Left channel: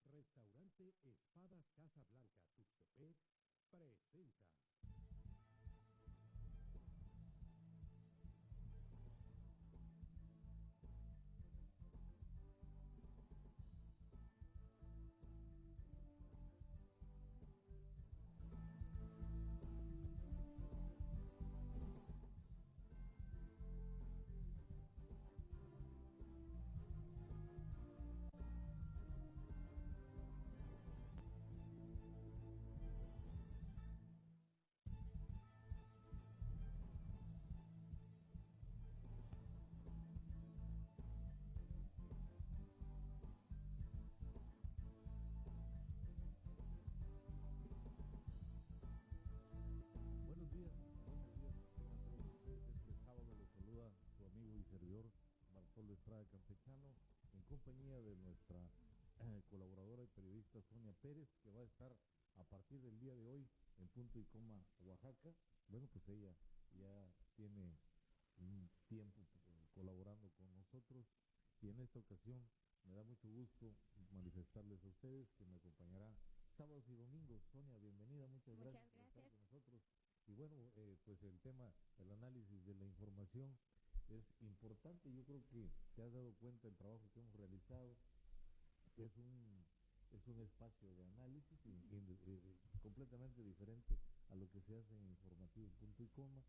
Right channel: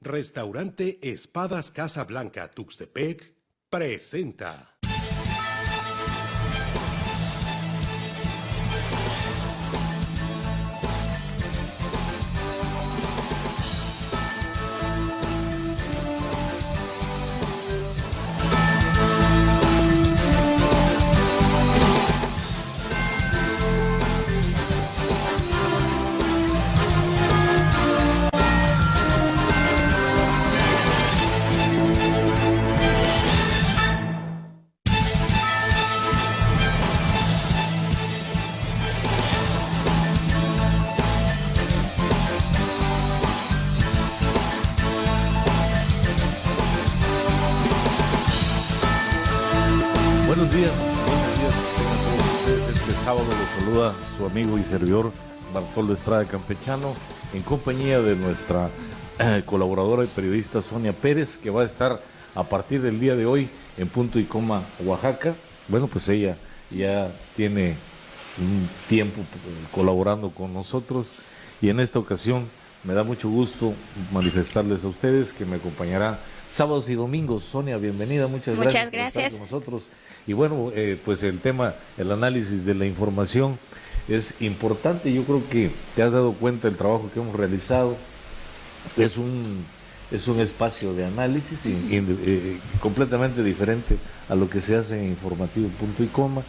Restaurante Espadas Casa Blanca Tuxtepec presenta. Buenos días tengan todos ustedes. Este sábado los saluda su amigo y servidor Bartoldo Estrada Campechano, en compañía de nuestra colaboradora y periodista Sonia Pérez, que va a estar a partir del día de hoy en Punto y Coma, Oaxaca. Bueno, pues ella ya tiene un tiempo colaborando con nosotros y en esta ocasión me da mucho gusto manifestarles a ustedes que me acompañará sábados y domingos. Sonia, bienvenida, muchas gracias por estar con nosotros. Y bueno, pues el tema, el análisis de la información es importante. Yo creo que te has dado cuenta del trabajo que hemos realizado. Es un espacio de análisis completamente diferente a lo que se hace en Informativo Punto y Coma.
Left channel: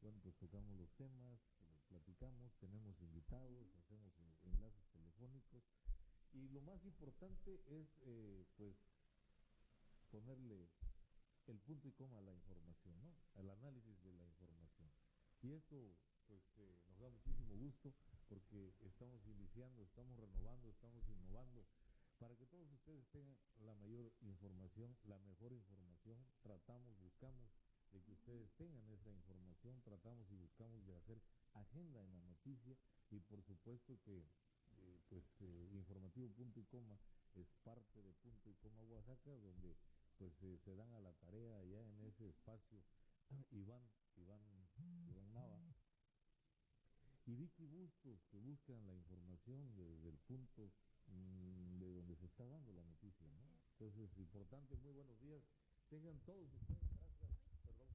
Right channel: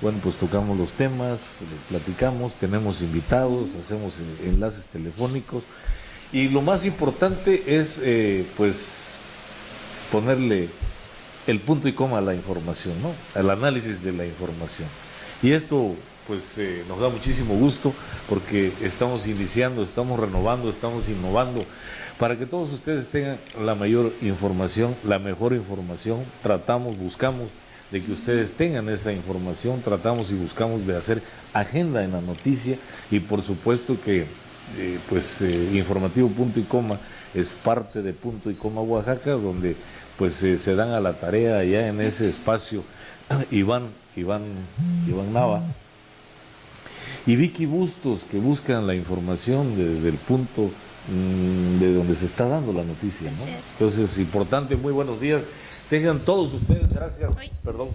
Bueno, pues tocamos los temas, platicamos, tenemos invitados, hacemos enlaces telefónicos. Y lo más importante es, pues, ponerle el punto y coma a la información, ¿no? Al análisis de la información. Y esto, pues, nos da muchísimo gusto porque estamos iniciando, estamos renovando, estamos innovando para que todos ustedes tengan la mayor información, la mejor información. Buscamos de que ustedes tengan esa información, tratamos y buscamos de hacer agenda en la noticia y por supuesto que, Informativo Punto y Coma es parte de Punto y Coma Oaxaca, donde pues se dan a la tarea allá en ese espacio Iván Nava y Vicky Bustos, que buscan la información desde el punto de donde se está dando la noticia, ¿no? Entonces, importante, muy buenos días. Tengan todos ustedes, gracias. Perdón.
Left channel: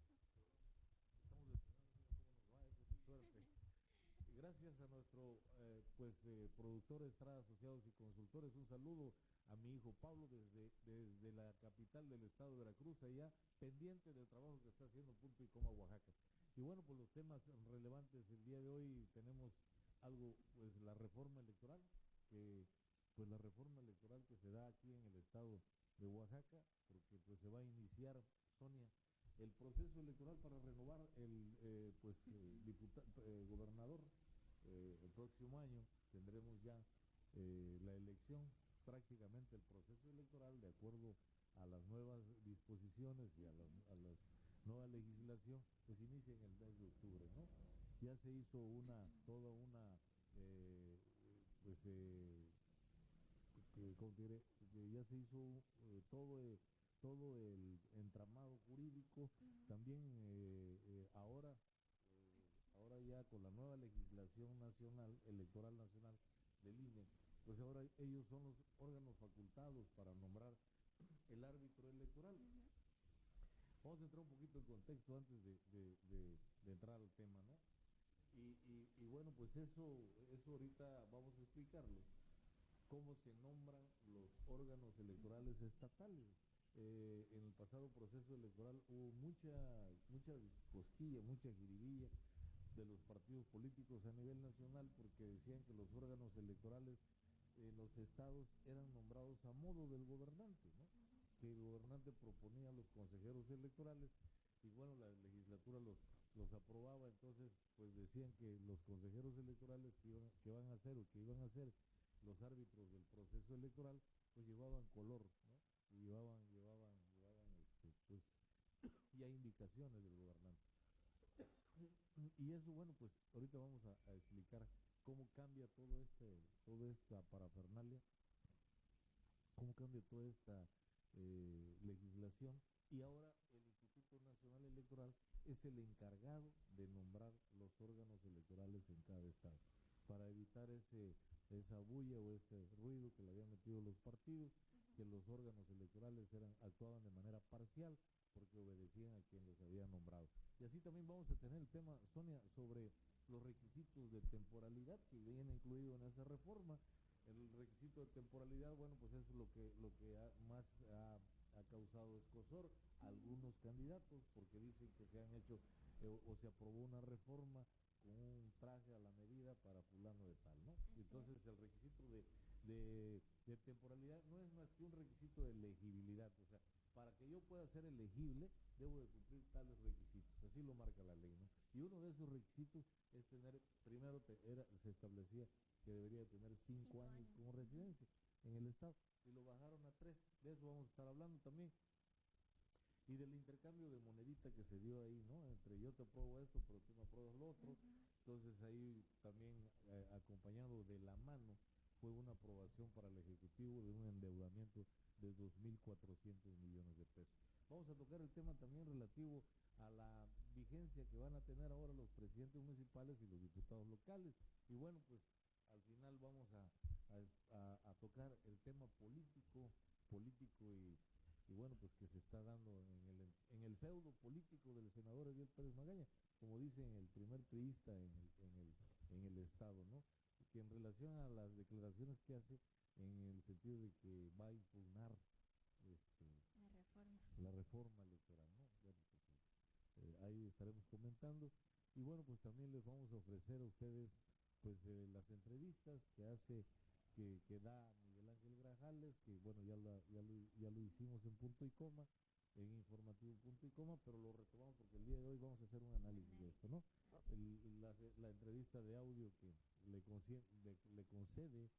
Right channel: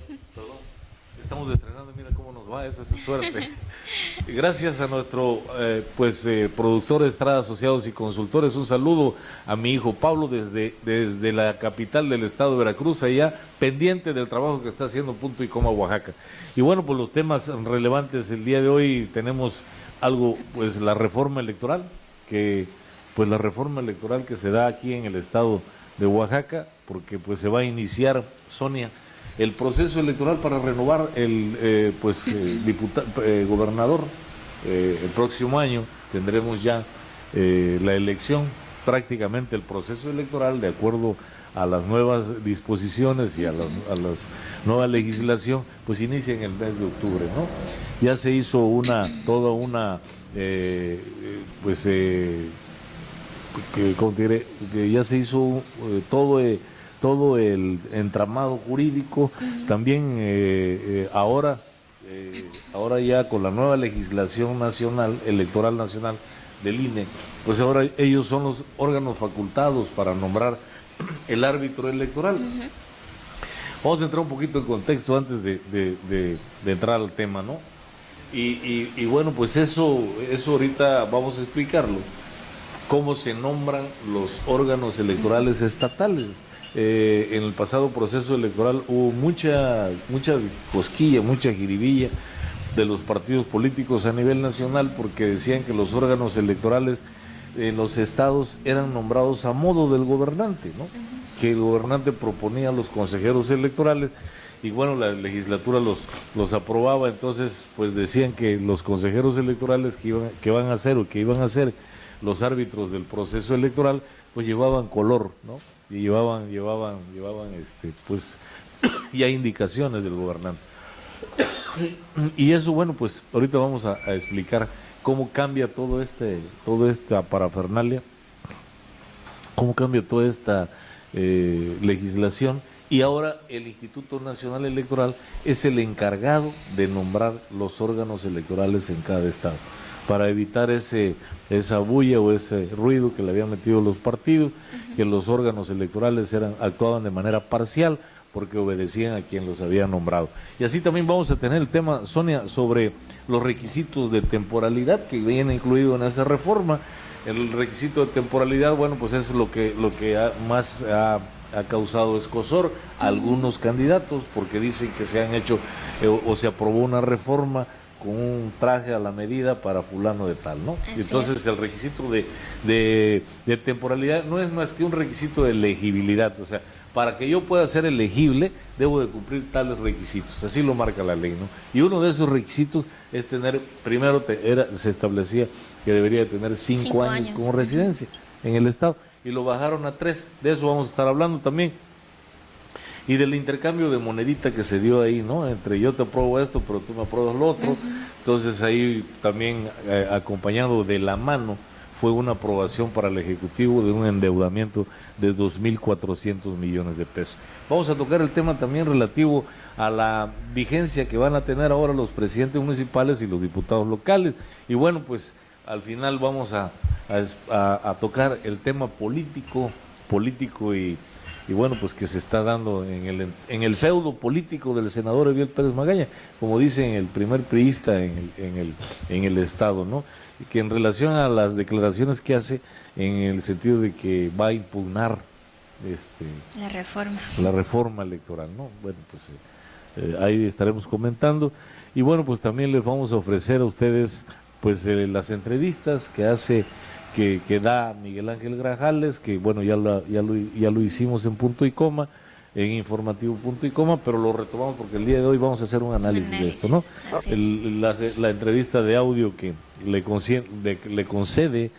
Estamos estrenando, mira cómo nos va, eso es suerte. Gracias a nuestro productor Estrada Asociados y Consultores. Un saludo a mi hijo Pablo desde la capital del estado de Veracruz, allá pendiente del trabajo que está haciendo Punto y Coma Oaxaca. Y bueno, pues los temas relevantes el día de hoy tenemos algo, pues la reforma electoral, que se da aquí en el estado de Oaxaca, porque pues se va a iniciar, Sonia, el proceso electoral para renovar el gobernador. El próximo año tendremos ya la elección, prácticamente el proceso electoral de acuerdo a las nuevas disposiciones y a la nueva legislación, pues inicia en el mes de octubre, ¿no? Ya se hizo ya se hizo todo el entramado jurídico. También ahora ya con la nueva legislación nacional, electoral nacional del INE, pues ahora ellos son los órganos facultados para nombrar el árbitro electoral. Vamos a entrar un poquito en contexto antes de entrar al tema, ¿no? Y bueno, pues eso ahorita vamos a explicarlo, cómo se nombran los órganos electorales estatales. En el pasado proceso electoral hubo mucha cosquilla, mucha jiribilla de los partidos políticos a nivel nacional, porque decían que los órganos electorales en los estados eran nombrados a modo del gobernante, ¿no? Que el gobernante proponía a los consejeros electorales y bueno, la legislatura los aprobaba. Entonces pues decían que los consejeros electorales que iban a ser los árbitros del proceso electoral, pues llevaban color, ¿no? Y llevaban pues ya indicaciones del gobernante. Y eso, bueno, pues ahorita vamos a explicar cómo cambia toda esta parafernalia, cómo cambia toda esta legislación, y ahora el Instituto Nacional Electoral es el encargado de nombrar los órganos electorales en cada estado. para evitar esa bulla o ese ruido que le habían metido los partidos, que los órganos electorales actuaban de manera parcial porque obedecían a quien los había nombrado. Y así también vamos a tener el tema, Sonia, sobre los requisitos de temporalidad que viene incluido en esa reforma. El requisito de temporalidad, bueno, pues es lo que más ha causado escozor a algunos candidatos, porque dicen que se han hecho o se aprobó una reforma con un traje a la medida para fulano de tal, ¿no? Entonces el requisito de temporalidad no es más que un requisito de elegibilidad, o sea, para que yo pueda ser elegible debo de cumplir tales requisitos, así lo marca la ley, ¿no? Y uno de esos requisitos es tener, primero se establecía que debería de tener 5 años como residencia en el Estado, y lo bajaron a 3, de eso vamos a estar hablando también. Y del intercambio de monedita que se dio ahí, ¿no? Entre yo te apruebo esto, pero tú me apruebas lo otro. Entonces ahí también, acompañado de la mano, fue una aprobación para el Ejecutivo de un endeudamiento de 2.400 millones de pesos. Vamos a tocar el tema también relativo a la vigencia que van a tener ahora los presidentes municipales y los diputados locales. Y bueno, pues al final vamos a tocar el tema político y bueno, pues que se está dando en el feudo político del senador Eviel Pérez Magaña, como dicen, el primer priista en el Estado, ¿no? Y que en relación a las declaraciones que hace en el sentido de que va a impugnar la reforma electoral, ¿no? Bueno, pues ahí estaremos comentando. Y bueno, pues también les vamos a ofrecer a ustedes pues las entrevistas que da Miguel Ángel Grajales, que bueno, ya lo hicimos en Punto y Coma, en Informativo Punto y Coma, pero lo retomamos porque el día de hoy vamos a hacer un análisis de esto, ¿no? La entrevista de audio que le concede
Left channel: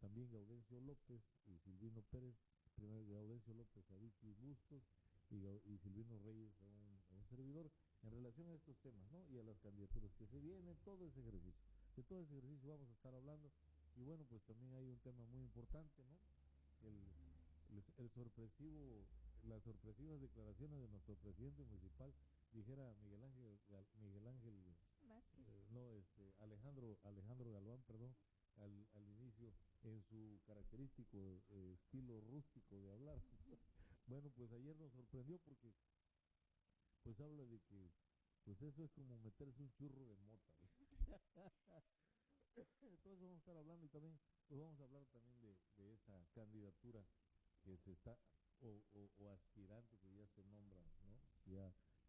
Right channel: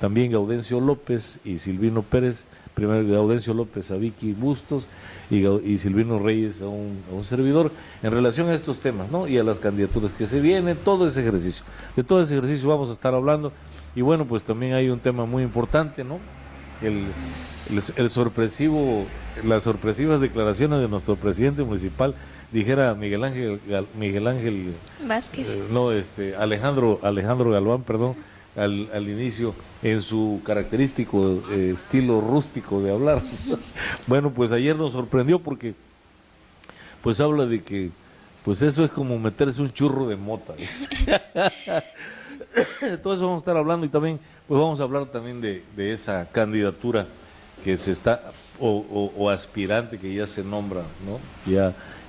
también Gaudencio López y Silvino Pérez, primero Gaudencio López a Vicky Bustos y Silvino Reyes a un servidor, en relación a estos temas, ¿no? Y a las candidaturas que se vienen, todo ese ejercicio. De todo ese ejercicio vamos a estar hablando. Y bueno, pues también hay un tema muy importante, ¿no? Las sorpresivas declaraciones de nuestro presidente municipal, dijera Miguel Ángel Vázquez. Alejandro Galván, perdón, al inicio, en su característico estilo rústico de hablar. Bueno, pues ayer nos sorprendió porque pues habla de que pues eso es como meterse un churro de mota. De todo eso vamos a estar hablando, y también pues vamos a hablar también de esa candidatura que se está o aspirante que ya se nombra, ¿no?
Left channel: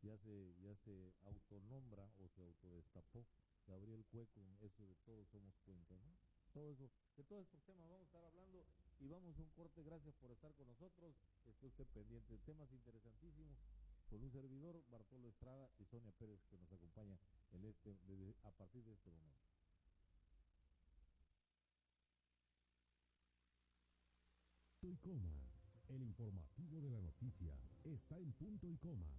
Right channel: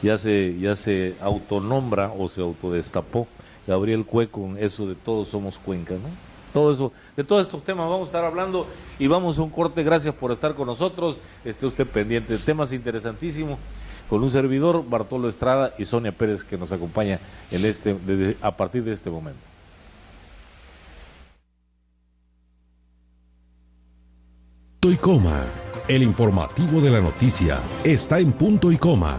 Ya se autonombra o se autodestapó Gabriel Cue con eso de Todos Somos Cuenca, ¿no? Todo eso, de todos estos temas vamos a estar hablando, y vamos a un corte. Gracias por estar con nosotros, esté usted pendiente de temas interesantísimos con un servidor, Bartolo Estrada, y Sonia Pérez, que nos acompaña a partir de este momento. Punto y Coma, el informativo de la noticia está en Punto y Coma.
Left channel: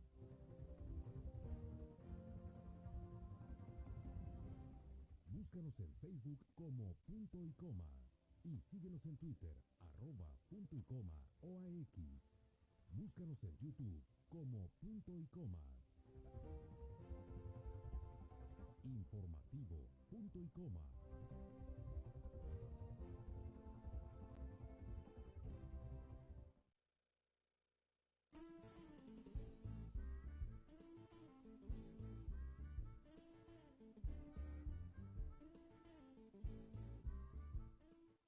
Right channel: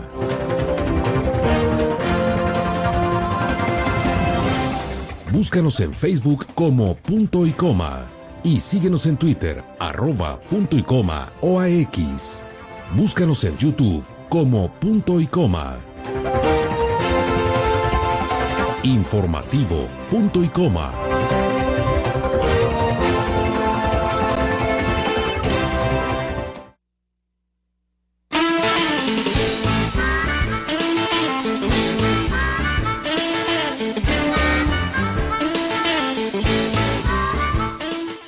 Búscanos en Facebook como Punto y Coma y síguenos en Twitter @Punto y Coma OAX. Búscanos en YouTube como Punto y Coma. Informativo Punto y Coma.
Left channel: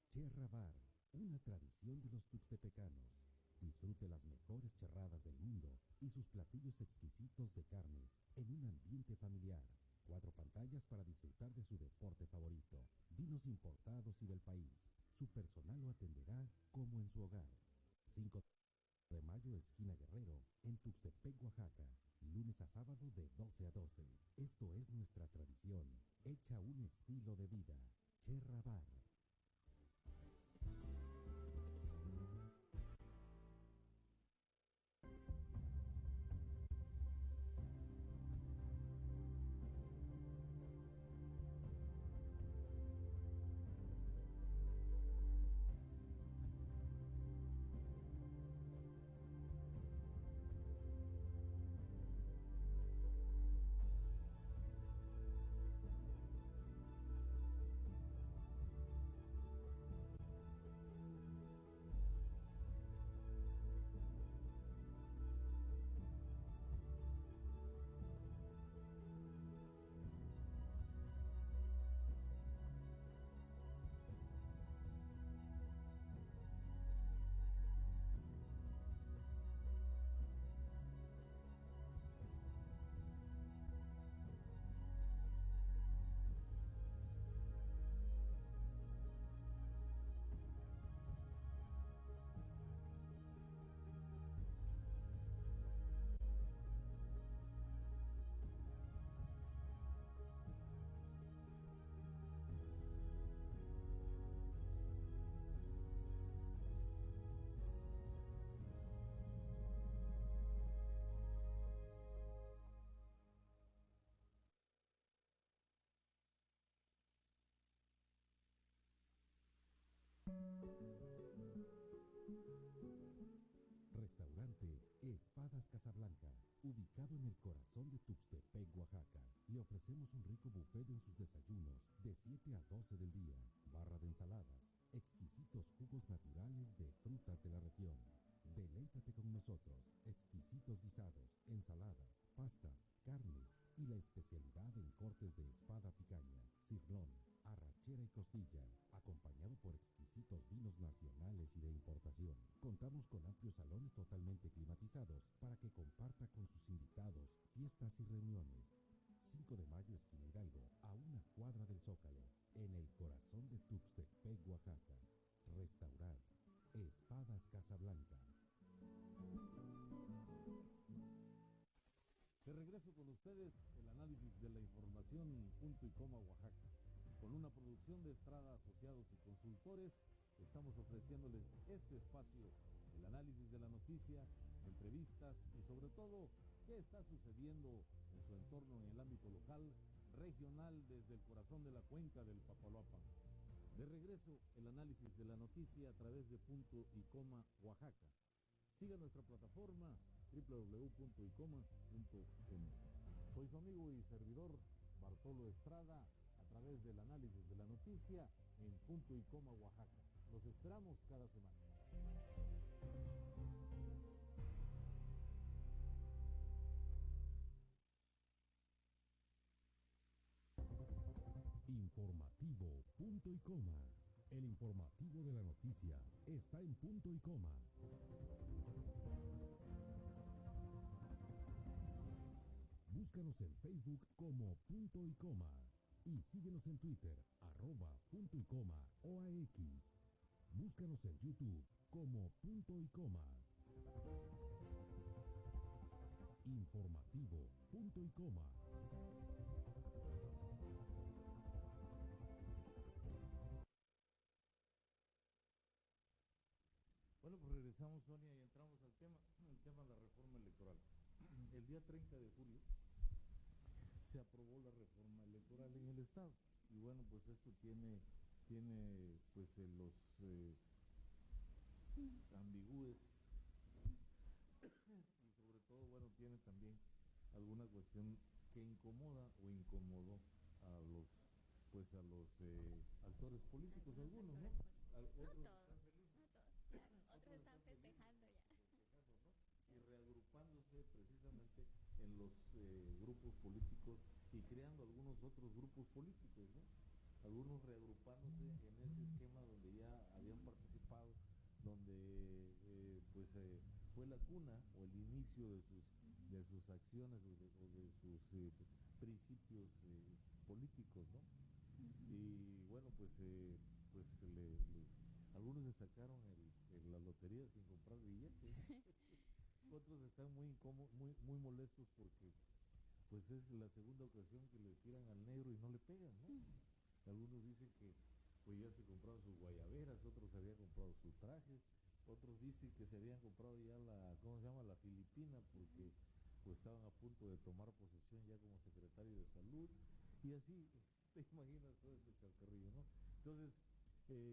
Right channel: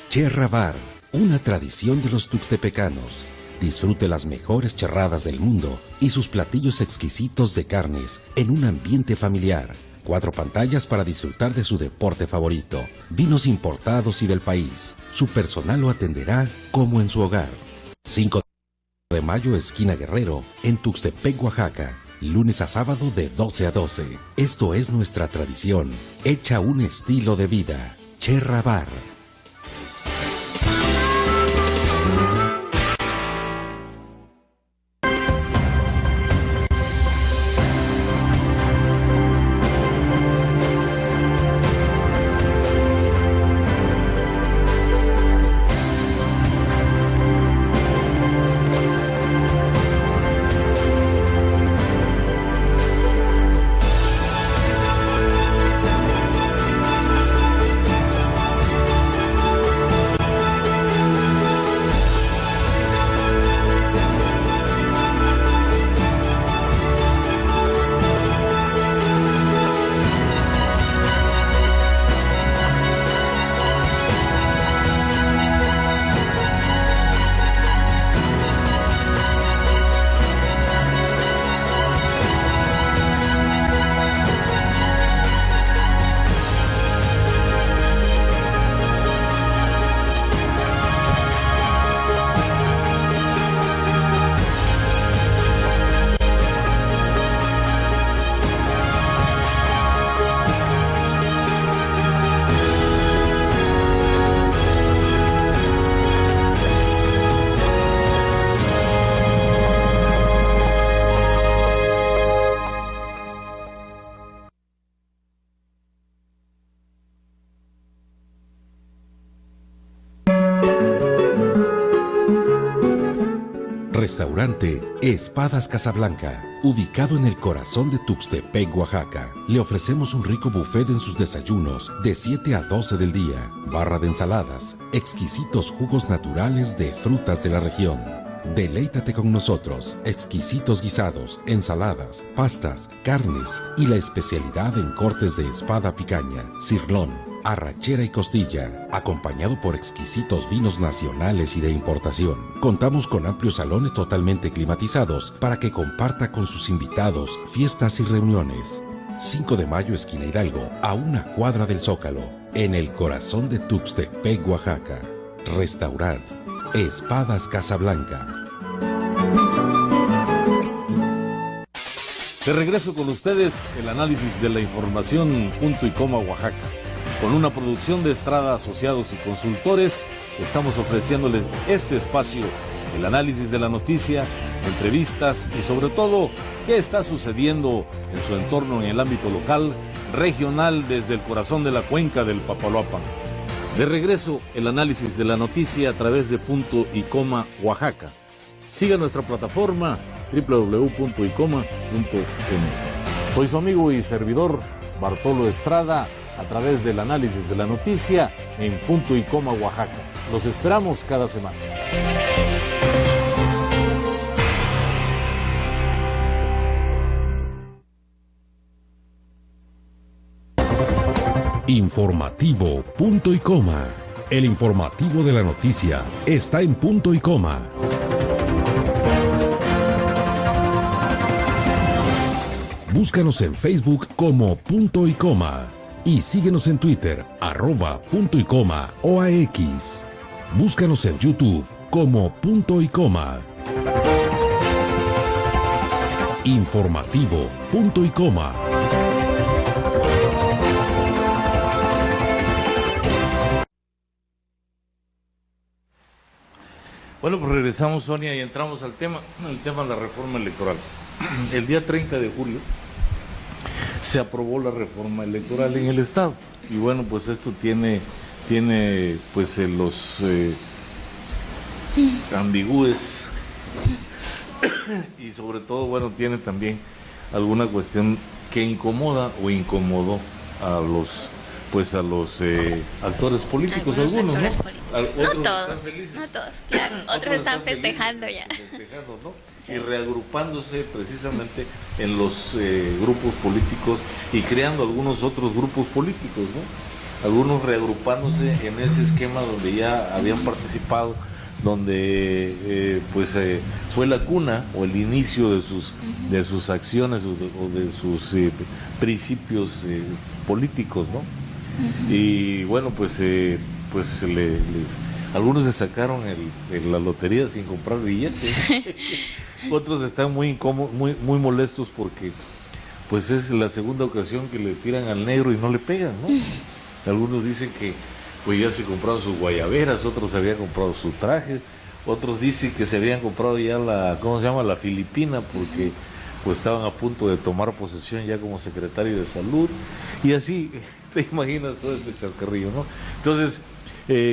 Cherra Bar, una tradición de los tuxtepecanos. Disfrute las mejores charradas del mundo y sus platillos exquisitos de carnes en un ambiente familiar. 4 pantallas para disfrutar de su deporte favorito. Vinos importados y del país. Su personal lo atenderá como en su hogar. 5 de mayo, esquina Guerrero, en Tuxtepec, Oaxaca. Lunes a sábado de 12 a 12. Esto es nuestra tradición, hecha un estilo de vida. Cherra Bar. Restaurante Espadas Casablanca, ubicado en el corazón de Tuxtepec, Oaxaca. Le ofrecemos un rico buffet en sus desayunos de 7 a 12 del día, barra de ensaladas, exquisitos jugos naturales de frutas de la región. Deleítate con nosotros, exquisitos guisados, ensaladas, pastas, carnes y la especialidad en cortes de espada picaña, cirlón, arrachera y costilla, acompañado por exquisitos vinos nacionales y de importación. Contamos con amplios salones totalmente climatizados para que comparta con sus invitados fiestas y reuniones. 5 de mayo, esquina Hidalgo, a una cuadra del Zócalo, en el corazón de Tuxtepec, Oaxaca. Restaurant Espadas Casablanca. De regreso con ustedes, el análisis de la información Punto y Coma Oaxaca. Con una producción de Estrada Asociados y Consultores, estamos ofreciéndoles este espacio, el análisis de la noticia, entrevistas y sobre todo, qué está sucediendo en su entorno en el ámbito local, regional, desde el corazón de la cuenca del Papaloapan. De regreso, el análisis de la noticia a través de Punto y Coma Oaxaca. Siga nuestra plataforma www.icoma.m. Soy su amigo y servidor Bartolo Estrada, a través del análisis de la noticia en Punto y Coma Oaxaca. Los esperamos cada semana. Informativo Punto y Coma. El informativo de la noticia está en Punto y Coma. Búscanos en Facebook como Punto y Coma y síguenos en Twitter @Punto y Coma OAX. Búscanos en YouTube como Punto y Coma. Informativo Punto y Coma. Bueno, pues regresamos, Sonia, y entramos al tema, el tema de la reforma electoral. El día 30 de julio se aprobó la reforma electoral en el Estado. Y bueno, pues esto tiene pues los ambigües y sobre todo, bueno, tiene también alguna cuestión que incomoda o incomodó a los actores políticos, algunos, actores ¿no? políticos. No todos, claro. Otros están festejando ya. ¿No? Sí. Y reagrupándose precisamente en los grupos políticos y creando algunos otros grupos políticos, ¿no? Algunos reagrupándose en ese esquema donde ya habían participado, donde fue la cuna o el inicio de sus acciones o de sus principios políticos, ¿no? Y bueno, algunos se sacaron la lotería sin comprar billetes. Otros están muy incómodos, muy molestos porque pues es la segunda ocasión que le tiran al negro y no le pegan, ¿no? Algunos dicen que pues ya se compraron sus guayaberas, otros se habían comprado su traje, otros dicen que se habían comprado ya la filipina porque pues estaban a punto de tomar posesión ya como secretario de salud, y así te imaginas todo este chascarrillo, ¿no? Entonces,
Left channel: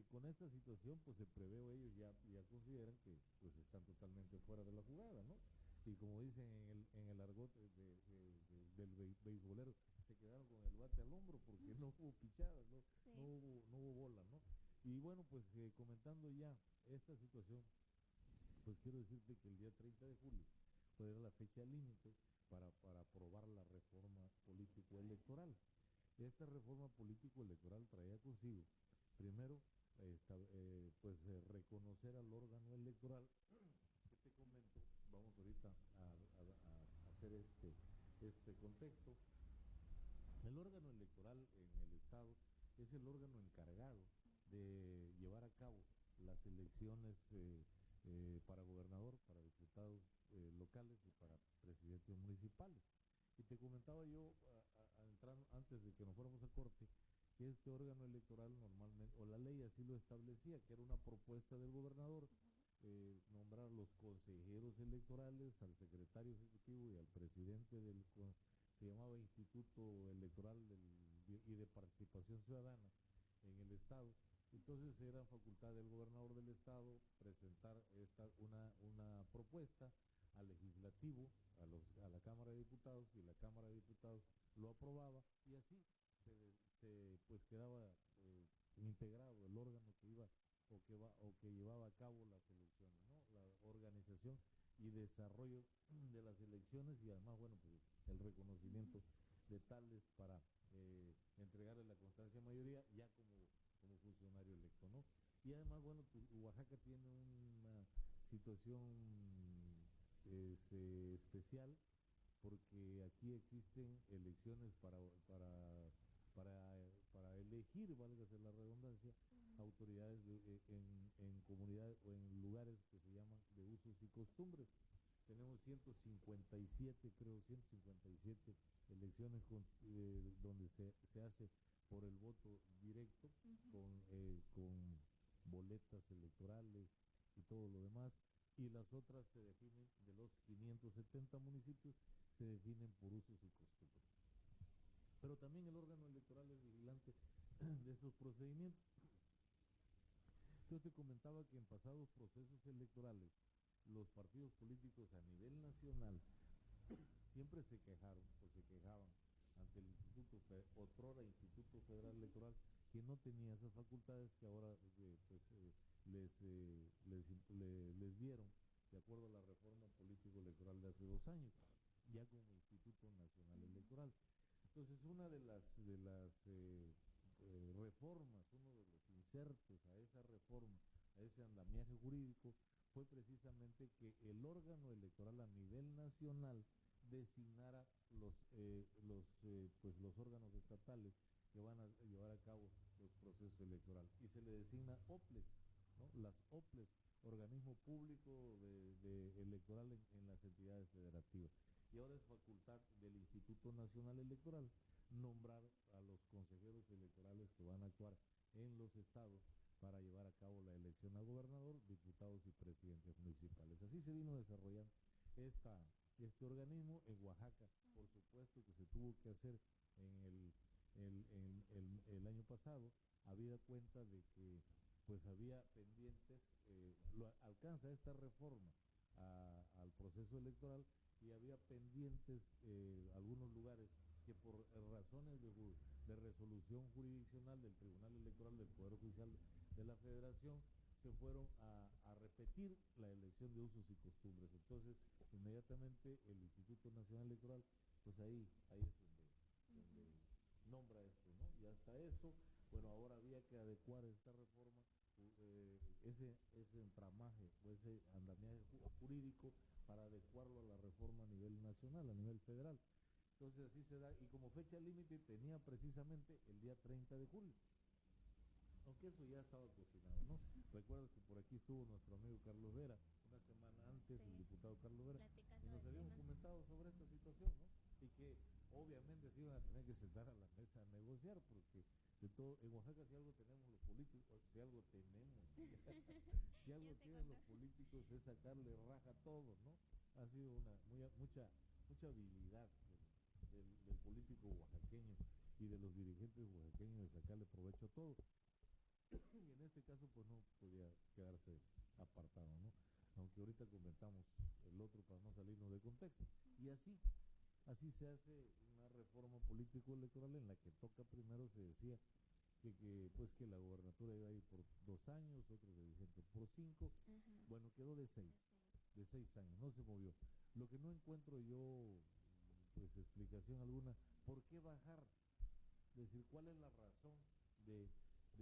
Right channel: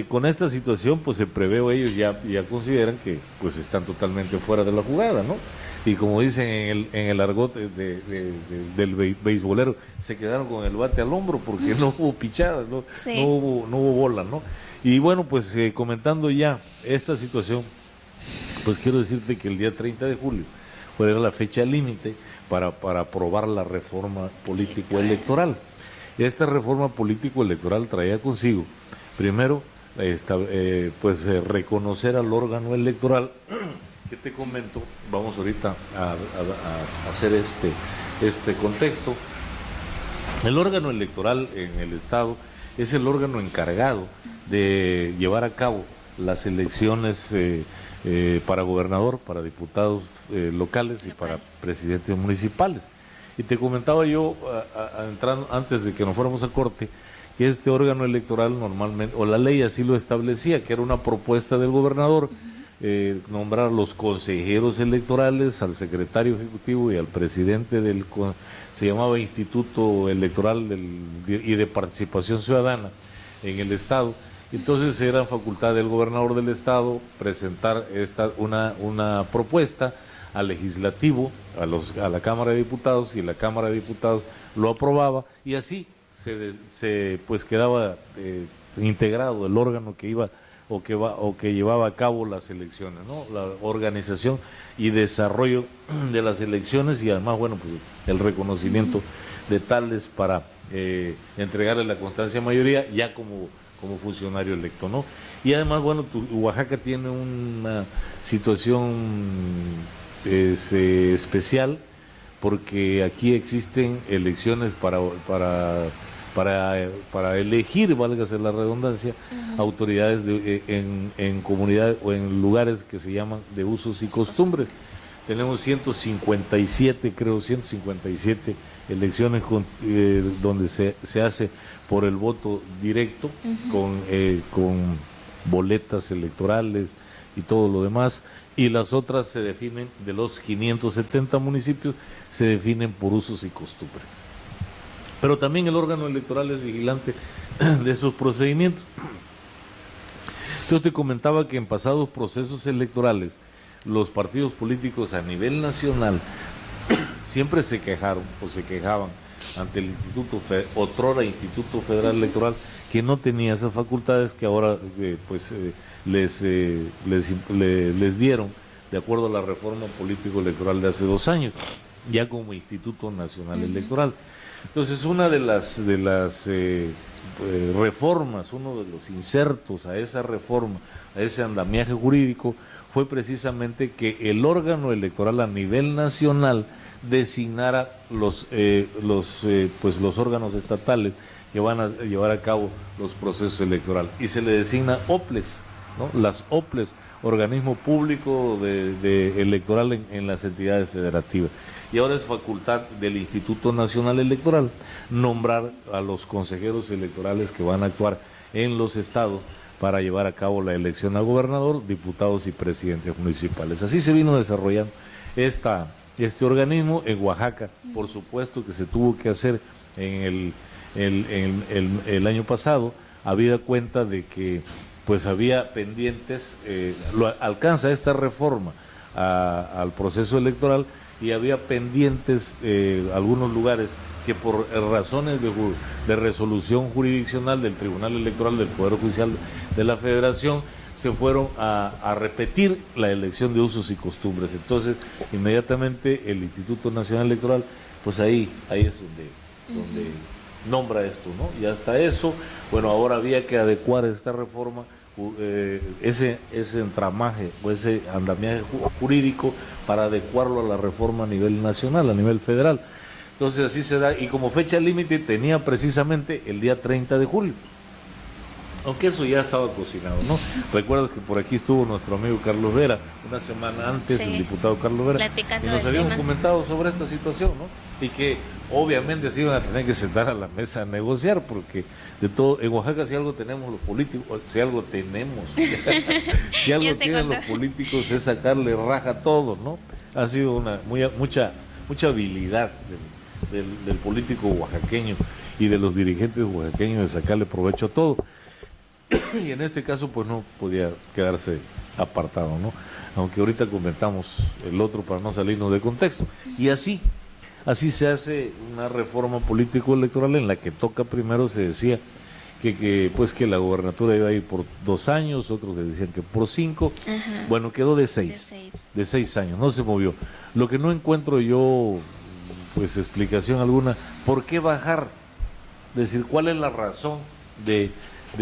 con esta situación, pues se prevé, ellos ya consideran que pues están totalmente fuera de la jugada, ¿no? Y como dicen en el argot del beisbolero, se quedaron con el bate al hombro porque no hubo pichadas, ¿no? Sí. No hubo bola, ¿no? Y bueno, pues comentando ya esta situación, pues quiero decirte que el día 30 de julio era la fecha límite para aprobar la reforma político-electoral. Esta reforma político-electoral traía consigo, primero, reconocer al órgano electoral, que te comento, vamos ahorita a hacer este contexto. El órgano electoral en el Estado es el órgano encargado de llevar a cabo las elecciones para gobernador, para diputados locales y para presidentes municipales. Y te comentaba yo, entrando, antes de que nos fuéramos a corte, que este órgano electoral normalmente, o la ley así lo establecía, que era una propuesta del gobernador, nombrar a los consejeros electorales, al secretario ejecutivo y al presidente se llamaba Instituto Electoral y de Participación Ciudadana en el Estado, Entonces era facultad del gobernador del estado presentar una propuesta al legislativo, a la Cámara de Diputados, y la Cámara de Diputados lo aprobaba, y así pues quedaba integrado el órgano que iba o que llevaba a cabo las elecciones, ¿no? La organización y desarrollo de las elecciones, y además, bueno, pues el reconocimiento de tales para entregarle la constancia de mayoría ya como funcionario electo, ¿no? Y además, bueno, Oaxaca tiene una situación especial, porque aquí existen elecciones para elegir, válgase la redundancia, autoridades en comunidades o en lugares que se llaman de usos y costumbres. Tenemos 157 elecciones donde se hace por el voto directo, con boletas electorales y todo lo demás, y las otras se definen, de los 570 municipios, se definen por usos y costumbres. Pero también el órgano electoral es vigilante de esos procedimientos. Entonces te comentaba que en pasados procesos electorales, los partidos políticos a nivel nacional siempre se quejaban ante el otrora Instituto Federal Electoral, que no tenía esas facultades que ahora les dieron de acuerdo a la reforma político-electoral de hace 2 años, ya como Instituto Nacional Electoral. Entonces, una de las reformas, uno de los insertos a esa reforma, a ese andamiaje jurídico, fue precisamente que el órgano electoral a nivel nacional designara los órganos estatales que van a llevar a cabo los procesos electorales, y se le designa OPLES, ¿no? Las OPLES, organismo público electoral en las entidades federativas. Y ahora es facultad del Instituto Nacional Electoral nombrar a los consejeros electorales que van a actuar en los estados para llevar a cabo la elección a gobernador, diputados y presidentes municipales. Así se vino desarrollando este organismo. En Oaxaca, por supuesto que se tuvo que hacer en el año pasado, habida cuenta de que pues había pendientes, alcanza esta reforma al proceso electoral, y había pendientes algunos lugares que por razones de resolución jurisdiccional del Tribunal Electoral del Poder Judicial de la Federación se fueron a repetir la elección de usos y costumbres. Entonces, inmediatamente el Instituto Nacional Electoral, pues ahí es donde nombra esto, ¿no? Y hasta eso, bueno, ahora había que adecuar esta reforma, ese entramaje o ese andamiaje jurídico, para adecuarlo a la reforma a nivel nacional, a nivel federal. Entonces así se da, y como fecha límite tenía precisamente el día 30 de julio. Aunque eso ya estaba cocinado, ¿no? Recuerdas que por aquí estuvo nuestro amigo Carlos Vera, una semana antes, el diputado Carlos Vera, y nos habíamos comentado sobre esta situación, ¿no? Y que obviamente se iban a tener que sentar a la mesa a negociar, porque de todo, en Oaxaca si algo tenemos los políticos, si algo tenemos, si algo tienen los políticos es sacarle raja a todo, ¿no? Ha sido mucha habilidad del político oaxaqueño y de los dirigentes oaxaqueños de sacarle provecho a todo. Y en este caso pues no podía quedarse apartado, ¿no? Aunque ahorita comentamos el otro para no salirnos de contexto. Y así se hace una reforma político-electoral en la que toca primero, se decía que la gobernatura iba a ir por 2 años, otros le decían que por 5. Ajá. Bueno, quedó de 6 años, no se movió. Lo que no encuentro yo, pues explicación alguna, ¿por qué bajar? Es decir, ¿cuál es la razón de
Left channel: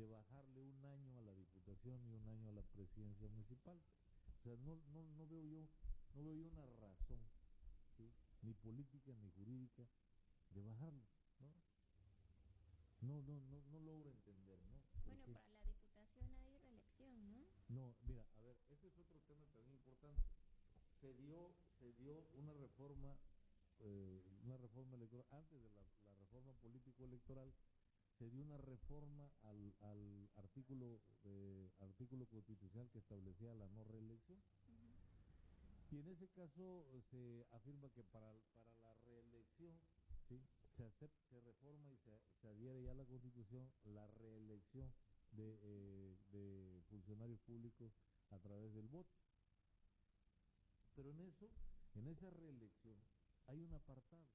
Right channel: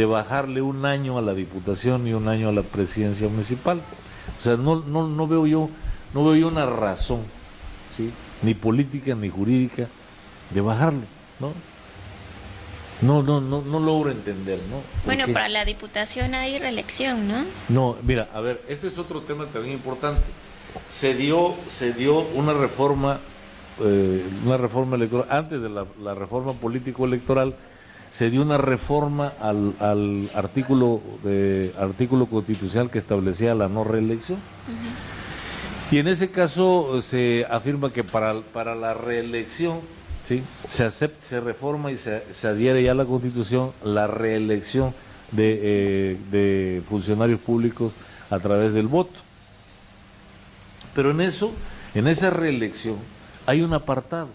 bajarle 1 año a la diputación y 1 año a la presidencia municipal? O sea, no veo yo una razón, ¿sí?, ni política ni jurídica, de bajarlo, ¿no? No logro entender, ¿no? Bueno, para la diputación hay reelección, ¿no? No, mira, a ver, ese es otro tema también importante. Se dio una reforma electoral, antes de la reforma político-electoral, se dio una reforma al artículo constitucional que establecía la no reelección. Y en ese caso se afirma que para la reelección, ¿sí?, se reforma y se adhiere ya a la Constitución la reelección de funcionarios públicos a través del voto. Pero en esa reelección hay un apartado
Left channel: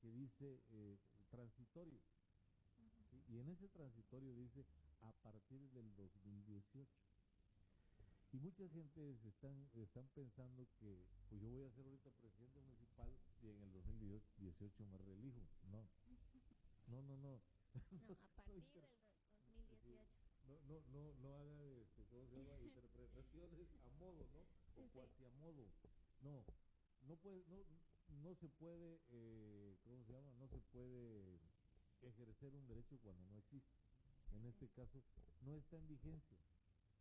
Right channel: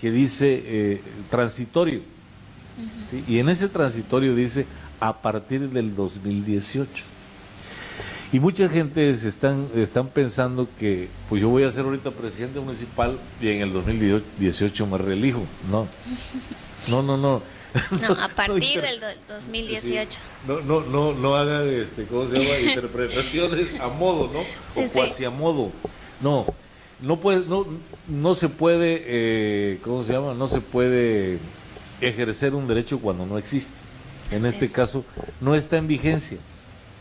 que dice transitorio, ¿sí? Y en ese transitorio dice a partir del 2018. Y mucha gente están pensando que pues yo voy a ser ahorita presidente municipal y en el 2018 me reelijo. No. No, a partir del 2018. Sí. No hagan, ¿cómo se llama? Interpretaciones a modo, ¿no? Sí, o cuasi a modo. No se puede, ¿cómo se llama? No se puede ejercer un derecho cuando no existe. En este caso, no está en vigencia.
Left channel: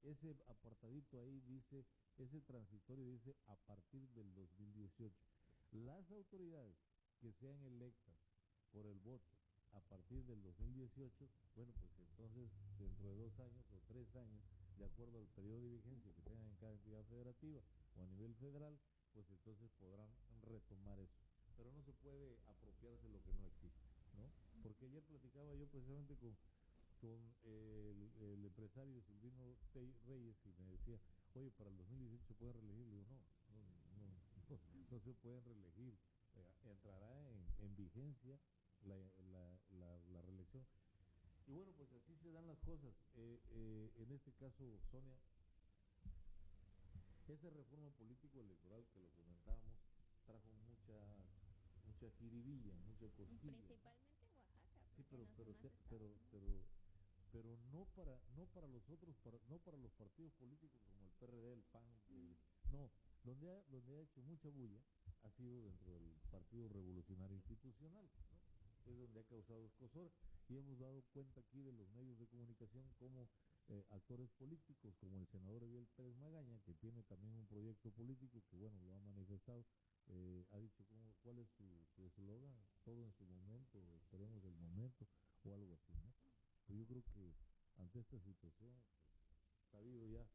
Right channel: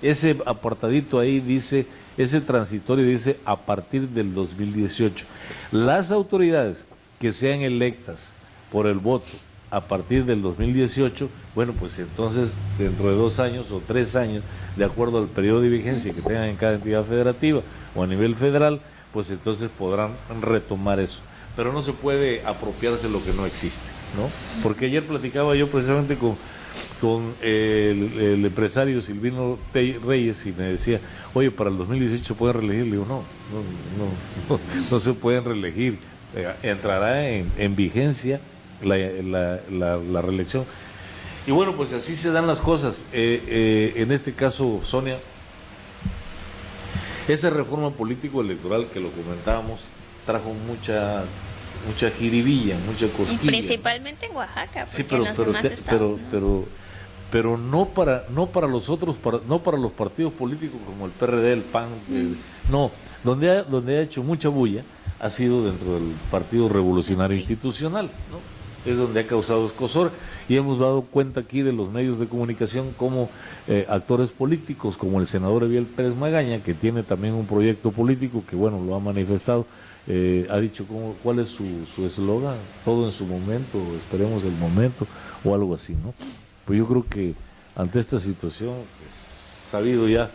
Ese apartadito ahí dice, ese transitorio dice a partir del 2018. Las autoridades que sean electas por el voto a partir del 2018, bueno, pues entonces dentro de 2 años o 3 años, de acuerdo al periodo de vigencia que tengan en cada entidad federativa o a nivel federal, pues entonces podrán retomar eso. Pero no se puede apropiarse lo que no existe, ¿no? Porque ayer platicaba yo precisamente con el empresario Silvino Reyes y me decía, oye, para el 2018 se pueden reelegir. Le digo, no se pueden reelegir. Entrará en vigencia la reelección. Y bueno, pues así se dan las cosas. En este caso, Sonia, esa reforma político-electoral que lo comentábamos trajo mucha jiribilla, mucha cosquilla. Y principalmente en Oaxaca, porque sí, pero, en los demás estados, pero no para los otros, no para los partidos políticos como el PRD, el PAN, no, donde ha hecho mucha bulla ha sido dentro del Partido Revolucionario Institucional, ¿no? Es donde ha causado escozor y hemos dado cuenta aquí de los medios de comunicación como actores políticos, como el senador Eviel Pérez Magaña, que tiene también un proyecto político que, bueno, lo ha manifestado, ha dicho cuál es su eslogan, todo en su momento, esperemos el momento, o algo así, ¿no? Pues yo creo que ante esta situación es sabido ya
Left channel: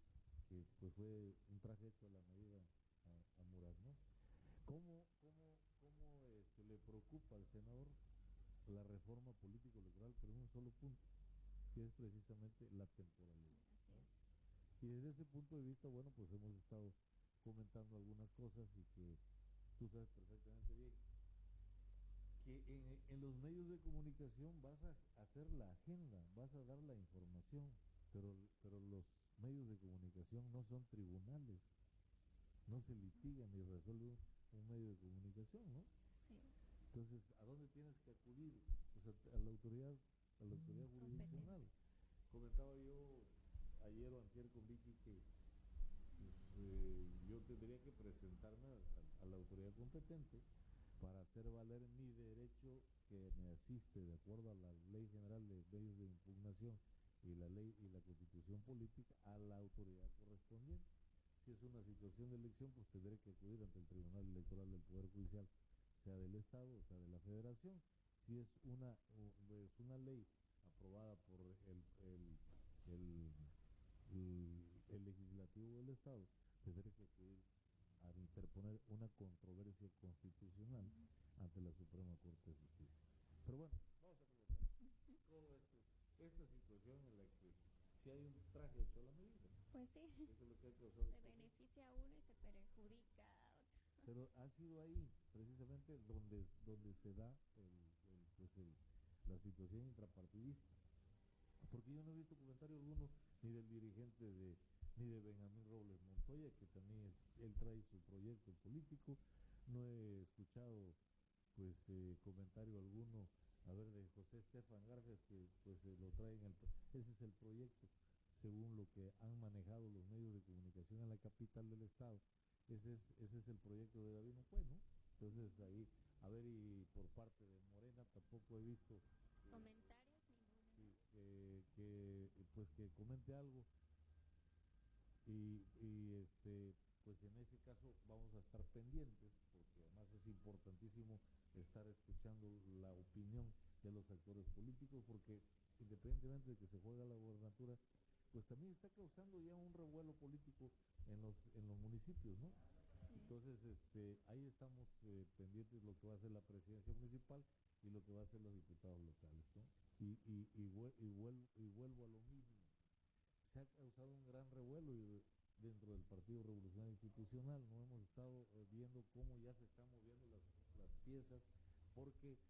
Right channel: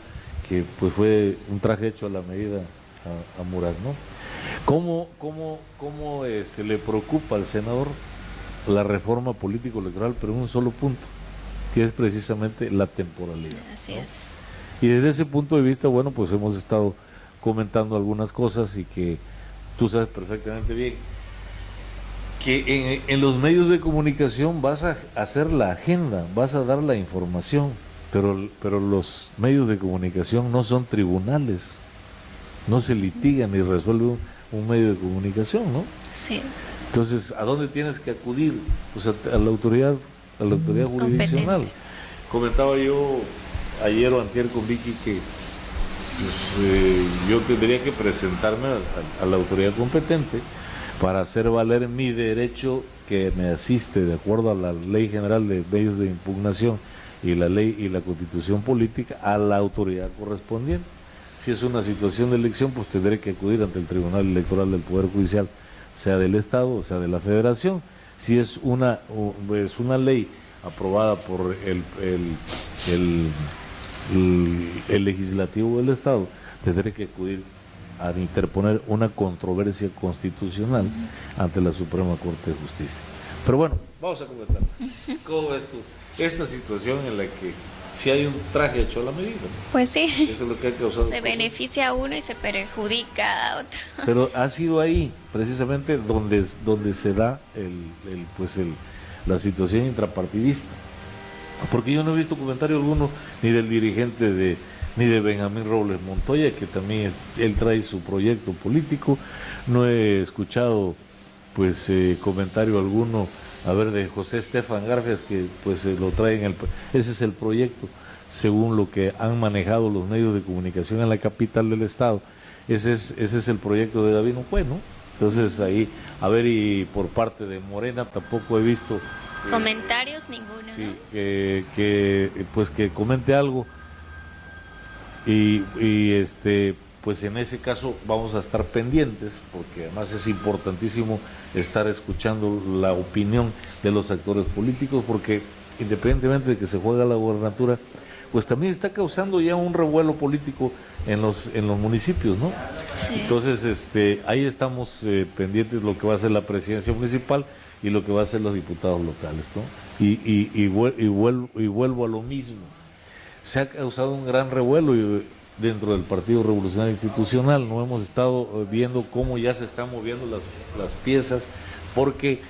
que pues fue un traje hecho a la medida a Murat, ¿no? ¿Cómo se le preocupa al senador la reforma político-electoral, pero en un solo punto, que es precisamente la temporalidad? Así, ¿no? Es. Y desde ese punto de vista, bueno, pues hemos estado comentando algunas cosas y que tú sabes perfectamente bien que en los medios de comunicación vas a hacer la agenda, vas a dar la información, pero los medios de comunicación no son tribunales, no se litigan ni resuelve un medio de comunicación, ¿no? Sí. Entonces, ¿a dónde tienes que acudir? Pues a la autoridad jurisdiccional. Comentaba yo ayer o antier con Vicky que pues, yo tendría que presentarme a la autoridad competente para hacer valer mi derecho que me asiste de acuerdo a la Ley General de Medios de Impugnación y la ley y la Constitución Política a la autoridad correspondiente. Si es una situación de elección, pues tendré que acudir ante el Tribunal Electoral del Poder Judicial, sea del Estado o sea de la Federación. Si es una ley aprobada por el legislativo del Estado, tendré que acudir a interponer una controversia constitucional ante la Suprema Corte de Justicia. Pero bueno, vamos a comentar. ¿Cómo ves tú esta situación en la que si hay un traje hecho a la medida? Pues sí. Eso es lo que ha causado. Se beneficia a uno y se perjudica a otro. Pero ha sido ahí, precisamente, donde se da la situación intrapartidista. Porque yo no he visto comentario alguno ni del dirigente ni de Benjamín Robles Montoya, que también él trae su proyecto político. No he escuchado comentario alguno, de José Estefan Garfias, que lo trae ese es el proyecto, según lo que han manejado los medios de comunicación en la capital del estado. Ese es el proyecto de David Nocue, ¿no? Entonces ahí, y por parte de Morena tampoco he visto comentarios, ninguno, sí, ¿no? que comente algo y pues en ese caso vamos a estar pendientes, porque además es importantísimo estar escuchando la opinión de los actores políticos, porque independientemente de que se juega la gobernatura, pues también está causando ya un revuelo político en los municipios, ¿no? Sí. Entonces, ahí estamos pendientes de lo que va a ser la presidencia municipal y lo que va a ser los diputados locales, ¿no? Y vuelvo a lo mismo. se ha causado un gran revuelo dentro del Partido Revolucionario Institucional. No hemos estado viendo cómo ya se están moviendo las piezas, porque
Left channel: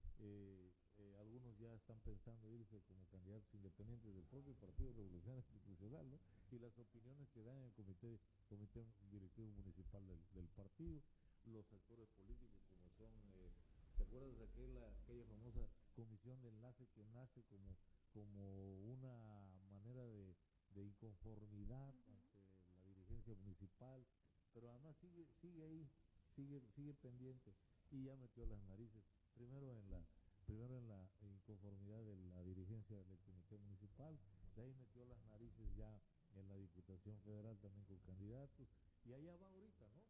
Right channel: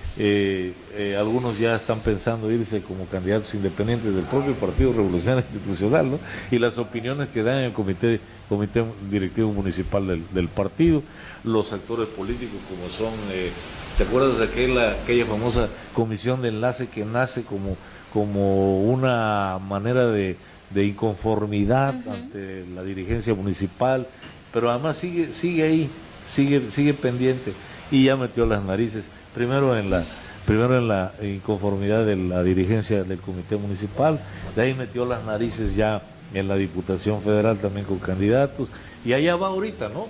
algunos ya están pensando irse como candidatos independientes del propio Partido Revolucionario Institucional, ¿no? Y las opiniones que dan en el comité directivo municipal del partido, los actores políticos como son, ¿te acuerdas de aquella famosa comisión de enlace que nace como una manera de inconformidad ante la dirigencia municipal, pero además sigue ahí, sigue pendiente, y ya metió las narices primero en la inconformidad de la dirigencia del comité municipal, de ahí metió las narices ya en la Diputación Federal también con candidatos, y allá va ahorita, ¿no?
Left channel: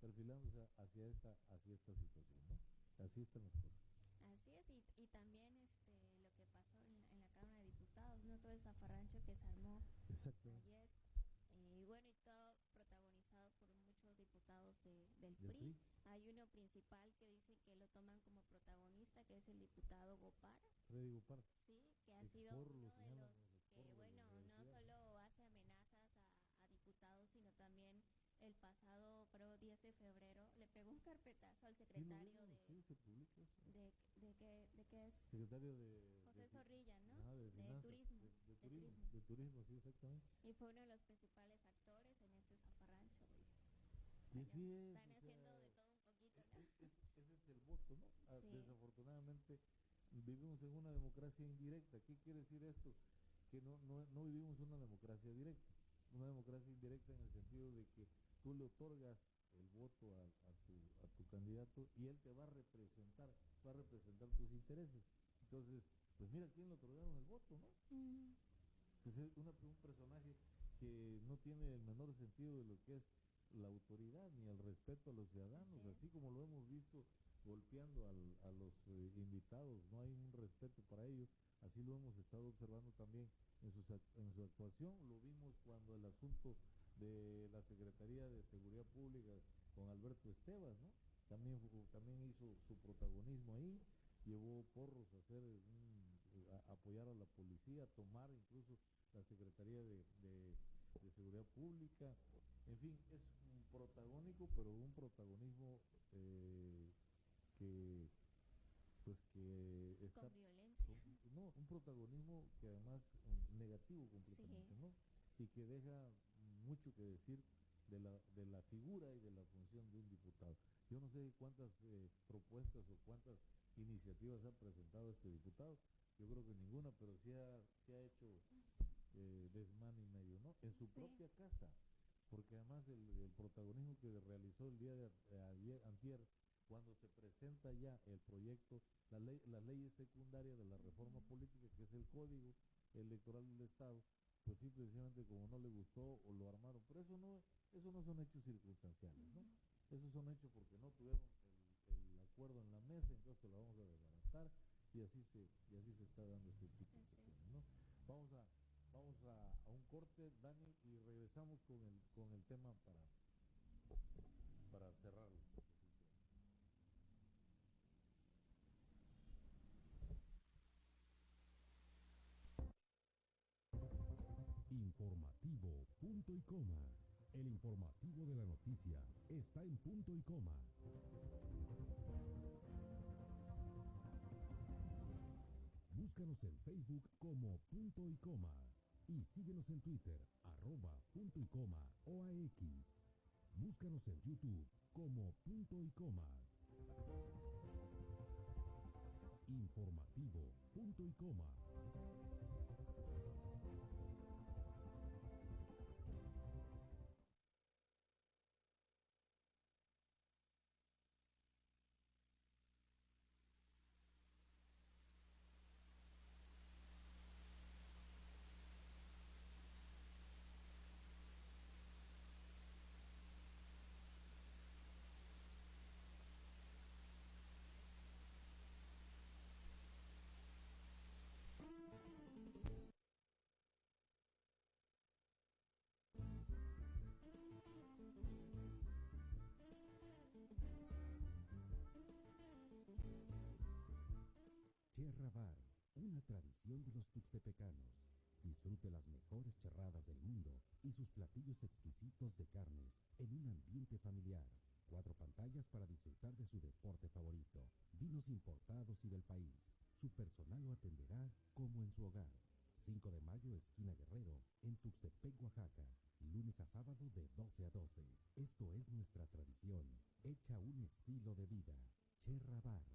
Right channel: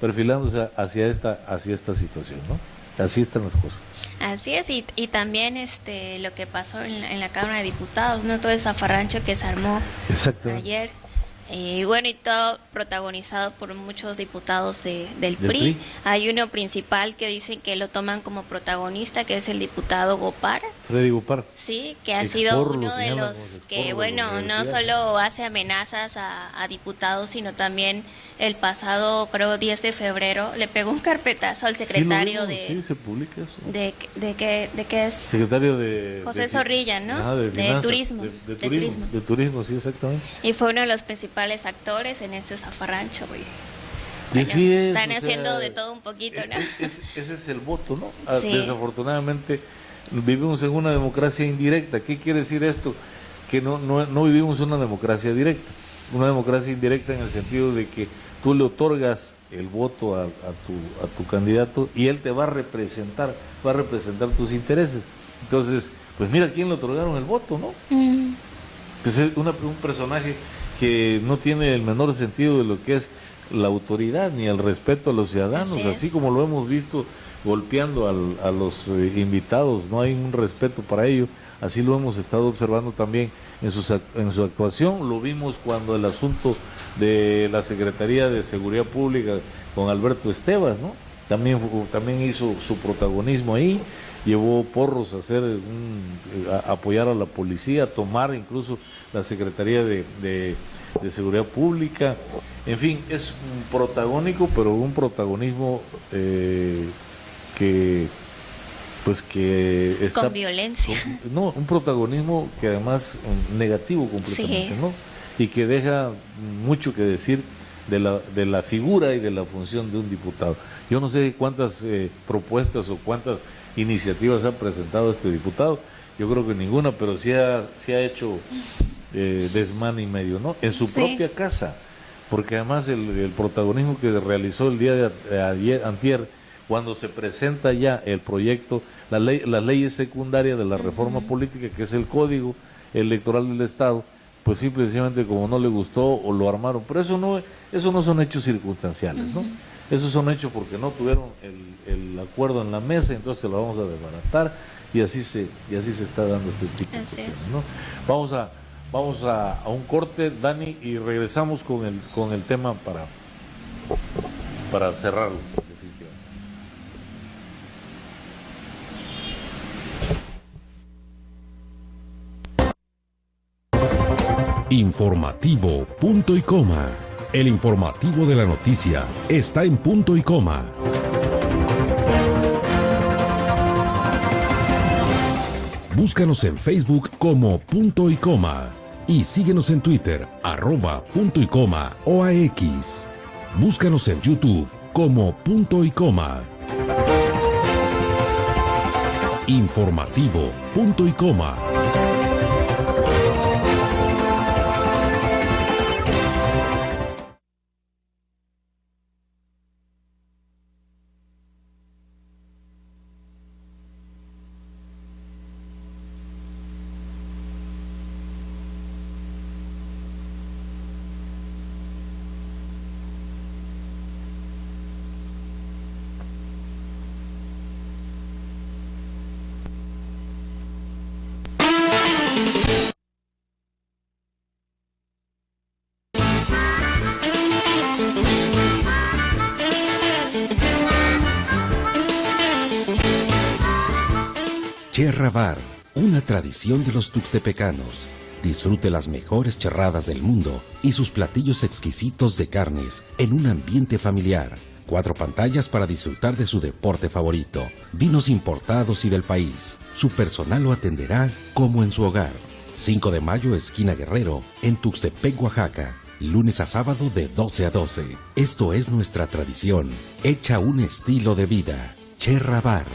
Perfilándose hacia esta situación, ¿no? Así están las cosas. Así es, y también lo que pasó en la Cámara de Diputados, ¿no? Todo ese zafarrancho que se armó ayer. Y bueno, y todo protagonizado por muchos diputados del PRI. Hay uno principal que dicen que lo toman como protagonista, que es el diputado Gopar. Freddy Gopar. Sí, que ha sido uno de los que, bueno, no solo hace amenazas a diputados, sino también el pasado, creo, 10 de febrero, le pegó un carpetazo al secretario sí, se publica eso. ¿De qué es? Secretario de... José Zorrilla, ¿no? De Turismo. De turismo, sí, exactamente. Y fue uno de los principales actores en este zafarrancho, güey. Bueno, están haciendo de todo un poquito, ¿no? Ese es el voto, ¿no? Sí. Desafortunadamente vivimos en una democracia indirecta. ¿Qué quiere decir esto? Que no vivimos una democracia directa. Una democracia indirecta en el sentido de que tú le otorgas el voto a tu candidato y él te va a representar tus intereses. Entonces, pues mira a quién le otorgaron el voto, ¿no? Pues es un personaje que no tiene el menor sentido de lo que es la autoridad ni el respeto a los ciudadanos, así como lo hemos visto golpeando a los invitados, no hay un respeto para ello, así lo hemos estado observando también en su actuación. Lo vimos cuando el asunto de la Secretaría de Seguridad Pública con Alberto Estevas, ¿no? También hizo su protagonismo ahí, llevó porros a apoyar a la policía, a tomar incluso la Secretaría de Seguridad Pública. En fin, es un protagónico, pero un protagonismo que está con violencia. Un protagonismo que además negativo completamente, ¿no? Y que deja mucho que decir de la figura y de la función de un diputado. Yo no sé cuántas propuestas o cuántas iniciativas ha presentado este diputado, yo creo que ninguna, pero sí ha hecho desmán y medio, ¿no? En su propia casa, porque además el protagonismo que realizó el día de antier, cuando se presenta ya el proyecto, las leyes secundarias de la reforma política, que es el Código Electoral del Estado, pues simplemente como no le gustó o lo armaron. Pero eso no son hechos circunstanciales, ¿no? Esos son hechos porque no tuvieron el acuerdo en la mesa, entonces lo vamos a desbaratar y así se está dando este tipo de cuestiones, ¿no? Vamos a un corte, Dani, y regresamos con el tema para cerrarlo. Informativo Punto y Coma. El informativo de la noticia está en punto y coma. Búscanos en Facebook como Punto y Coma y síguenos en Twitter @punto y coma OAX. Búscanos en YouTube como Punto y Coma. Informativo Punto y Coma. Cherra Bar, una tradición de los tuxtepecanos. Disfrute las mejores charradas del mundo y sus platillos exquisitos de carnes en un ambiente familiar. 4 pantallas para disfrutar de su deporte favorito. Vinos importados y del país. Su personal lo atenderá como en su hogar. 5 de mayo, esquina Guerrero, en Tuxtepec, Oaxaca. Lunes a sábado de 12 a 12. Esto es nuestra tradición, hecha un estilo de vida. Cherra Bar.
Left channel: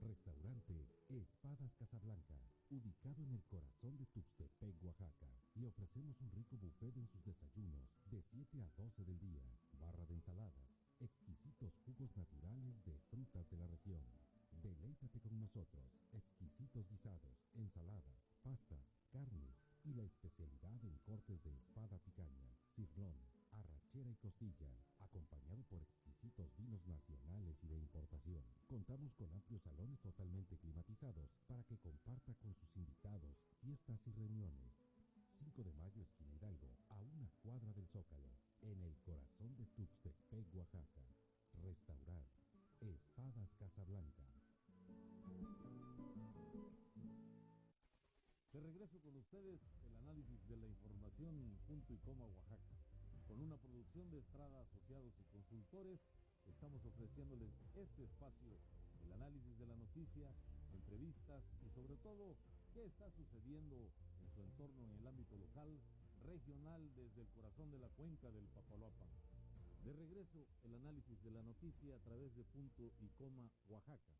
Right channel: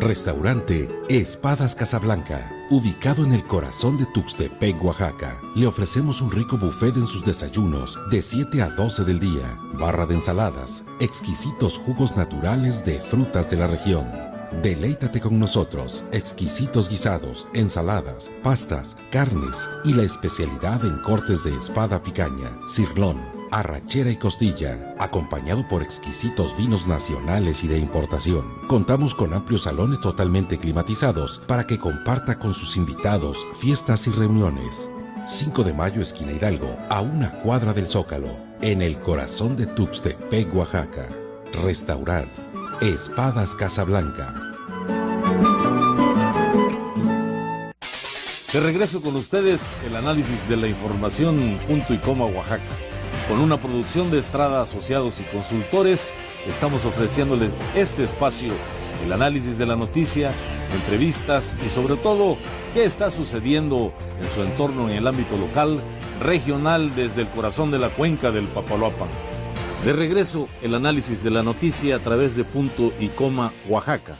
Restaurante Espadas Casablanca, ubicado en el corazón de Tuxtepec, Oaxaca. Le ofrecemos un rico buffet en sus desayunos de 7 a 12 del día, barra de ensaladas, exquisitos jugos naturales de frutas de la región. Deleítate con nosotros, exquisitos guisados, ensaladas, pastas, carnes y la especialidad en cortes de espada picaña, cirlón, arrachera y costilla, acompañado por exquisitos vinos nacionales y de importación. Contamos con amplios salones totalmente climatizados para que comparta con sus invitados fiestas y reuniones. 5 de mayo, esquina Hidalgo, a 1 cuadra del Zócalo, en el corazón de Tuxtepec, Oaxaca. Restaurant Espadas Casablanca. De regreso con ustedes, el análisis de la información, punto y coma, Oaxaca. Con una producción de Estrada Asociados y Consultores, estamos ofreciéndoles este espacio, el análisis de la noticia, entrevistas y sobre todo, qué está sucediendo en su entorno en el ámbito local, regional, desde el corazón de la cuenca del Papaloapan. De regreso, el análisis de la noticia a través de punto y coma Oaxaca.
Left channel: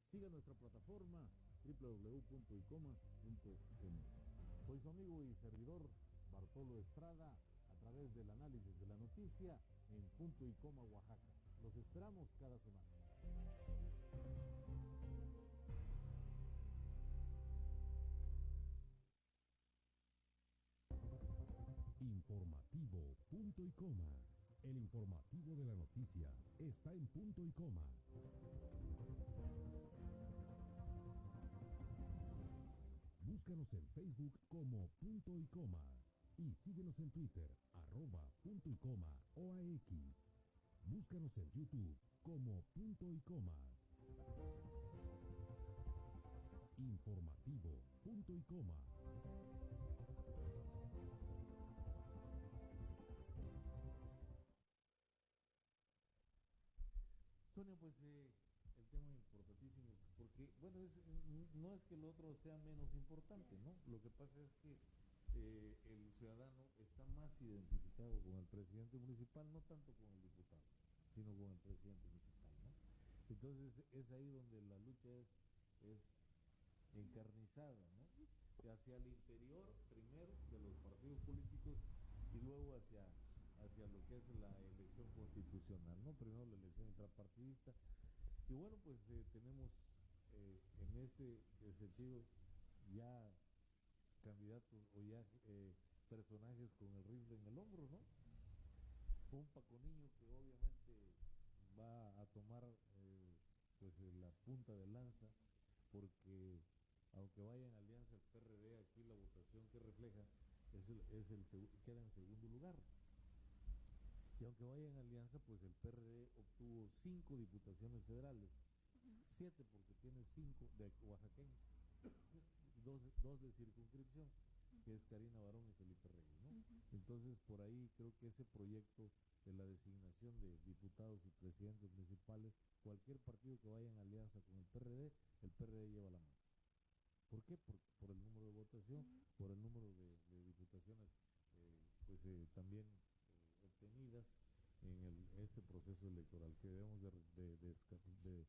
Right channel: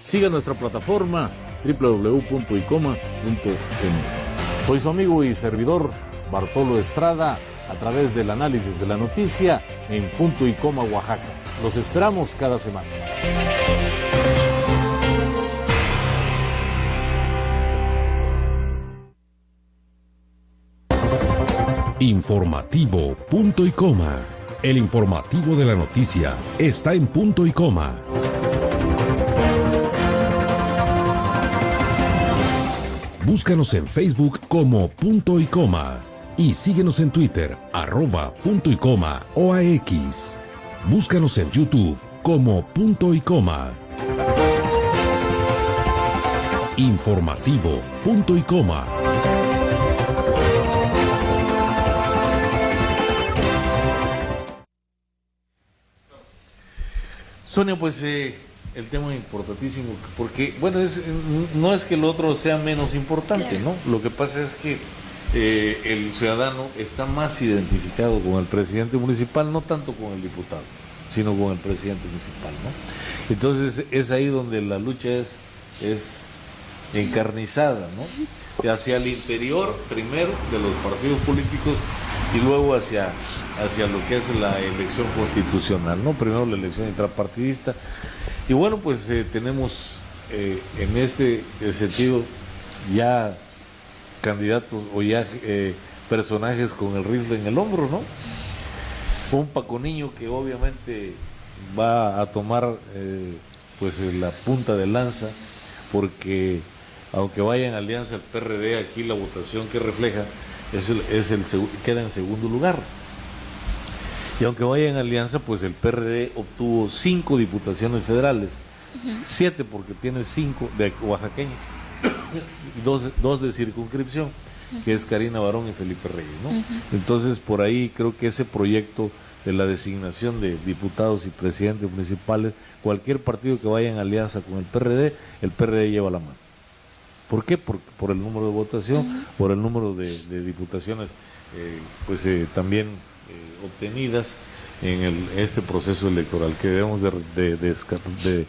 Siga nuestra plataforma www.icoma.m. Soy su amigo y servidor Bartolo Estrada, a través del análisis de la noticia en punto y coma Oaxaca. Los esperamos cada semana. Informativo punto y coma. El informativo de la noticia está en punto y coma. Búscanos en Facebook como punto y coma. Y síguenos en Twitter, @punto y coma OAX. Búscanos en YouTube como punto y coma. Informativo punto y coma. Sonia, pues el tema importantísimo, porque, bueno, no es que el otro sea menos importante, ¿no? Lo que pasa es que el ciudadano está más identificado con el presidente municipal, no tanto con el diputado, sino con el presidente municipal, ¿no? Entonces es ahí donde la lucha es encarnizada, ¿no? Hacia el interior, primero, de los partidos políticos y luego hacia lo que es la elección constitucional, ¿no? Primero la elección intrapartidista. Y bueno, pues tenemos en este sentido ya candidatos o ya personajes con el rifle en el hombro, ¿no? Un Paco Niño que obviamente va a tomar pues la punta de lanza porque aunque vaya en alianza el PRD, aquí la votación que refleja queda en segundo lugar. Y aunque vaya en alianza, pues el PRD obtuvo 5 diputaciones federales, 7 porque tiene 5 de oaxaqueños y 2 de circunscripción, que es Karina Barón y Felipe Reyes, ¿no? Entonces, por ahí creo que ese proyecto de la designación de diputados y presidentes municipales, cualquier partido que vaya en alianza con el PRD lleva la mano. ¿Por qué? Por el número de votación, por el número de diputaciones también obtenidas en este proceso electoral, que debemos de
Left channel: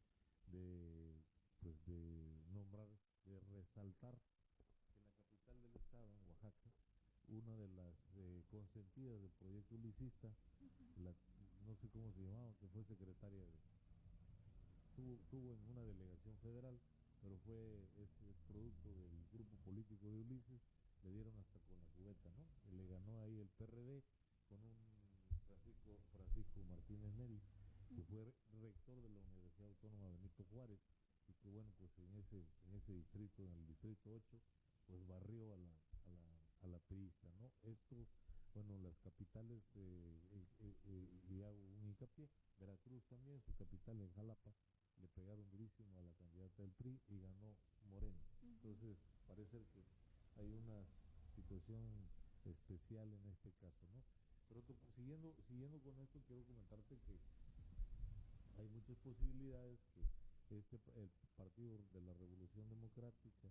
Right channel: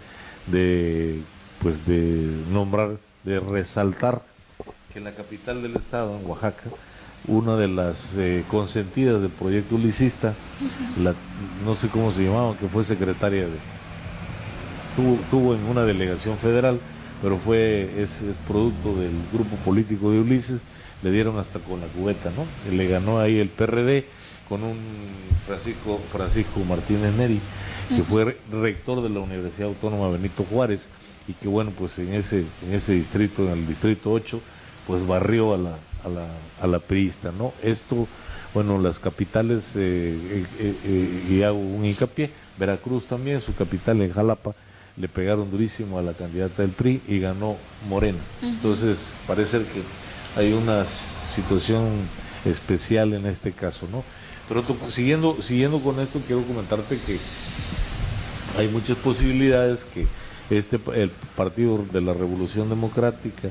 nombrar, de resaltar que en la capital del estado, en Oaxaca, una de las consentidas del proyecto ulicista, no sé cómo se llamaba, que fue secretaria tuvo en una delegación federal, pero es producto del grupo político de Ulises, le dieron hasta con la cubeta, ¿no? Y le ganó ahí el PRD con un Francisco Martínez Neri, que fue rector de la Universidad Autónoma Benito Juárez, y que bueno, pues en ese distrito, en el distrito 8, pues barrió a la priista, ¿no? Esto, bueno, las capitales, y hago un hincapié, Veracruz también, su capital en Jalapa, le pegaron durísimo a la candidata del PRI y ganó Morena. Entonces, parece que hay una situación especial en este caso, ¿no? Pero siguiendo con esto, quiero comentarte que hay muchas posibilidades que el Partido de la Revolución Democrática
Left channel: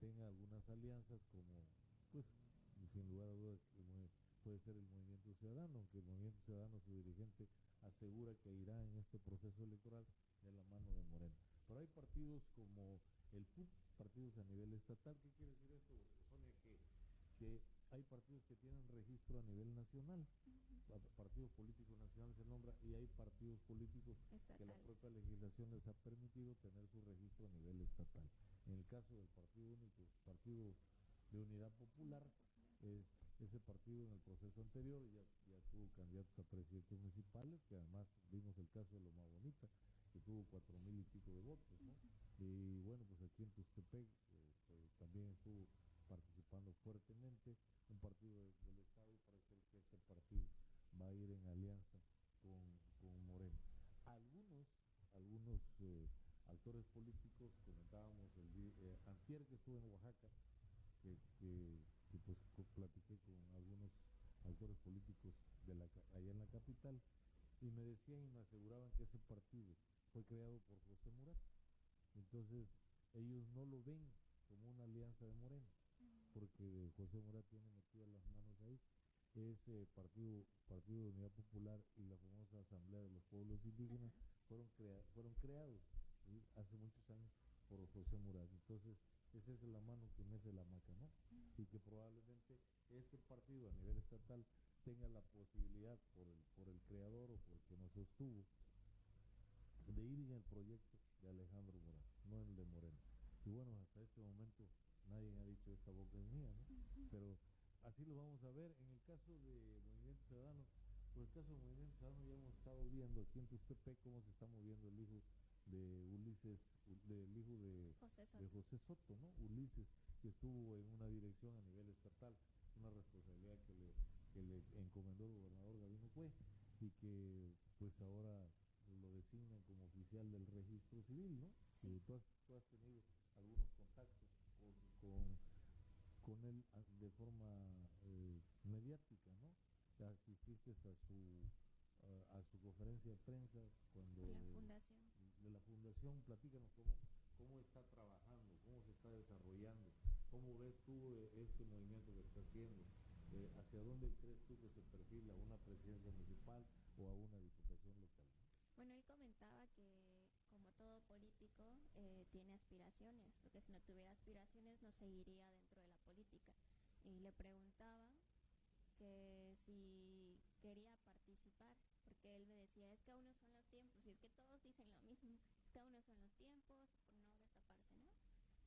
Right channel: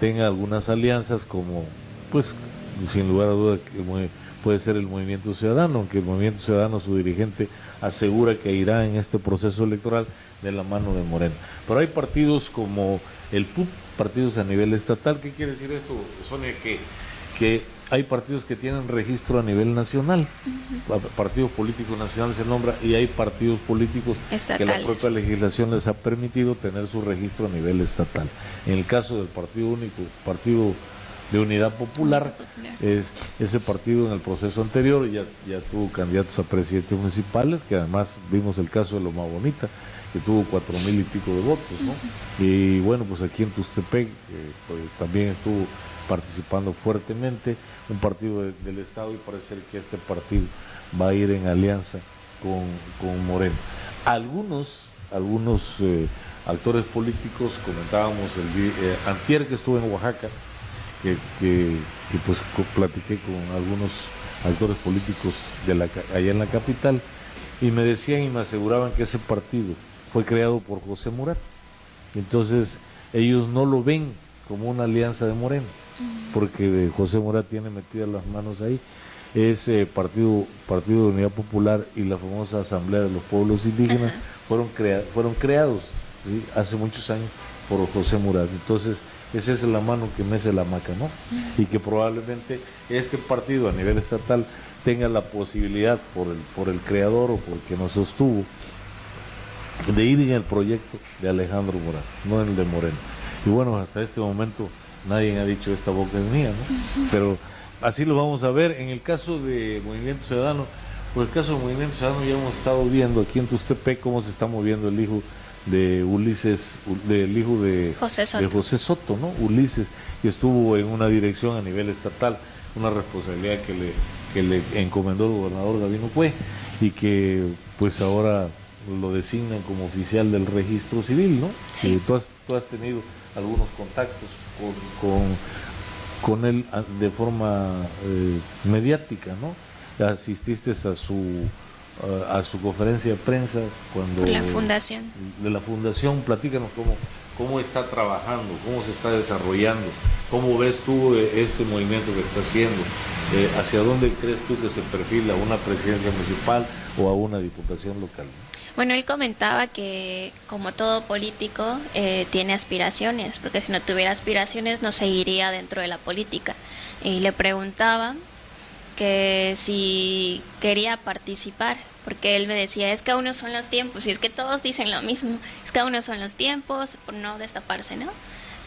tenga algunas alianzas, como, pues, sin lugar a duda, puede ser el Movimiento Ciudadano, aunque el Movimiento Ciudadano, su dirigente, asegura que irá en este proceso electoral de la mano de Morena. Pero hay partidos como el PUP, partidos a nivel estatal. ¿Qué quiere decir esto, Sonia? Que hay partidos que tienen registro a nivel nacional, partidos políticos nacionales se nombra, y hay partidos políticos estatales, que la propia legislación les ha permitido tener su registro a nivel estatal. En el caso del Partido Único, Partido de Unidad Popular, ese partido en el proceso anterior ya tuvo candidatos a presidentes municipales, que además vimos el caso de Loma Bonita, que tuvo 4,000 y pico de votos, ¿no? Y bueno, pues aquí en Tuxtepec pues también estuvo participando fuertemente un partido del Estado, y parece que este partido va a ir en alianza con Moreno. Algunos actores políticos, comentábamos antier que estuve en Oaxaca, que pues platiqué con algunos actores políticos allá en la capital, y me decían y me aseguraban que ese partido fue creado por José Murat. Entonces ellos no lo ven como una alianza de Moreno, porque José Murat tiene metidas las manos ahí. Ese Partido de Unidad Popular y la famosa Asamblea de los Pueblos Indígenas fueron creados, ¿sí?, hace muchos años por José Murat. Entonces esa es la mano que mece la maca, ¿no? Y que probablemente este partido a nivel estatal tenga la posibilidad por el creador o por el que nos sostuvo de ir en el proyecto de Alejandro Murat, no en el de Moreno. Y bueno, hasta este momento nadie ha dicho esta boca es mía, ¿no? Pero así lo vamos a ver. En el caso de Movimiento Ciudadano, pues el caso de Movimiento Ciudadano ya hemos estado viendo aquí en Tuxtepec cómo se está moviendo el hijo de Ulises, del hijo de José Soto, ¿no? Ulises, que estuvo en una dirección a nivel estatal, una responsabilidad que le encomendó el gobernador Gabino Cue, y que pues ahora lo designan como oficial del registro civil, ¿no? Sí. Tú has tenido algunos contactos con él de forma mediática, ¿no? Asististe a su conferencia de prensa cuando la fundación. De la fundación. Platícanos cómo está trabajando, cómo se está desarrollando, cómo ves tú ese movimiento que está haciendo, hacia dónde crees tú que se perfila, una presidencia municipal o a una diputación local. Bueno, él comentaba que como todo político tiene aspiraciones, porque si no tuviera aspiraciones no seguiría dentro de la política. Y le preguntaba que si quería participar, porque él me decía, es que aún no son los tiempos, y es que todos dicen lo mismo, es que aún no son los tiempos, por no destaparse, ¿no?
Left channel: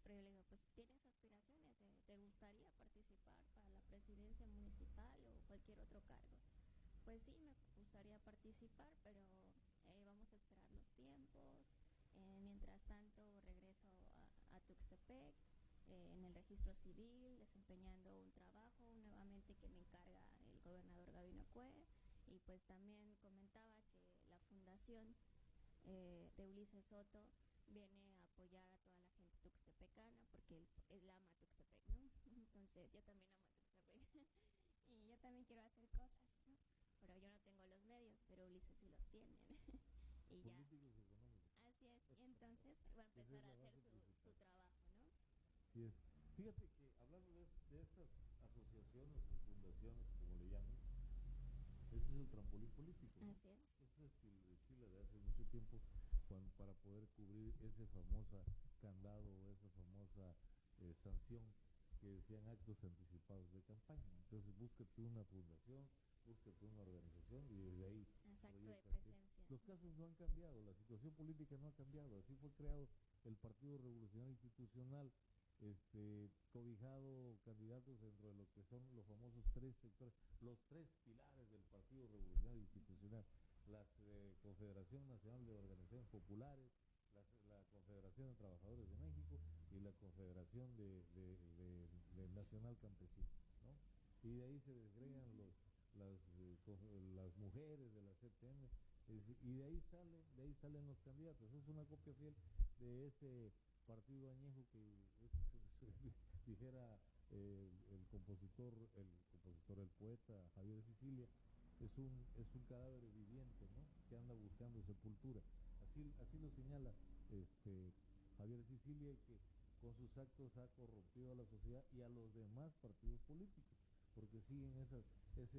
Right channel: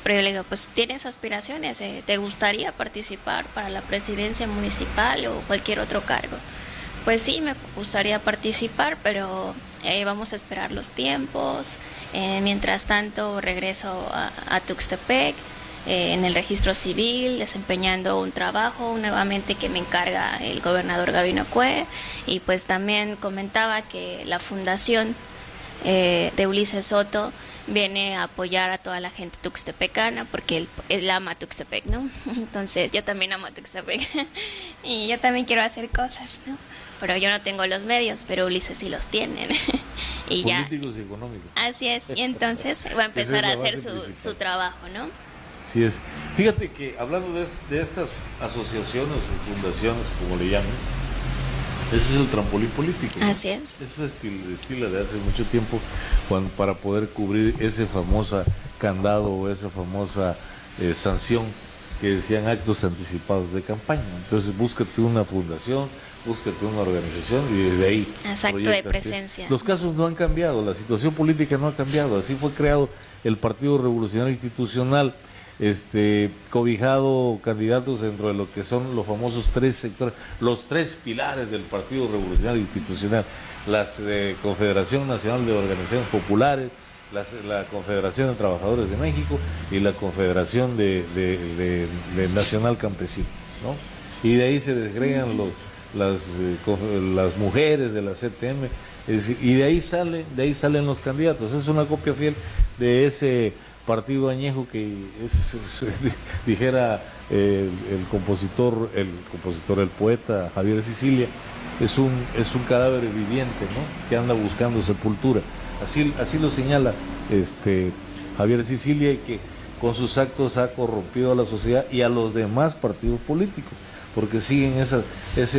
Pero yo le digo, pues tienes aspiraciones, ¿te gustaría participar para la presidencia municipal o cualquier otro cargo? Pues sí, me gustaría participar, pero vamos a esperar los tiempos. Mientras tanto, regreso a Tuxtepec, en el registro civil, desempeñando un trabajo nuevamente que me encarga el gobernador Gabino Cue. Y pues también comentaba que la fundación de Ulises Soto viene a apoyar a toda la gente tuxtepecana, porque él ama Tuxtepec, ¿no? Entonces yo también amo Tuxtepec y yo también quiero hacer cosas, ¿no? Pero yo no tengo los medios, pero Ulises sí los tiene. Y políticos y económicos. Así es, y entonces va a empezar a hacer su trabajo, ¿no? Así es. Fíjate que hablando de estas asociaciones o fundaciones, como le llaman, ese es el trampolín político, ¿no? Así es. Eso es estilo de hace mucho tiempo, para poder cubrir ese famosa candado o esa famosa sanción que decían actos anticipados de campaña. Entonces búscate una fundación, búscate una organización y desde ahí. Exacto, de presencia. Los casos no han cambiado, la situación política no ha cambiado. Así fue creado el Partido Revolucionario Institucional, cobijado candidatos dentro de lo que son los famosos 3 sectores, los 3 pilares del Partido Revolucionario Institucional, la Confederación Nacional de Organizaciones Populares, la Confederación de Trabajadores de México y la Confederación de Nacional Campesino, ¿no? Y de ahí se desgregan las mujeres de la CTM, y de ahí salen los candidatos. Es una copia fiel de ese partido añejo que dijera el poeta Javier Sicilia, es un cadáver viviente, ¿no? Que anda buscando sepultura. Así lo señala Javier Sicilia, y que con sus actos ha corrompido a la sociedad y a los demás partidos políticos, porque siguen ese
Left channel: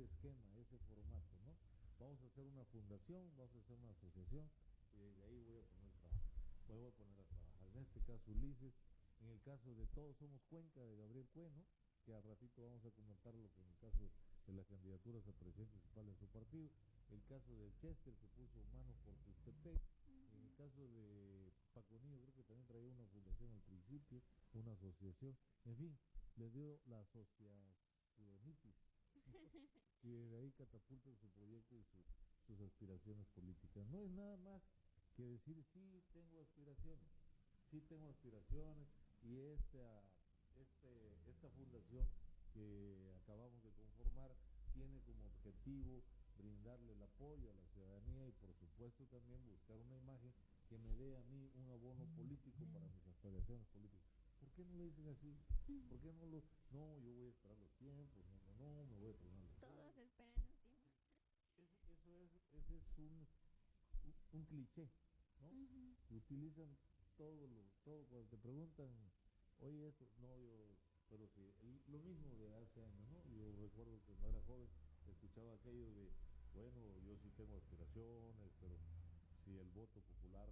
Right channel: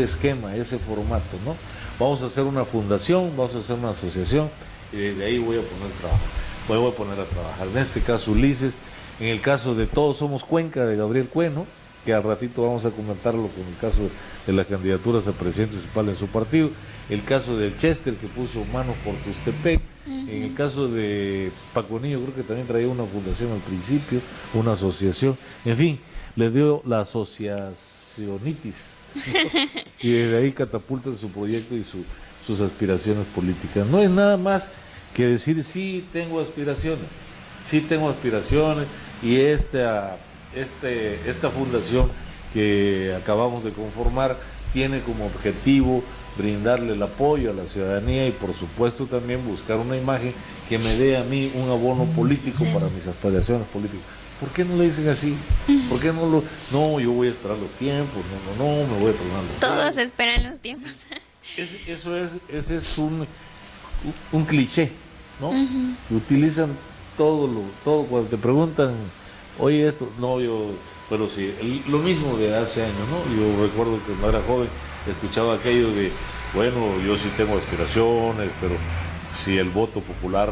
esquema, ese formato, ¿no? Vamos a hacer una fundación, vamos a hacer una asociación, y desde ahí voy a poner a trabajar. En este caso Ulises, en el caso de Todos Somos Cuenca de Gabriel Cue, ¿no? Que al ratito vamos a comentarlo con el caso de las candidaturas a presidente municipal en su partido, el caso del Chester, que puso manos por Tuxtepec, en el caso de Paco Niño, creo que también traía una fundación al principio, una asociación, en fin, le dio la asociacionitis, ¿no? Y desde ahí catapulta su proyecto y sus aspiraciones políticas. No es nada más que decir, sí tengo aspiraciones, y esta fundación que acabamos de conformar tiene como objetivo brindarle el apoyo a la ciudadanía y por supuesto también buscar una imagen que me dé a mí un abono político para mis aspiraciones políticas. ¿Por qué no le dicen así? ¿Por qué no, yo voy a esperar los tiempos, no, me voy a tomar los tiempos? Todos esperan los tiempos. Ese es un cliché, ¿no? Utilizan todo cuando te preguntan, oye, esto, no, pero sí, lo mismo de hace años, ¿no? Yo recuerdo que cuando era joven escuchaba aquello de, bueno, yo sí tengo aspiraciones, pero si el voto popular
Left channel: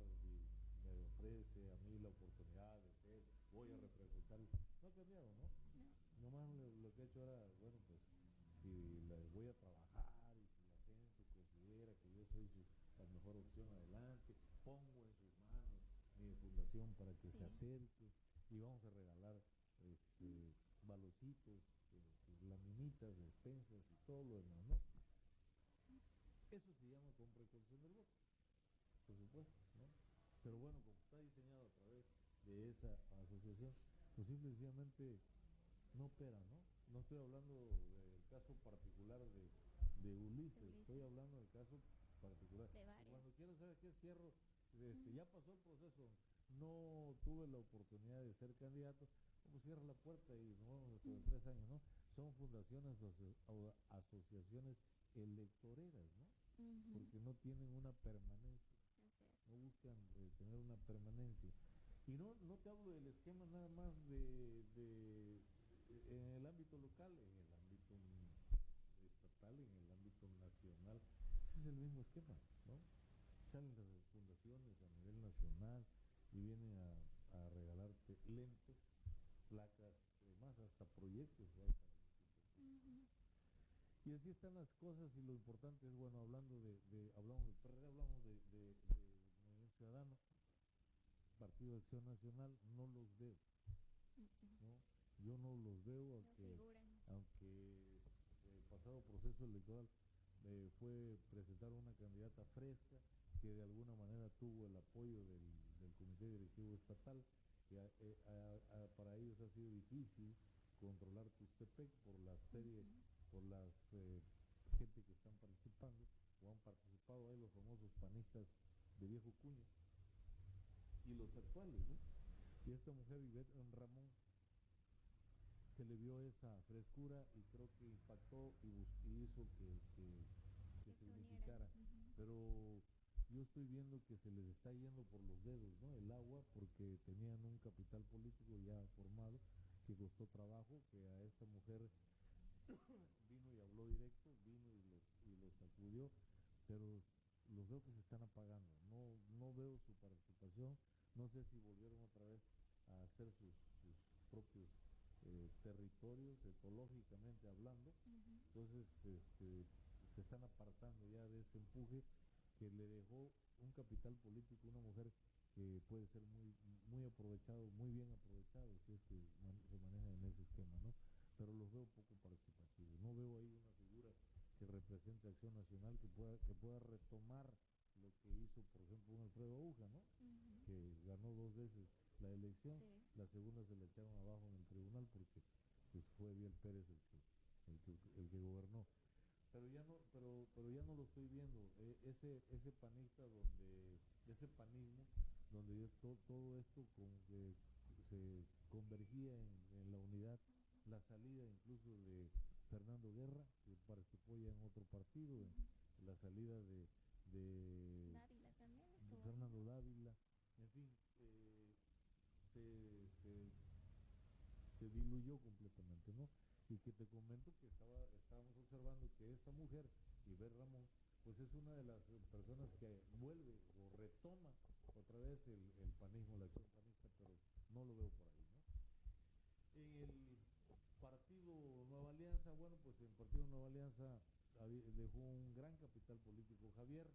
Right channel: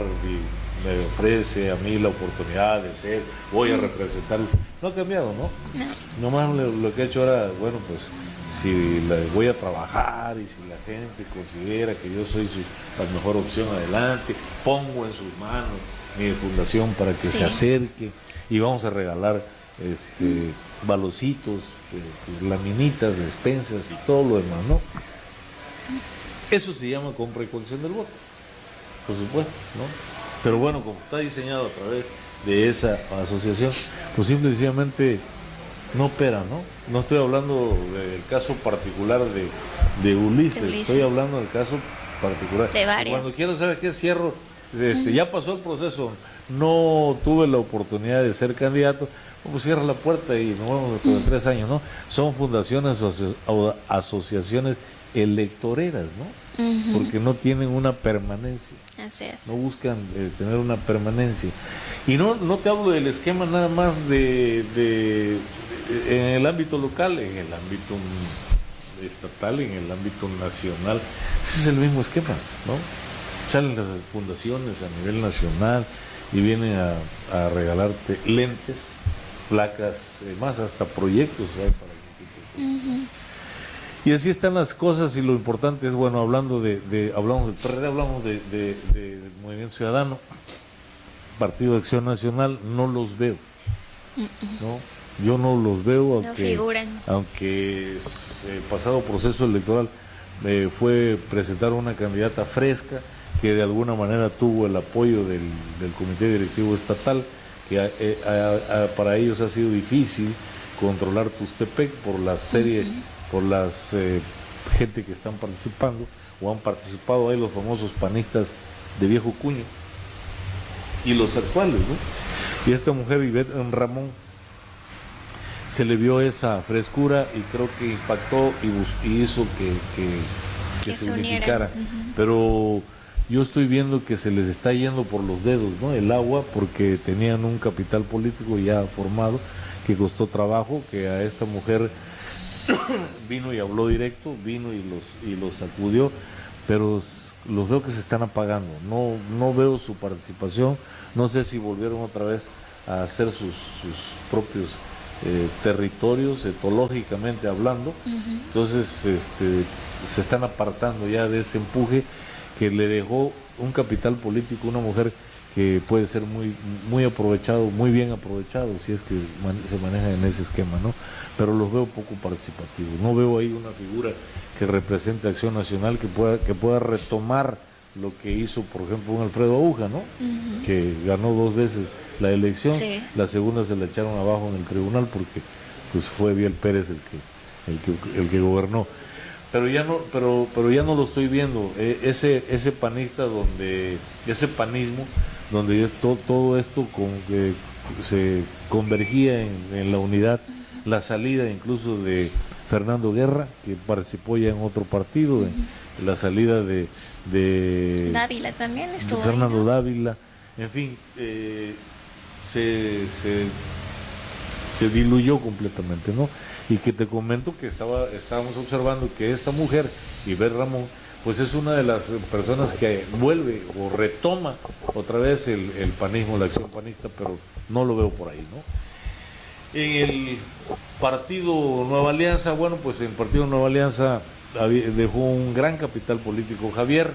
me ofrece a mí la oportunidad de ser, voy a representar. No ha cambiado, ¿no? Nomás lo que he hecho ahora, bueno, pues si voy a trabajar y si la gente considera que yo soy la mejor opción, adelante, pongo en sus manos mi fundación para que se acerque y vamos a regalar balocitos, laminitas, despensas y todo lo demás, ¿no? Eso se llama compra y coacción del voto, por supuesto, ¿no? Pero bueno, como está diseñado a través de esa asociación, pues simple y sencillamente no opera, ¿no? No estoy hablando del caso particular de Ulises, estoy hablando del caso particular. De varios. Cuando quiero saber qué cierro, ya pasó el proceso, no tuve la oportunidad de ser candidato, pues cierra la puerta y nos vemos dentro de 3 años, ¿no? Son fundaciones o asociaciones electoreras, ¿no? Porque no tienen una permanencia. Así es. No buscan tener una permanencia. Y no te hablo del esquema nada más en el ámbito local, en el ámbito estatal, en el ámbito nacional. Ese es el mismo esquema, ¿no? Salen las fundaciones a nivel nacional y vienen a regalarte lentes, placas, más hasta proyectos hay para ese tipo de cosas. Y así están las cosas, y lo importante es, bueno, hablamos del PRD, hablamos del Movimiento Ciudadano, Partido de Acción Nacional, no los veo, ¿no? Yo no los veo, aunque no figuran. Aunque pasado proceso electoral fue presentar una candidata fresca que de alguna manera tuvo el apoyo del comité directivo estatal, que para ellos ha sido difícil controlar Tuxtepec por la serie, por las gente que están participando o han participado ahí, los famosos panistas de viejo cuño y los actuales, ¿no? Y esta mujer, Ivette Ramón, se le vio esa frescura y creo que impactó y hizo que se unificara. Pero yo estoy viendo que se les está yendo por los dedos, ¿no? El agua, porque tenían un capital político ya formado, que costó trabajo, que a esta mujer vino y habló directo, vino y los sacudió, pero los veo que se están apagando. No veo su participación, no sé si volvieron otra vez a hacer sus propios territorios, etológicamente hablando. Entonces se están apartando ya de ese empuje que le dejó un capital político, una mujer que puede ser muy aprovechado, muy bien aprovechado, si es que se maneja en ese esquema, ¿no? Pero los veo poco participativos. No veo ahí una figura que represente Acción Nacional, que pueda retomar lo que hizo, por ejemplo, un Alfredo Aguja, ¿no? Que ganó 2 veces la elección, la segunda se la echaron abajo en el tribunal porque pues fue Biel Pérez el que gobernó. Pero ya no lo estoy viendo, ese panista ese panismo donde todo esto se convergía en la unidad, la salida incluso de Fernando Guerra, que participó ya en otro partido, la salida de Dávila también estuvo Fernando ahí, ¿no? Dávila, en fin, se diluyó completamente, ¿no? Y que te comento que estábamos observando que esta mujer, Ivette Ramón, pues es una de las personas que vuelve o retoma otra vez el panismo, la acción panista, pero no lo veo por ahí, ¿no? En el partido Nueva Alianza, bueno, pues en el partido Nueva Alianza dejó un gran capital político Javier.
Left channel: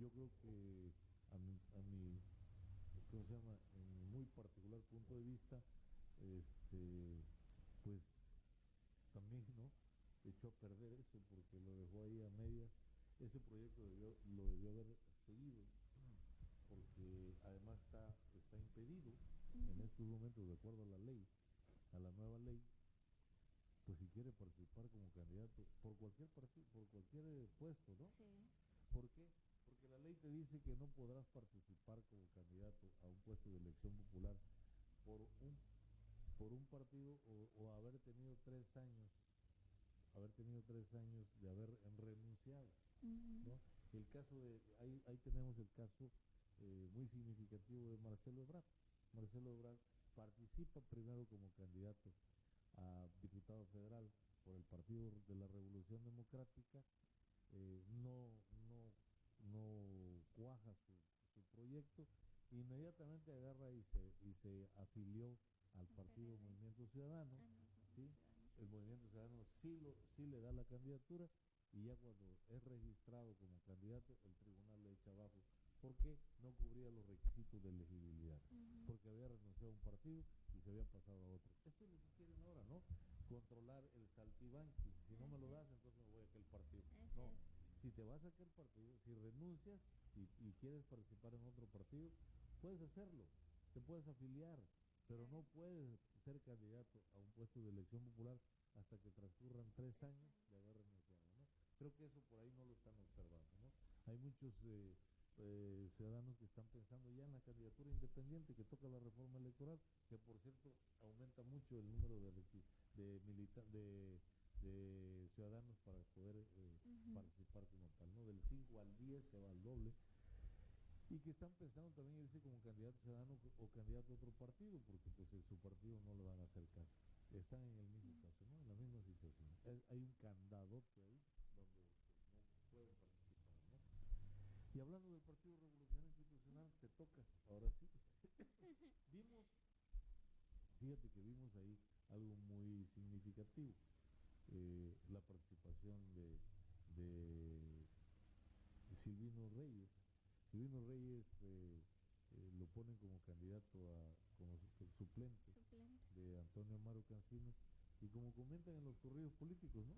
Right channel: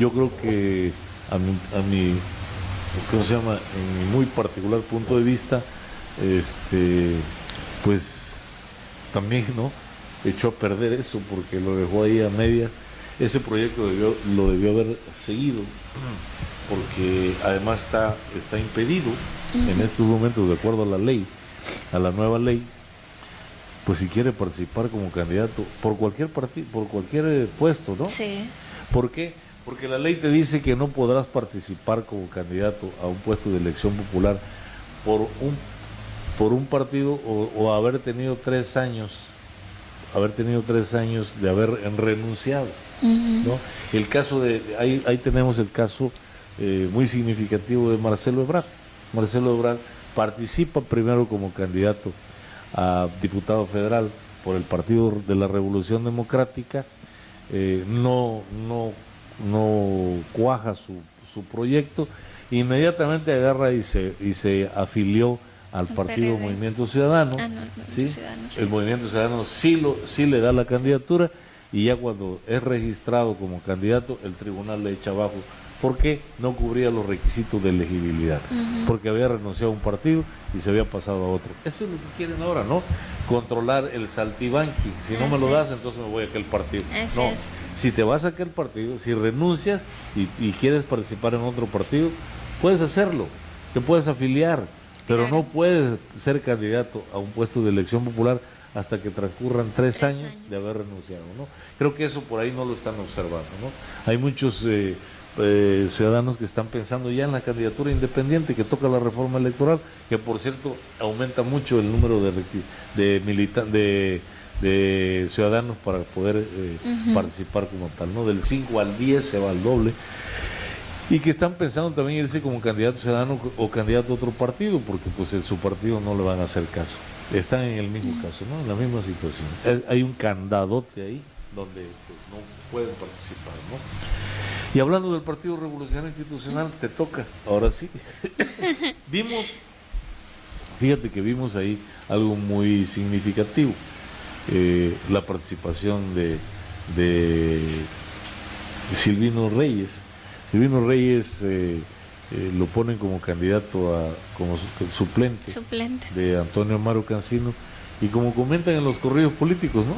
Yo creo que a mi ¿cómo se llama? En mi muy particular punto de vista, pues también, ¿no? Echó a perder eso porque lo dejó ahí a medias. Ese proyecto lo debió haber seguido, porque además está impedido en estos momentos, de acuerdo a la ley, a la nueva ley, pues si quiere participar como candidato por cualquier partido, por cualquier puesto, ¿no? Sí. ¿Por qué? Porque la ley te dice que no podrás participar como candidato a un puesto de elección popular por un partido o haber tenido 3 años de haber renunciado, ¿no? El caso ahí tenemos el caso muy significativo de Marcelo Ebrard. Marcelo Ebrard participa primero como candidato a diputado federal por el Partido de la Revolución Democrática, no cuaja su proyecto, inmediatamente agarra y se afilió al partido PRD. Movimiento Ciudadano. ¿Sí? Ciudadano, sí. El Movimiento Ciudadano sí le da la candidatura, y ya cuando es registrado como candidato, el tribunal le echa abajo porque no cubría los requisitos de elegibilidad, porque había renunciado a un partido y se había pasado a otro. Eso es lo que quieren ahora, ¿no? Controlar el saltibanqui. Si no me lo das, entonces me voy a aquel partido. Así No, es. si te vas a aquel partido, si renuncias y quieres participar en otro partido, puedes hacerlo, te puedes afiliar, pero Claro. no puedes ser candidato a un puesto de elección popular hasta que transcurran 3 años de haber renunciado, ¿no? Creo que eso por ahí no lo están observando, ¿no? Hay muchos ciudadanos que están pensando ya en la candidatura independiente que toca la reforma electoral, que por cierto aumenta mucho el número de ciudadanos para poder participar como tal, ¿no? Del 5 al 10 se va al doble, y que están pensando también irse como candidato ciudadano o candidato a otro partido, porque pues en su partido no le van a hacer caso. Están en el mismo caso, ¿no? En la misma situación. Hay un candadote ahí donde pues no pueden participar, ¿no? Y hablando del Partido Revolucionario Institucional, te toca, ahora sí. Fíjate que vimos ahí algo muy significativo, la participación de Silvino Reyes. Silvino Reyes lo ponen como candidato como suplente Suplente. de Antonio Amaro Cancino, y como comentan en los corridos políticos, ¿no?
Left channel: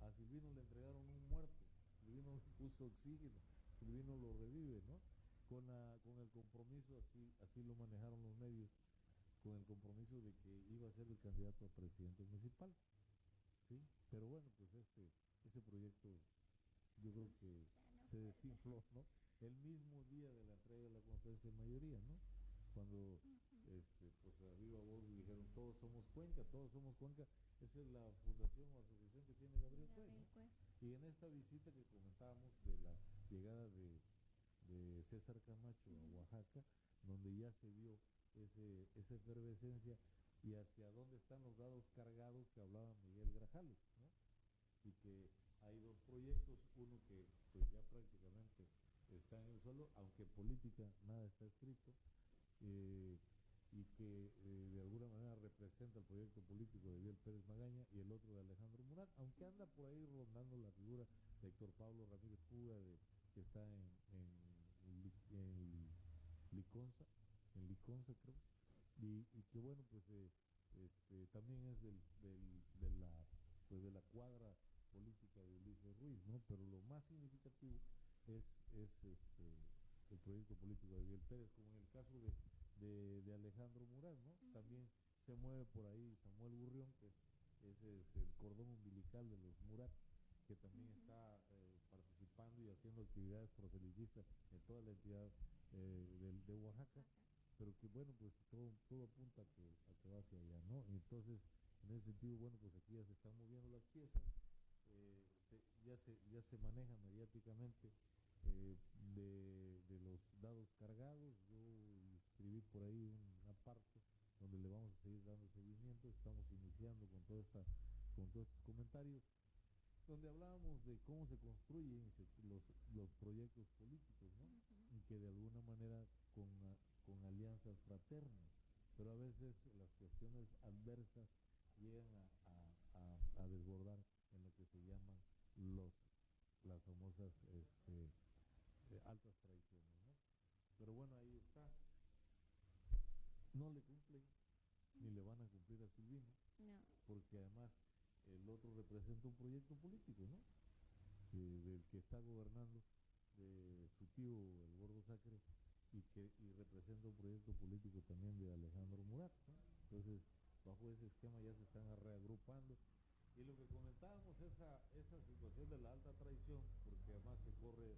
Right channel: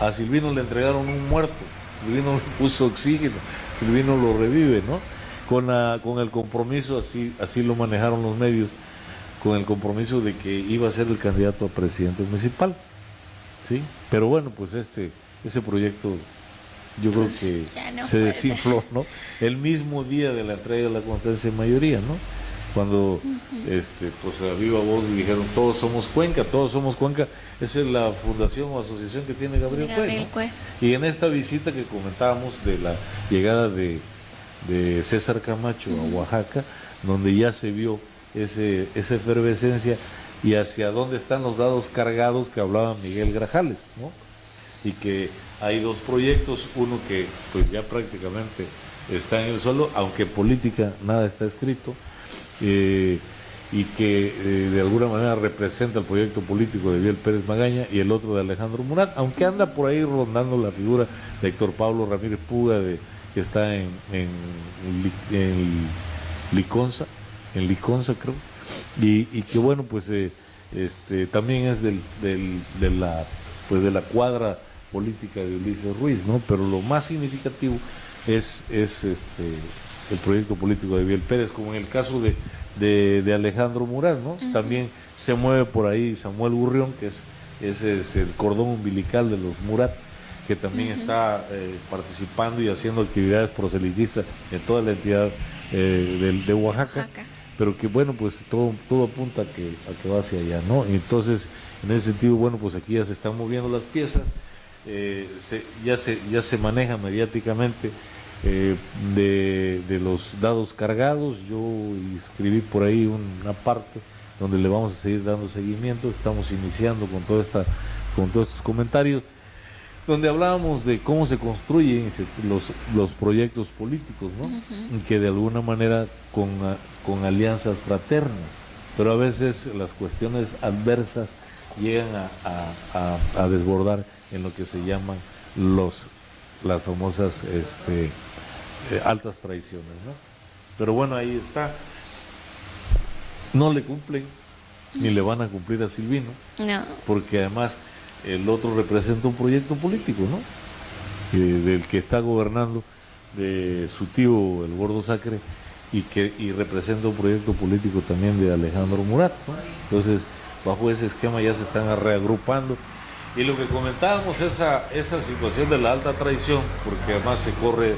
A Silvino le entregaron un muerto, Silvino le puso oxígeno, Silvino lo revive, ¿no? Con el compromiso, así lo manejaron los medios, con el compromiso de que iba a ser el candidato a presidente municipal, ¿sí? Pero bueno, pues ese proyecto yo creo que se desinfló, ¿no? El mismo día de la entrega de la constancia de mayoría, ¿no? Cuando pues a viva voz dijeron todos somos Cuenca. Esa es la fundación o asociación que tiene Gabriel Cue, ¿no? Y en esta visita que comentábamos de la llegada de César Camacho a Oaxaca, donde ya se vio esa efervescencia y hacia dónde están los dados cargados que hablaba Miguel Grajales, ¿no? Y que hay dos proyectos, uno que pues ya prácticamente está en el suelo, aunque política nada está escrito, y que de alguna manera representa el proyecto político de Biel Pérez Magaña, y el otro de Alejandro Murat, aunque anda por ahí rondando la figura de Héctor Pablo Ramírez Puga, que está en Liconza creo, y que bueno, pues también es de la cuadra política de Ulises Ruiz, ¿no? Pero lo más significativo es el proyecto político de Biel Pérez, como en el caso de Alejandro Murat, ¿no? También se mueve por ahí Samuel Gurrión, que es el cordón umbilical de los Murat, que también está participando y haciendo actividades proselitistas en toda la entidad de Oaxaca, pero que bueno, pues todo apunta a que va hacia allá, ¿no? Y entonces, en ese sentido, bueno, pues aquí ya se están moviendo las piezas, ya se maneja mediáticamente de los dados cargados. Yo escribí por ahí una parte donde le vamos a seguir dando seguimiento. Estamos iniciando con todos estos comentarios, donde hablábamos de cómo se construyen los proyectos políticos, ¿no? Y que de alguna manera con alianzas fraternas, pero a veces las cuestiones adversas llegan a desbordar en lo que se llaman las famosas altas traiciones, ¿no? Pero bueno, ahí está. No le cumplen, ni le van a cumplir a Silvino, no, porque además el otro representa un proyecto político, ¿no? Del que está gobernando, de su tío, el Gordo Sacre, y representa un proyecto político también de Alejandro Murat, ¿no? Entonces, bajo ese esquema ya se están reagrupando. Y lo que comentábamos, esa situación de la alta traición, porque además se corre,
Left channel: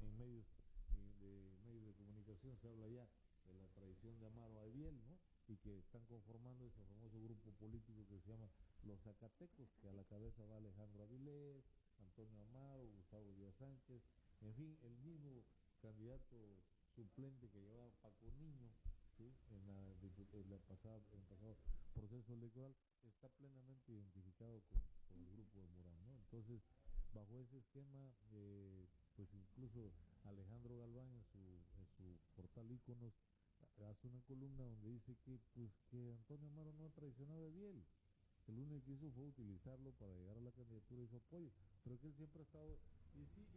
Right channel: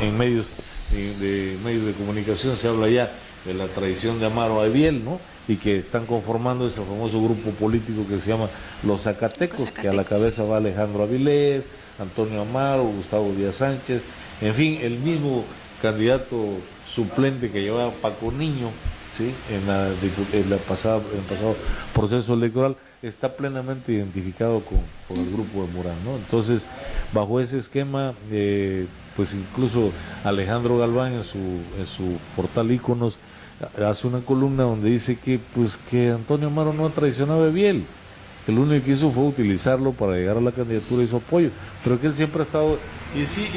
en medios de comunicación se habla ya de la traición de Amaro a Biel, ¿no? Y que están conformando ese famoso grupo político que se llama Los Zacatecos, que a la cabeza va Alejandro Avilés, Antonio Amaro, Gustavo Díaz Sánchez, en fin, el mismo candidato suplente que llevaba Paco Niño, ¿sí? en el pasado proceso electoral, está plenamente identificado con el grupo de Murat, ¿no? Entonces, bajo ese esquema, pues incluso Alejandro Galván en su portal Íconos hace una columna donde dice que Antonio Amaro no ha traicionado a Biel, que lo único que hizo fue utilizarlo para llegar a la candidatura y su apoyo, pero que él siempre ha estado, y sí,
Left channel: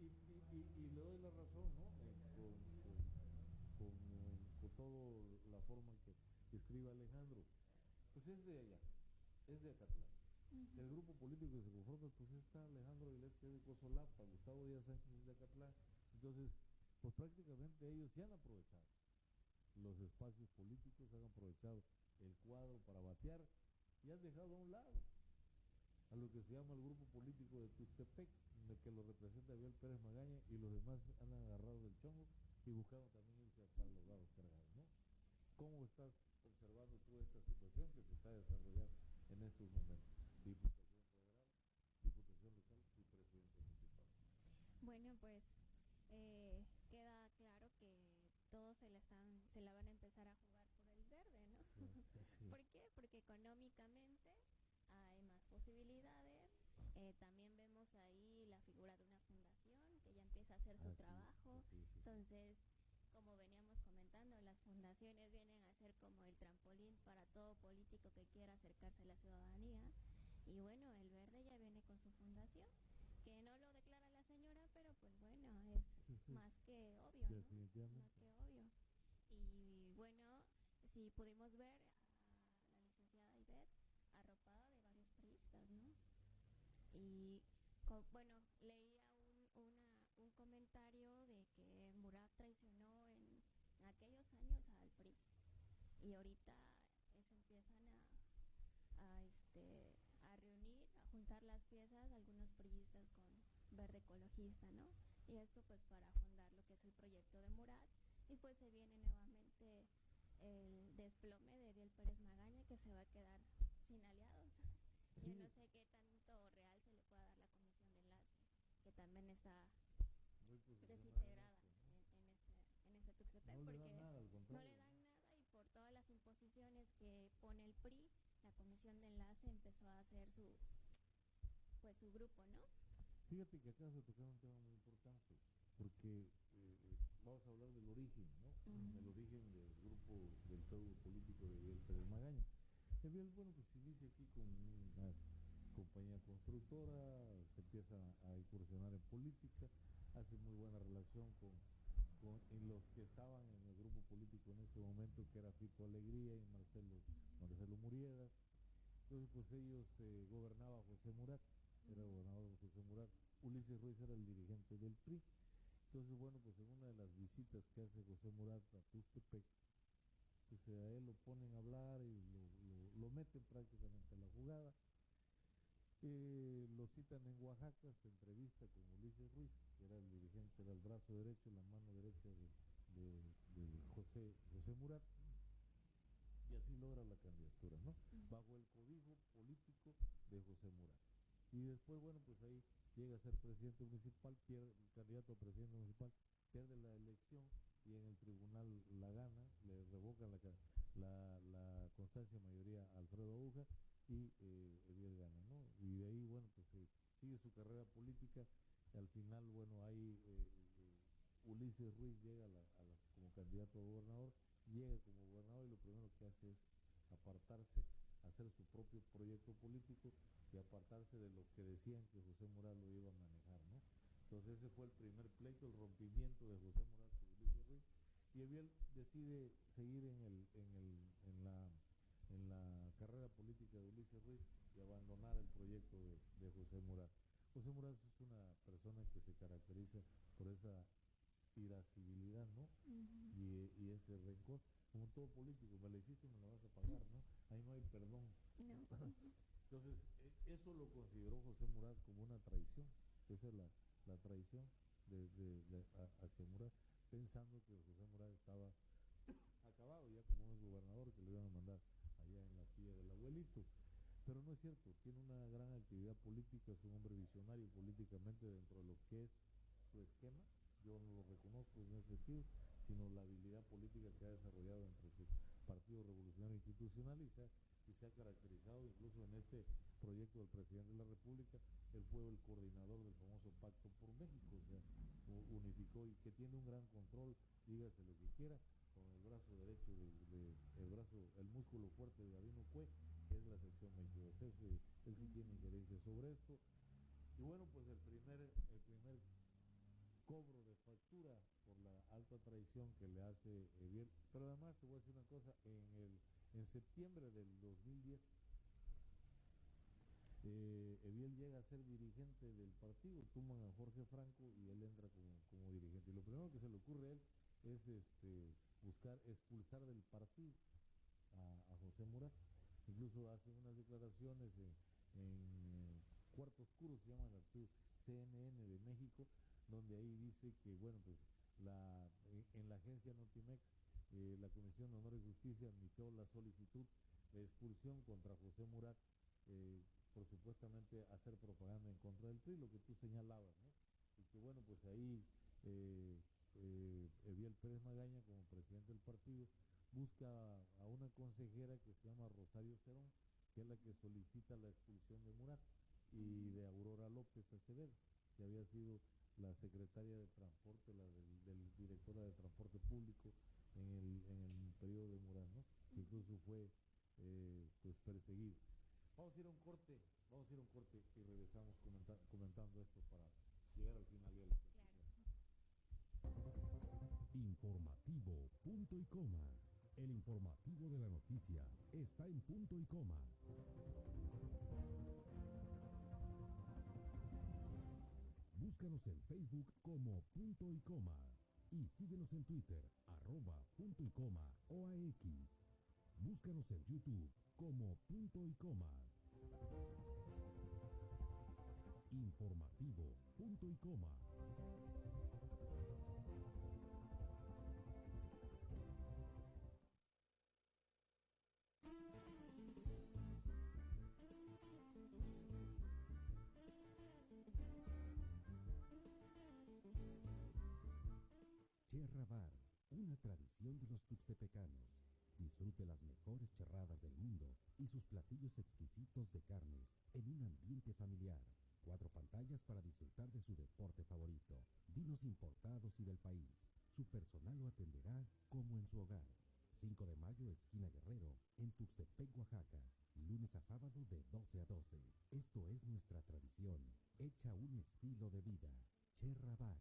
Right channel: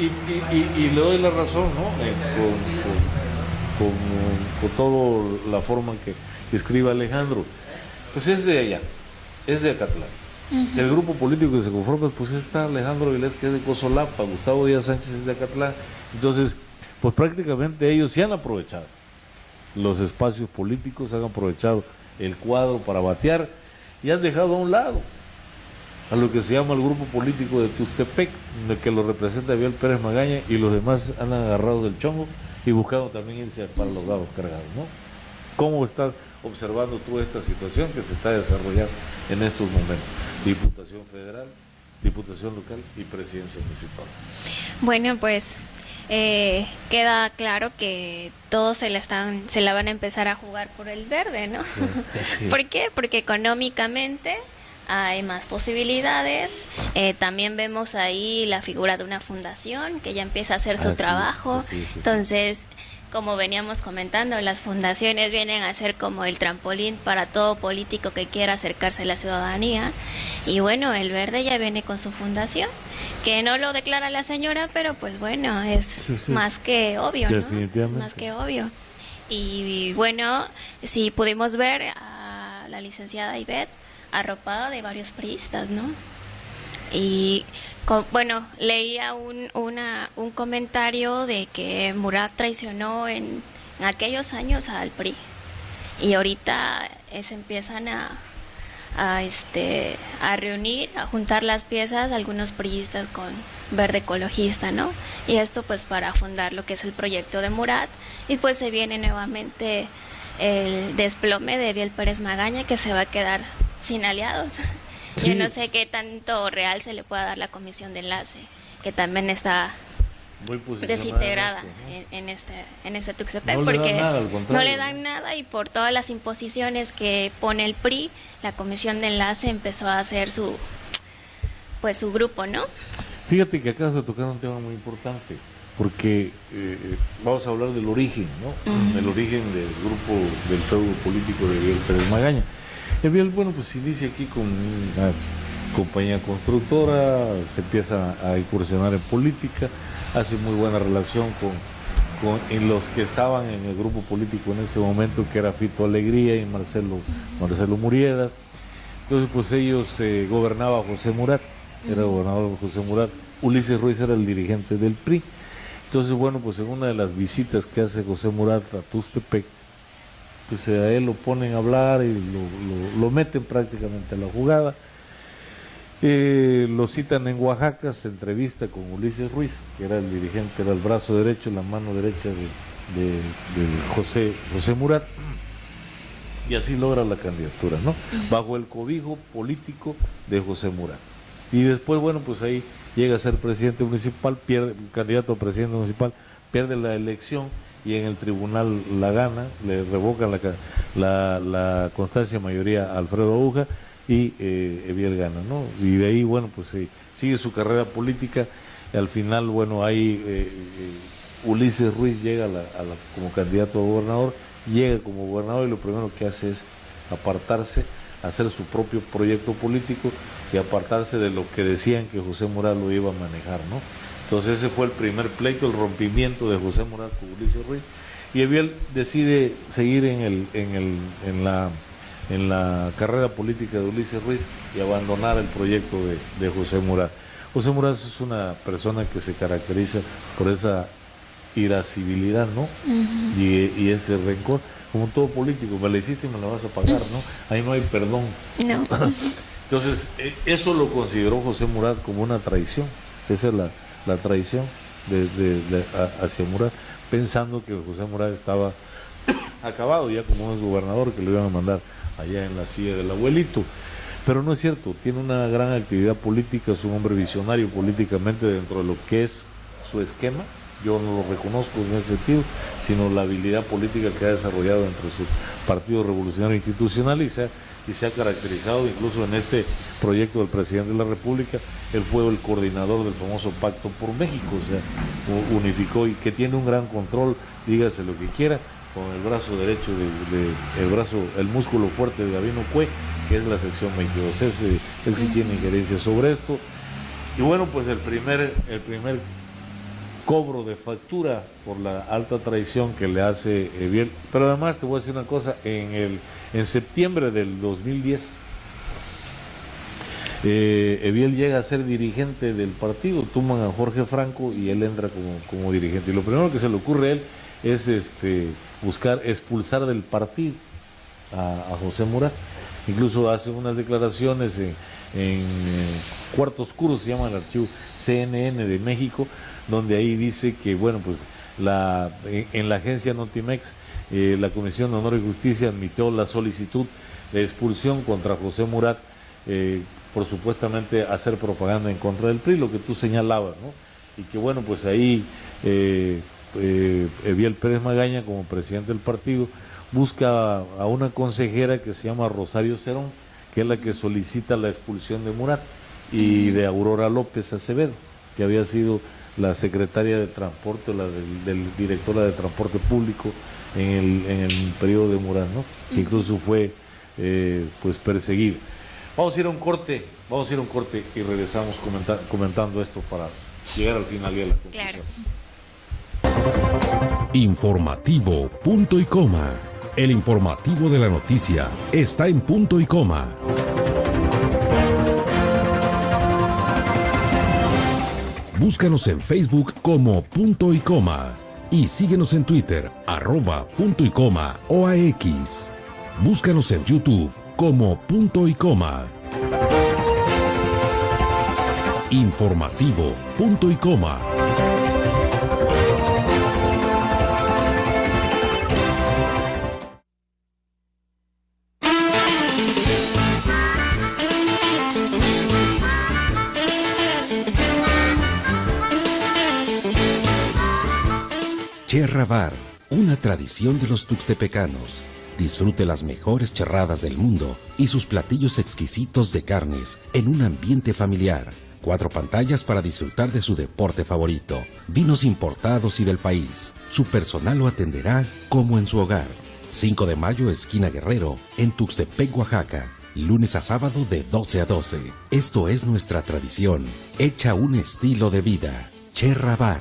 y le doy la razón, ¿no? Con toda la forma que escribe Alejandro, pues es de allá, es de Acatlán. El grupo político que se conforma, pues está Alejandro Avilés, que es de Cozolapa, Gustavo Díaz Sánchez es de Acatlán. Entonces, pues prácticamente ellos sí han aprovechado los espacios políticos, han aprovechado el cuadro para batear y han dejado a un lado a lo que se llama el grupo político de Tuxtepec, que lo representa Biel Pérez Magaña, y los demás han agarrado del chongo y buscado también irse para los dados cargados, ¿no? ¿Cómo estás observando tú esta situación que se está desarrollando en estos momentos? Diputación federal, diputación local y presidencia municipal. Bueno, pues queda claro que todos se la van a empezar a jugar por el verde, ¿no? Sí. ¿Por qué? Porque económicamente hay más posibilidades. También vemos ahí la figura de una fundación que ya empieza a hacer su trabajo. Sí. Entonces, como veníamos comentando, las fundaciones vienen a ser como el trampolín para todo político que quiera acercarse a la ciudadanía. Y bueno, el verde ya viene con su fundación, que no lo declara la señora, pero pues bueno, es más que obvio, ¿no? Más que obvio. Y bueno, sí pudimos ver a la licenciada Ivette arropada de varios priistas, ¿no? Y bueno, leía un comentario de que Murat traicionó en aquellos años al PRI, y ahorita se empiezan a reunir, a juntar las piezas, algunos priistas con Verde Ecologista, ¿no? Y esto pues para fundar lo que es el proyecto de Murat, y pues se viene nuevamente el desplome de Eviel Pérez Magaña, que se va a quedar sin aliados. Sí. Yo no sé qué tanto real se le pueda dar la comisión de enlace, que también está muy desintegrada en este Tuxtepec, porque no le dan nada, y por todas las imposiciones que pone el PRI, la comisión de enlace empezó a hacer su grupo, ¿no? Fíjate que acabas de tocar un tema muy importante, porque vamos a hablar del origen, ¿no? Del origen del grupo, del feudo político de Eviel Pérez Magaña. Eviel, bueno, pues inicia aquí con una compañía constructora, se empieza a incursionar en política, hace muy buena relación con los que estaban en el grupo político en ese momento, que era Fito Alegría y Marcelo Muriedas. Entonces, pues ellos gobernaba José Murat, era gobernador José Murat, Ulises Ruiz era el dirigente del PRI. Entonces, bueno, pues en una de las visitas que hace José Murat a Tuxtepec, pues a él lo ponen a hablar y lo meten prácticamente a la jugada. Lo citan en Oaxaca, se entrevista con Ulises Ruiz, que era el dirigente, era el brazo derecho, la mano derecha de José Murat, y así logra la candidatura, ¿no? Bajo el cobijo político de José Murat. Y después, bueno, pues ahí llega a ser presidente municipal, candidato a presidente municipal, pierde la elección, y en el tribunal la gana, le revocan la constancia de mayoría a Alfredo Aguja, y Eviel gana, ¿no? Y de ahí, bueno, pues sigue su carrera política, y al final, bueno, ahí Ulises Ruiz llega como candidato a gobernador, llega como gobernador, y lo primero que hace es apartarse, hacer su propio proyecto político, y apartarse de lo que decían que José Murat lo iba a manejar, ¿no? Entonces ese fue el primer pleito, el rompimiento de José Murat con Ulises Ruiz, y Eviel decide seguir en la carrera política de Ulises Ruiz y abandonar el proyecto de José Murat. José Murat es una persona que se caracteriza por esa irascibilidad, ¿no? Y ese rencor, como todo político, me la hiciste y me la vas a pagar, ¿no? Ahí no hay perdón. No. Entonces, eso lo consideró José Murat como una traición. Esa es la traición hacia Murat, pensando que José Murat estaba acabado ya como es gobernador, que lo iban a mandar allá en la silla del abuelito. Pero no es cierto, tiene una gran actividad política, es un hombre visionario políticamente dentro de lo que es su esquema. Yo no lo reconozco en ese sentido, sino la habilidad política que ha desarrollado dentro de su Partido Revolucionario Institucional, y se ha caracterizado incluso en este proyecto del presidente de la República. Él fue el coordinador del famoso Pacto por México, o sea, unificó, y que tiene un gran control, dígase lo que quiera, con el brazo derecho, el músculo fuerte de Gabino Cue, que es la sección 22. Él sí tiene injerencia sobre esto. Y bueno, pues el primer cobro de factura por la alta traición que le hace Eviel. Pero además te voy a decir una cosa, en septiembre del 2010, Eviel llega a ser dirigente del partido, toman a Jorge Franco y él entra como dirigente. Y lo primero que se le ocurre a él es buscar expulsar del partido a José Murat. Incluso hace unas declaraciones en Cuarto Oscuro, se llama el archivo CNN de México, donde ahí dice que, bueno, pues en la agencia Notimex, la Comisión de Honor y Justicia admitió la solicitud de expulsión contra José Murat por supuestamente hacer propaganda en contra del PRI, lo que tú señalabas, ¿no? Y que, bueno, pues ahí Eviel Pérez Magaña, como presidente del partido, busca a una consejera que se llama Rosario Cerón, que es la que solicita la expulsión de Murat, y de Aurora López Acevedo, que había sido la secretaria de transporte, del directora de transporte público en el periodo de Murat, ¿no? Que incluso fue pues perseguido. Vamos a ir a un corte y regresamos comentando esto para llegar al final y a la conclusión. Claro. Informativo Punto y Coma. El informativo de la noticia está en punto y coma. Búscanos en Facebook como Punto y Coma y síguenos en Twitter @Punto y Coma OAX. Búscanos en YouTube como Punto y Coma. Informativo Punto y Coma. Cherra Bar, una tradición de los tuxtepecanos. Disfrute las mejores charradas del mundo y sus platillos exquisitos de carnes en un ambiente familiar. 4 pantallas para disfrutar de su deporte favorito. Vinos importados y del país. Su personal lo atenderá como en su hogar. 5 de mayo, esquina Guerrero, en Tuxtepec, Oaxaca. Lunes a sábado de 12 a 12. Esto es nuestra tradición, hecha un estilo de vida. Cherra Bar.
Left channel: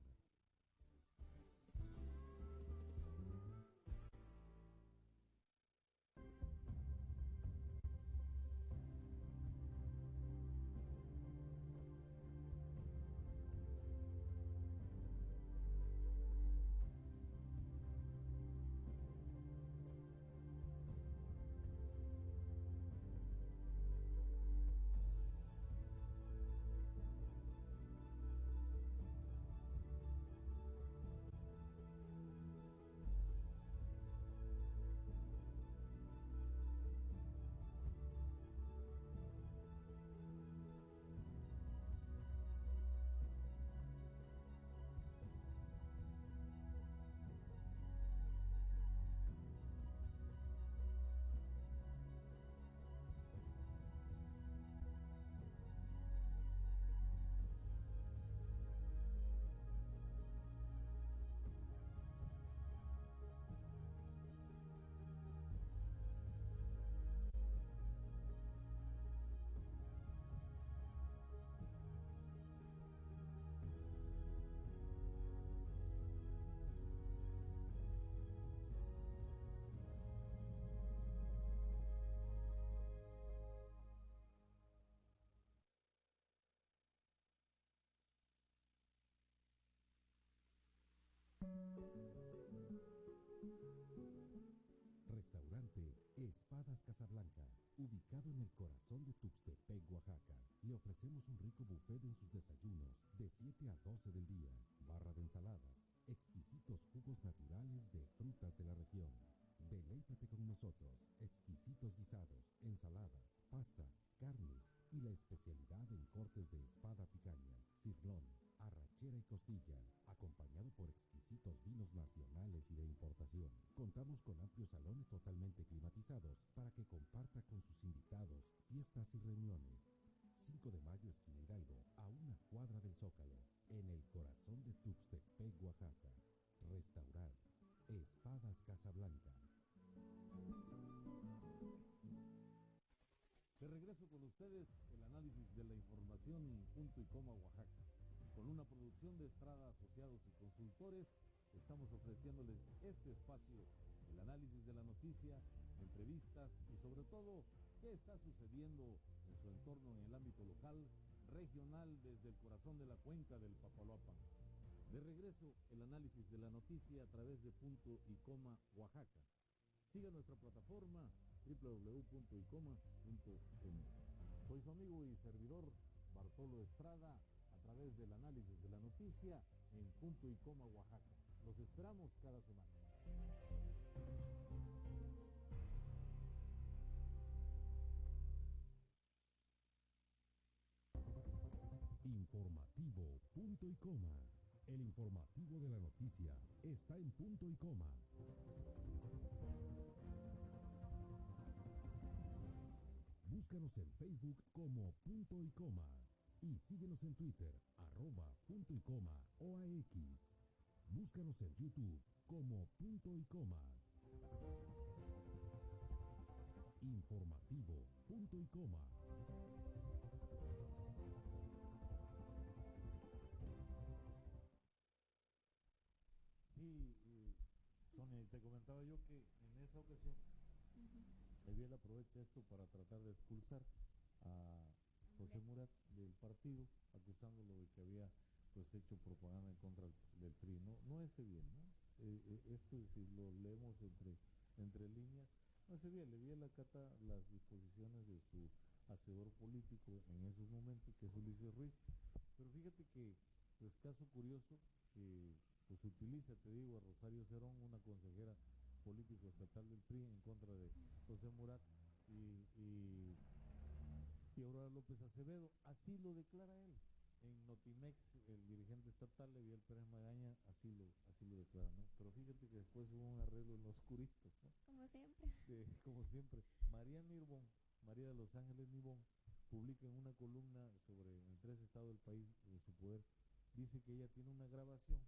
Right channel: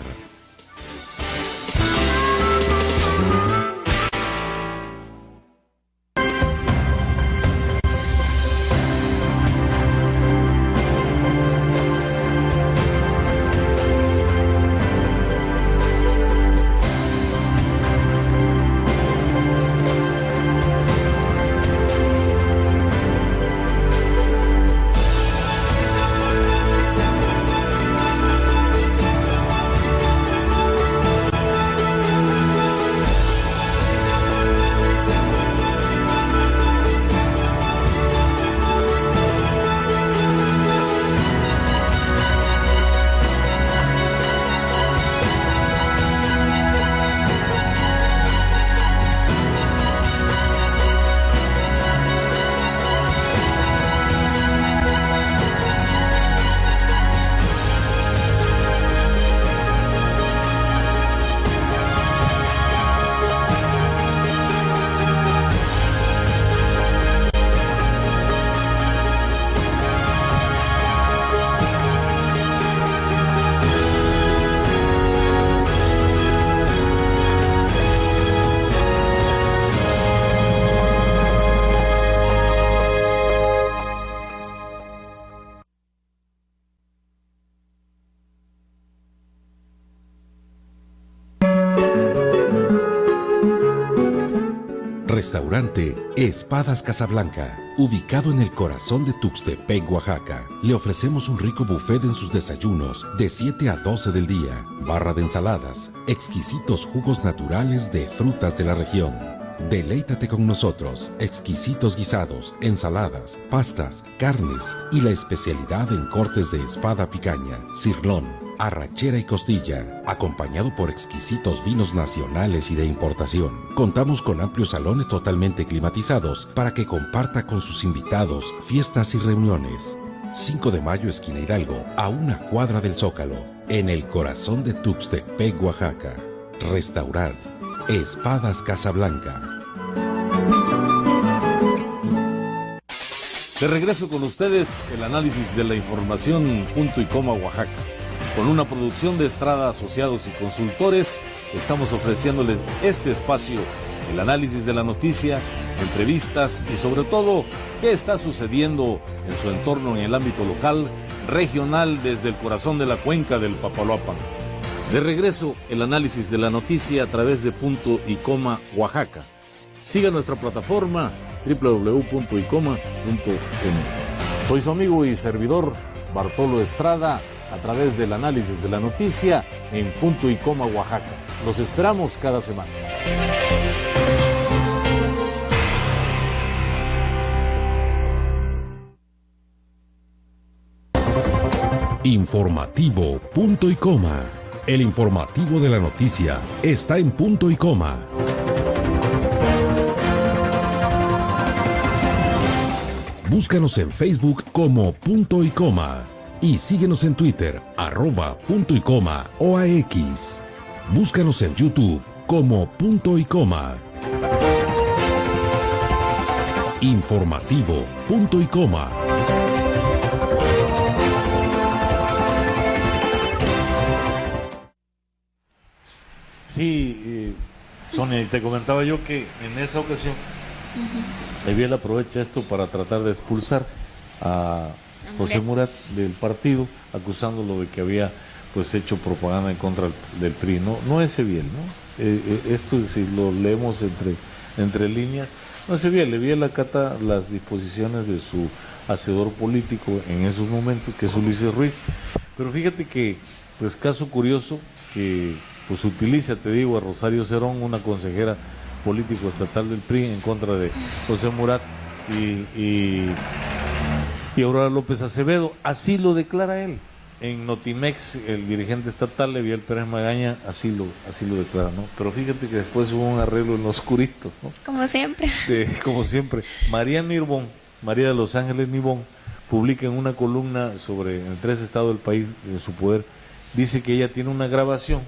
Restaurante Espadas Casablanca, ubicado en el corazón de Tuxtepec, Oaxaca. Le ofrecemos un rico buffet en sus desayunos de 7 a 12 del día, barra de ensaladas, exquisitos jugos naturales de frutas de la región. Deleítate con nosotros, exquisitos guisados, ensaladas, pastas, carnes y la especialidad en cortes de espada picaña, cirlón, arrachera y costilla, acompañado por exquisitos vinos nacionales y de importación. Contamos con amplios salones totalmente climatizados para que comparta con sus invitados fiestas y reuniones. 5 de mayo, esquina Hidalgo, a 1 cuadra del Zócalo, en el corazón de Tuxtepec, Oaxaca. Restaurant Espadas Casablanca. De regreso con ustedes, el análisis de la información Punto y Coma Oaxaca. Con una producción de Estrada Asociados y Consultores, estamos ofreciéndoles este espacio, el análisis de la noticia, entrevistas y sobre todo, qué está sucediendo en su entorno en el ámbito local, regional, desde el corazón de la cuenca del Papaloapan. De regreso, el análisis de la noticia a través de Punto y Coma Oaxaca. Siga nuestra plataforma www.icoma.com. Soy su amigo y servidor Bartolo Estrada, a través del análisis de la noticia en Punto y Coma Oaxaca. Los esperamos cada semana. Informativo Punto y Coma. El informativo de la noticia está en Punto y Coma. Búscanos en Facebook como Punto y Coma y síguenos en Twitter @Punto y Coma OAX. Búscanos en YouTube como Punto y Coma. Informativo Punto y Coma. Sí, Sonia, te comentaba yo que en esa ocasión Eviel aprovecha esto para tratar de expulsar a José Murat del partido, acusándolo de que había pues hecho propaganda en contra del PRI. No es Eviel, ¿no? Esto, si lo leemos entre líneas, no es Eviel. Eviel acata las disposiciones de su hacedor político en esos momentos, que es Ulises Ruiz. Pero fíjate que, pues caso curioso, que pues utiliza, te digo, a Rosario Cerón, una consejera político estatal del PRI, en contra de José Murat y Aurora López Acevedo. Así lo declara él. En Notimex, el dirigente estatal, Eviel Pérez Magaña, así lo declara, ¿no? Pero fíjate que después hubo un arreglo en lo oscurito, ¿no? Como siempre. Como siempre. María Nirbón, María de los Ángeles Nirbón, publica en una columna en 3 estados del país, en su poder, dice que ella tiene una grabación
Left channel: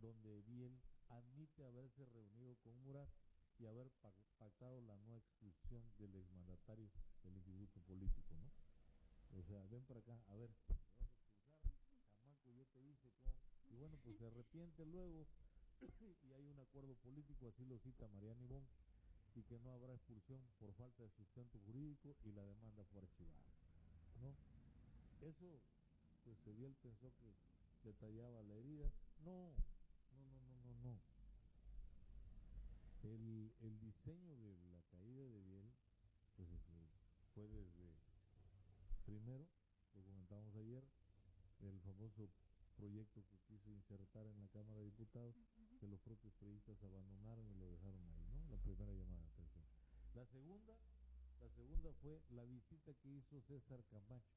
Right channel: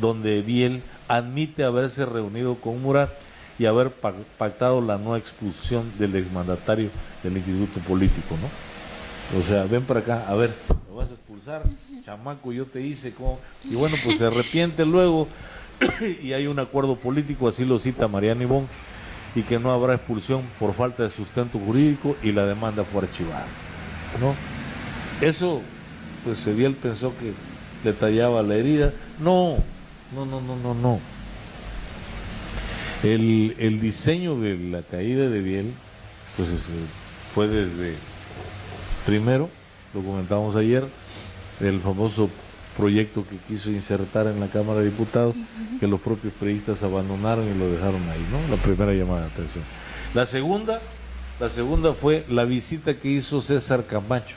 donde Eviel admite haberse reunido con Murat y haber pactado la no expulsión del exmandatario del instituto político, ¿no? O sea, ven para acá, a ver, ¿lo vas a expulsar? Chamaco, yo te hice como... Y bueno, pues se arrepiente luego y hay un acuerdo político, así lo cita Mariana Ibón, y que no habrá expulsión por falta de sustento jurídico y la demanda fue archivada, ¿no? Eso, pues Eviel pensó que le tallaba la herida. No. El diseño de la caída de Eviel, pues fue desde, primero, lo comentábamos ayer, el famoso proyecto que quiso insertar en la Cámara de Diputados, que los propios periodistas abandonaron y lo dejaron ahí, ¿no? La primera llamada de atención. La segunda fue la visita que hizo César Camacho,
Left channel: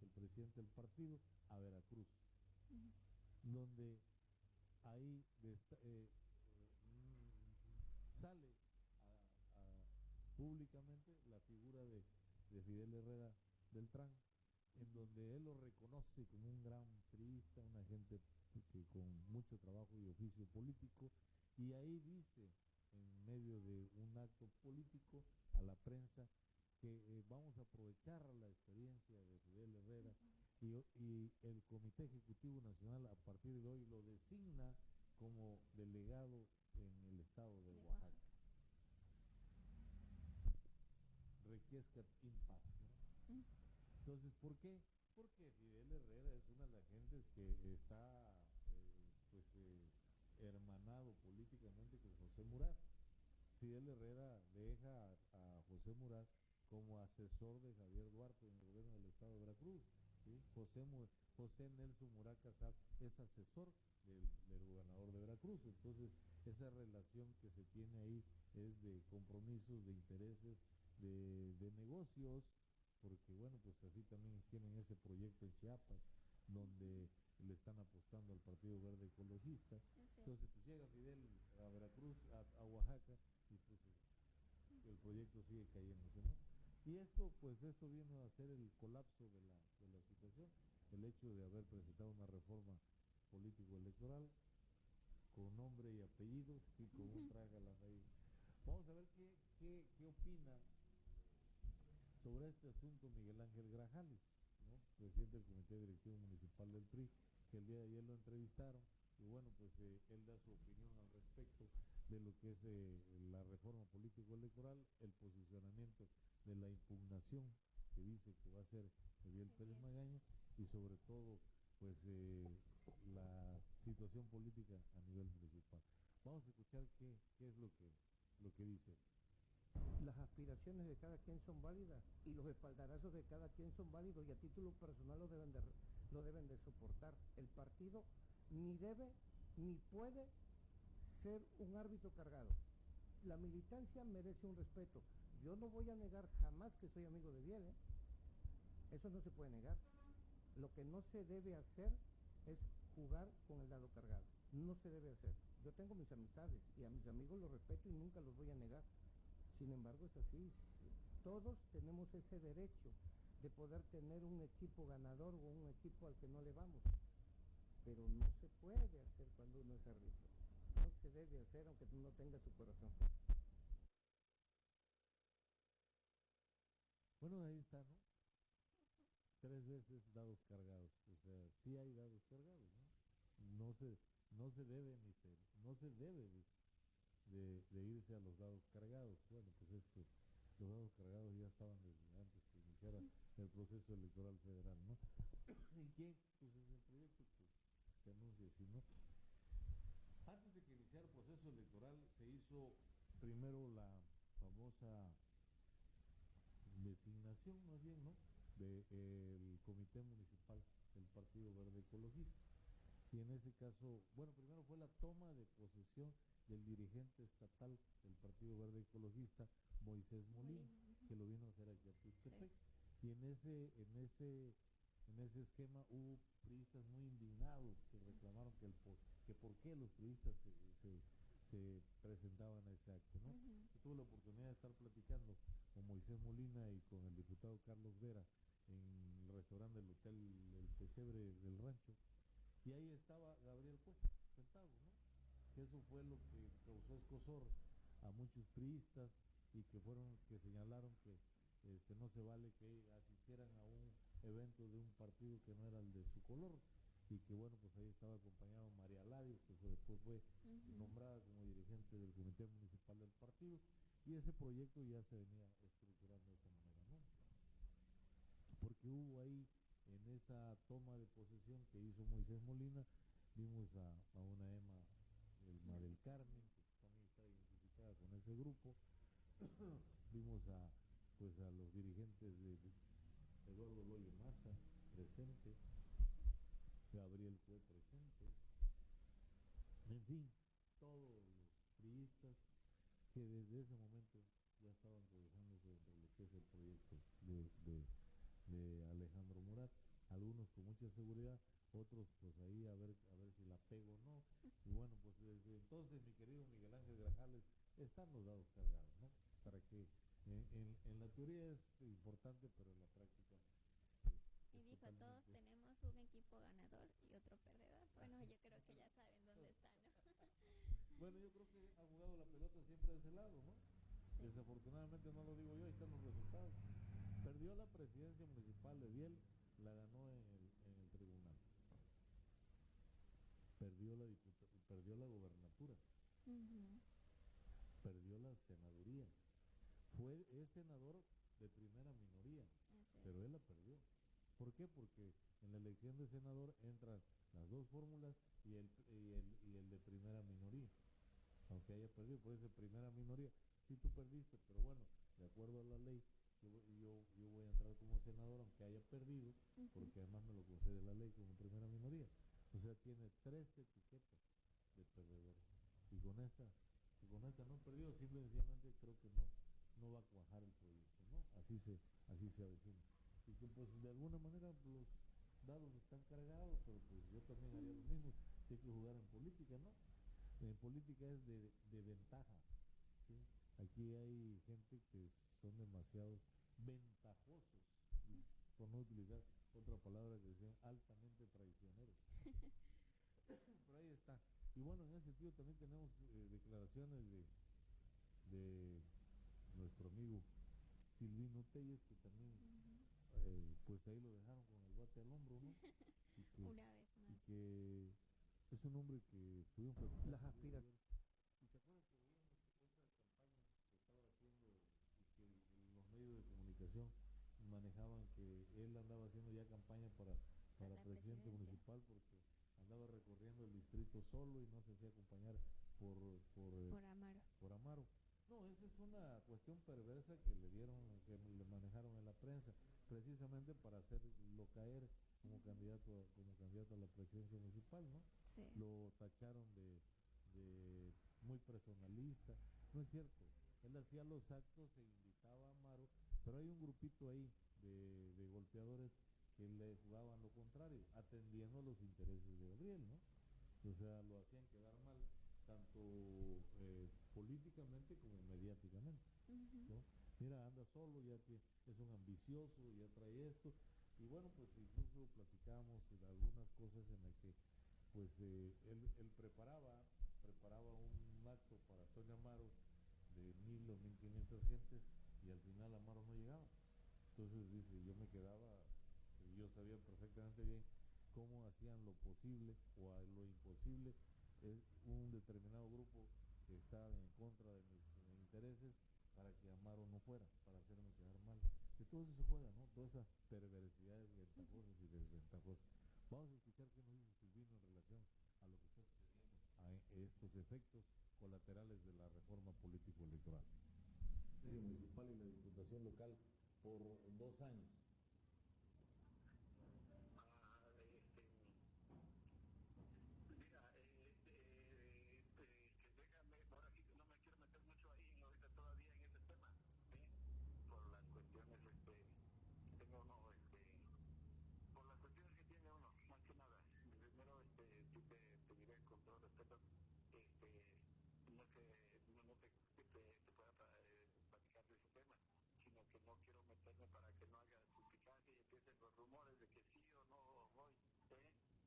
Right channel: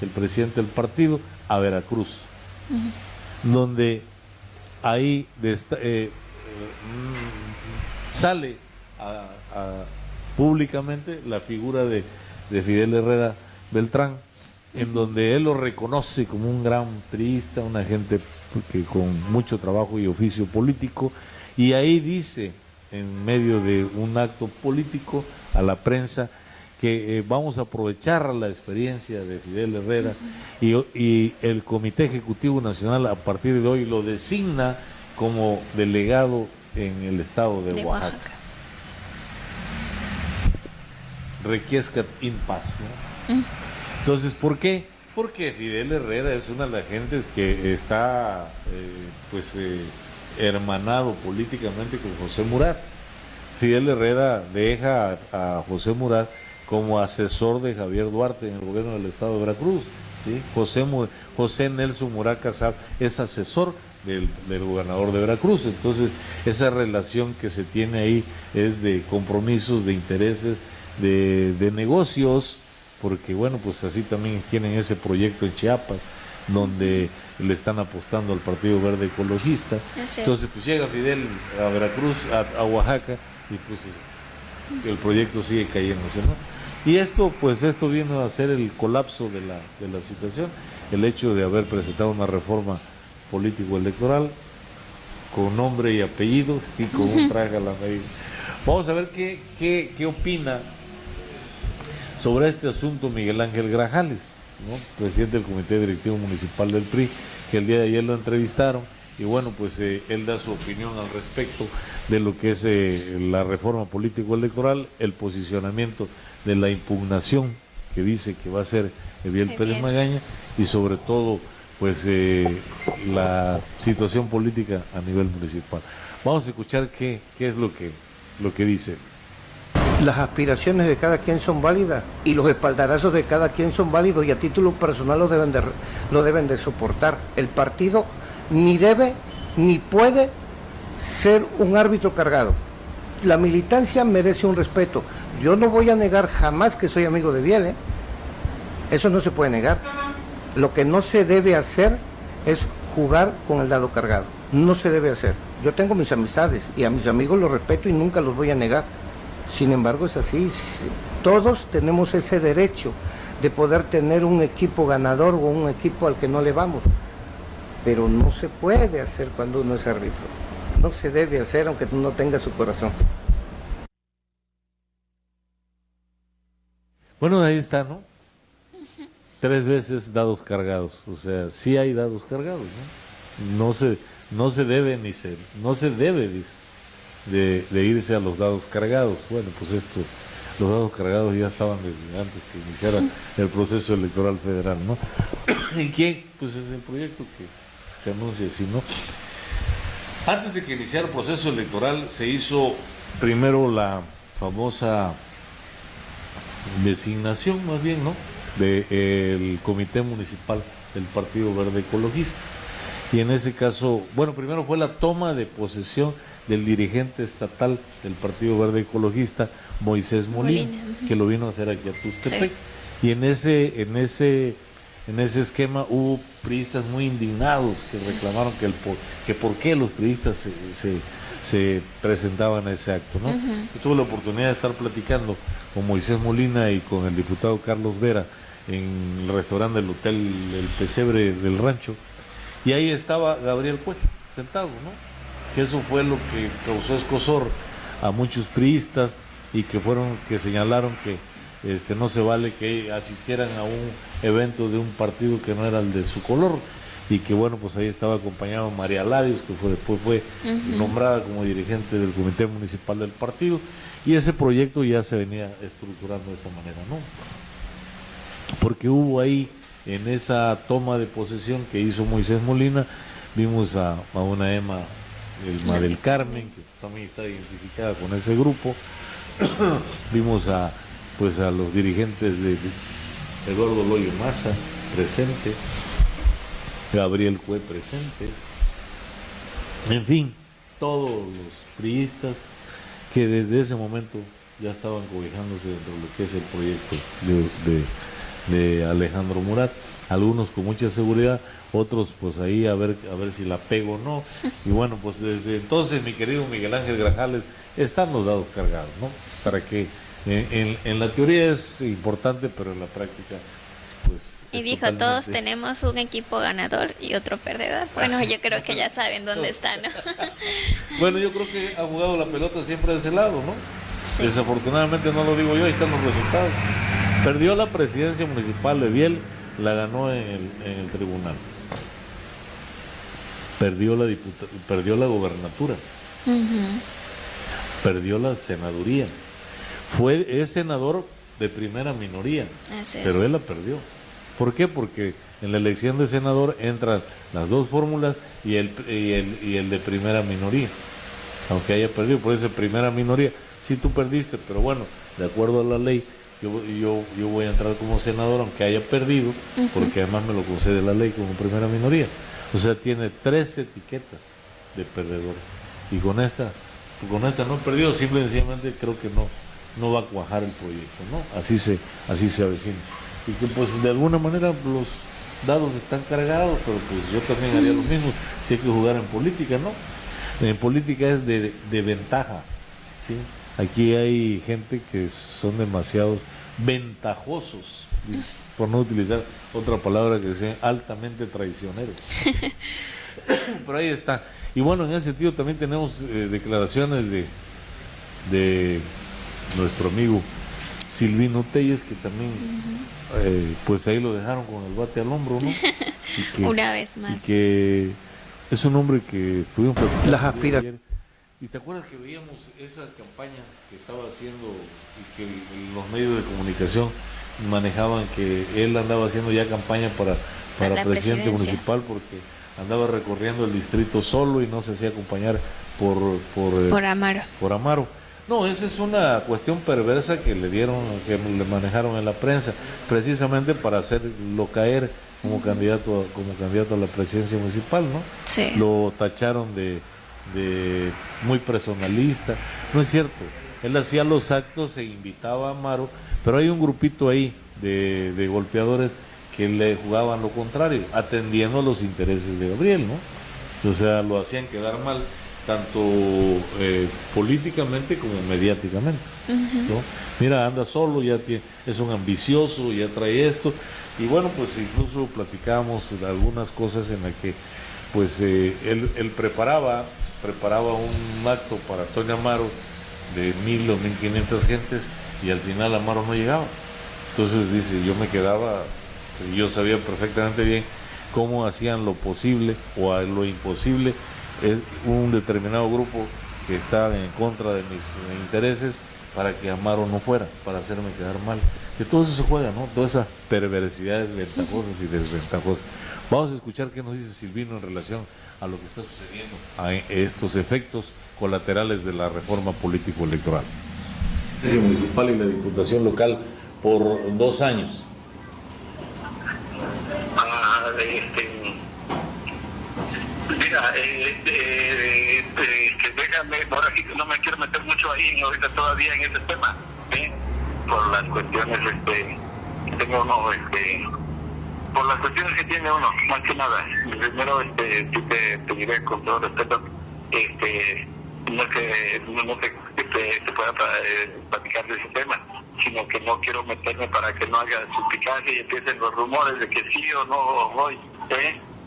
el presidente del partido, a Veracruz, donde ahí sale públicamente la figura de Fidel Herrera Beltrán, en donde él lo reconoce como un gran priista, una gente que con mucho trabajo y oficio político, y ahí dice, en medio de un acto político, a la prensa, que vamos a aprovechar la experiencia de Fidel Herrera y el Comité Ejecutivo Nacional a partir de hoy lo designa como delegado en el estado de Oaxaca. Requiescat in paz, ¿no? Entonces, ¿por qué? Porque Fidel Herrera es una de las gentes que está hermanado políticamente con José Murat. Fidel Herrera deja a José Murat como asesor de Javier Duarte en el gobierno del estado de Veracruz, ¿sí? José Nelson Murat Casab es asesor del gobernador de Veracruz. Entonces, esa relación que se tiene ahí es de compromisos, de intereses, de negocios, porque bueno, pues así también tienen ese proyecto en Chiapas, donde le están apostando al Partido Verde Ecologista. Entonces, pues llega Fidel a Veracruz, a Oaxaca, y pues el proyecto sigue cayéndose, ¿no? Y esto vino a ser el colapso de la situación, el hecho de haber presentado una reforma político-electoral con nombre y apellido y con un traje a la medida. Vamos a ver qué opina sobre este asunto Miguel Ángel Grajales, ¿no? Presidente del Comité Directivo Municipal del PRI, que el día de ayer lo entrevistaron, y bueno, pues él da su opinión al respecto de lo que es la reforma político-electoral, el posicionamiento de la impugnación que dice que va a hacer Eviel Pérez Magaña, y sobre todo pues la situación política a nivel municipal. Vamos a escuchar qué es lo que dice. Las aspiraciones de cada quien son válidas y los espaldarazos de cada quien son válidos, y a título personal lo deben de soportar. El partido ni debe ni puede ser un árbitro cargado. La militancia merece un respeto. Yo no voy a negar jamás que soy amigo de Eviel, ¿eh? Eso no se puede negar. Lo que no se debe hacer es jugar con el dado cargado. No se debe hacer. Yo tengo mis amistades y a mis amigos los respeto y nunca los voy a negar. Sin embargo, es así. Todos tenemos ese derecho de poder tener un equipo ganador o un equipo al que no le vamos. Pero no se puede hacer cuando uno es árbitro. No se debe hacer aunque no tenga su corazón. Bueno, ahí está, ¿no? 3 veces dados cargados. O sea, sí hay dados cargados, ¿no? No se debe dice, de irse a los dados cargados. Bueno, pues los dados cargados ya estaban desde antes que iniciara el proceso electoral federal, ¿no? ¿Y quién? Pues es el proyecto se anuncia así, ¿no? Antes de que iniciara el proceso electoral, se hizo primero la famosa designación, más bien, ¿no?, del Comité Municipal del Partido Verde Ecologista. Y en ese caso, bueno, primero fue la toma de posesión del dirigente estatal del Partido Verde Ecologista, Moisés Molina, que lo vino a hacer aquí a Tuxtepec. Sí. Y en ese esquema hubo priistas muy indignados que reclamaron que por qué los priistas se presentaban a ese acto, ¿no? Yo tuve la oportunidad de estar platicando con Moisés Molina y con el diputado Carlos Vera en el restaurante del Hotel El Pesebre del Rancho, y ahí estaba Gabriel Cue sentado, ¿no? Que eso fue lo que causó escozor a muchos priistas y que señalaron que no se vale que asistieran a un evento de un partido que no era el de su color, y que bueno, pues ahí estaba acompañado María Larios, que después fue nombrada como dirigente del Comité Municipal del partido, y ese proyecto ya se venía estructurando de esa manera, ¿no? Porque hubo ahí, en esa toma de posesión que hizo Moisés Molina, vimos a una Emma del Carmen, que también está identificada con ese grupo. Vimos a los dirigentes de Eduardo Loyo Maza presente, Gabriel Cue presente, en fin, todos los priistas que desde ese momento ya estaban cobijándose dentro de lo que es el proyecto de Alejandro Murat, algunos con mucha seguridad, otros pues ahí a ver si la pego o no. Y bueno, pues desde entonces, mi querido Miguel Ángel Grajales, están los dados cargados, ¿no? Para que en la teoría es importante, pero en la práctica pues... Y dijo, todos tenemos un equipo ganador y otro perdedor. Bueno, yo creo que ya saben dónde están, ¿no? Bueno, yo creo que ha jugado la pelota siempre de ese lado, ¿no? Sí. Desafortunadamente no lo digo yo, ahí están los resultados. Perdió la presidencia municipal de Biel, la ganó en el tribunal. Perdió la gobernatura. Perdió la senaduría. Es senador de primera minoría, pero él la perdió. ¿Por qué? Porque en la elección de senador entran las dos fórmulas y el de primera minoría. Aunque haya perdido, por eso primera minoría. Sí, tú perdiste, pero bueno, de acuerdo a la ley, yo voy a entrar como senador aunque haya perdido, porque además me lo concede la ley como primera minoría. O sea, tiene 3 etiquetas de perdedor. Y con esta no perdió, simplemente creo que no va a cuajar el proyecto, ¿no? Así se avecina. Y que pues de alguna manera los dados están cargados, pero pues yo también haría lo mismo si hay que jugar en política, ¿no? En política es de ventaja, ¿sí? Aquí hay gente que son demasiados ventajosos, por no utilizar otra palabra que sea altamente traicioneros. Pero ahí está. Y bueno, en ese sentido también tenemos declaraciones de nuestro amigo Silvino Telles, que también pues ahí lo dejaron con el bate al hombro, ¿no? Una vez más. Y que es un hombre que estuvimos platicando las aspiraciones. ¿Y te acuerdas que veíamos esa campaña que estaba haciendo y que los medios de comunicación manejaban que él andaba haciendo ya campaña para presidente municipal porque andaba recorriendo el distrito solo y no se hacía acompañar por Amaro? No, esa es una cuestión perversa que le manejaron en la prensa, precisamente para hacerlo caer como candidato a la presidencia municipal, ¿no? Sí. Lo tacharon de muy personalista. No es cierto. Él hacía los actos e invitaba a Amaro, pero hay un grupito ahí de golpeadores que le jugaban lo contrario, atendiendo a los intereses de Gabriel, ¿no? O sea, lo hacían quedar mal, tanto políticamente como mediáticamente, ¿no? Mira, anda solo, es un ambicioso, ya trae esto, y bueno, pues incluso platicábamos de algunas cosas en las que pues él preparaba un acto para Antonio Amaro de 1,000 o 1,500 gentes y al final Amaro no llegaba. Entonces dice, yo me quedaba, yo sabía perfectamente bien cómo hacían lo posible o lo imposible un determinado grupo que estaba en contra de mis intereses para que Amaro no fuera, para hacerme quedar mal. de todo eso se juega, ¿no? Todas esas perversidades ventajosas y desventajosas. Vamos a escuchar qué nos dice Silvino en relación a lo que está sucediendo, a estos efectos colaterales de la reforma político-electoral. La municipal y la diputación local por 2 años. Mira, déjame, ahora sí que no me quiero meter mucho ahí ahorita todavía en ese tema, por las cuestiones que tengo uno, por las cuestiones que tiene uno, más que nada. Primero, sí te diré con todo respeto, no que te pueda platicar de ese tema, sino que no quiero meterme para que no haga suspicacia y empiecen los rumores de que sí o no voy,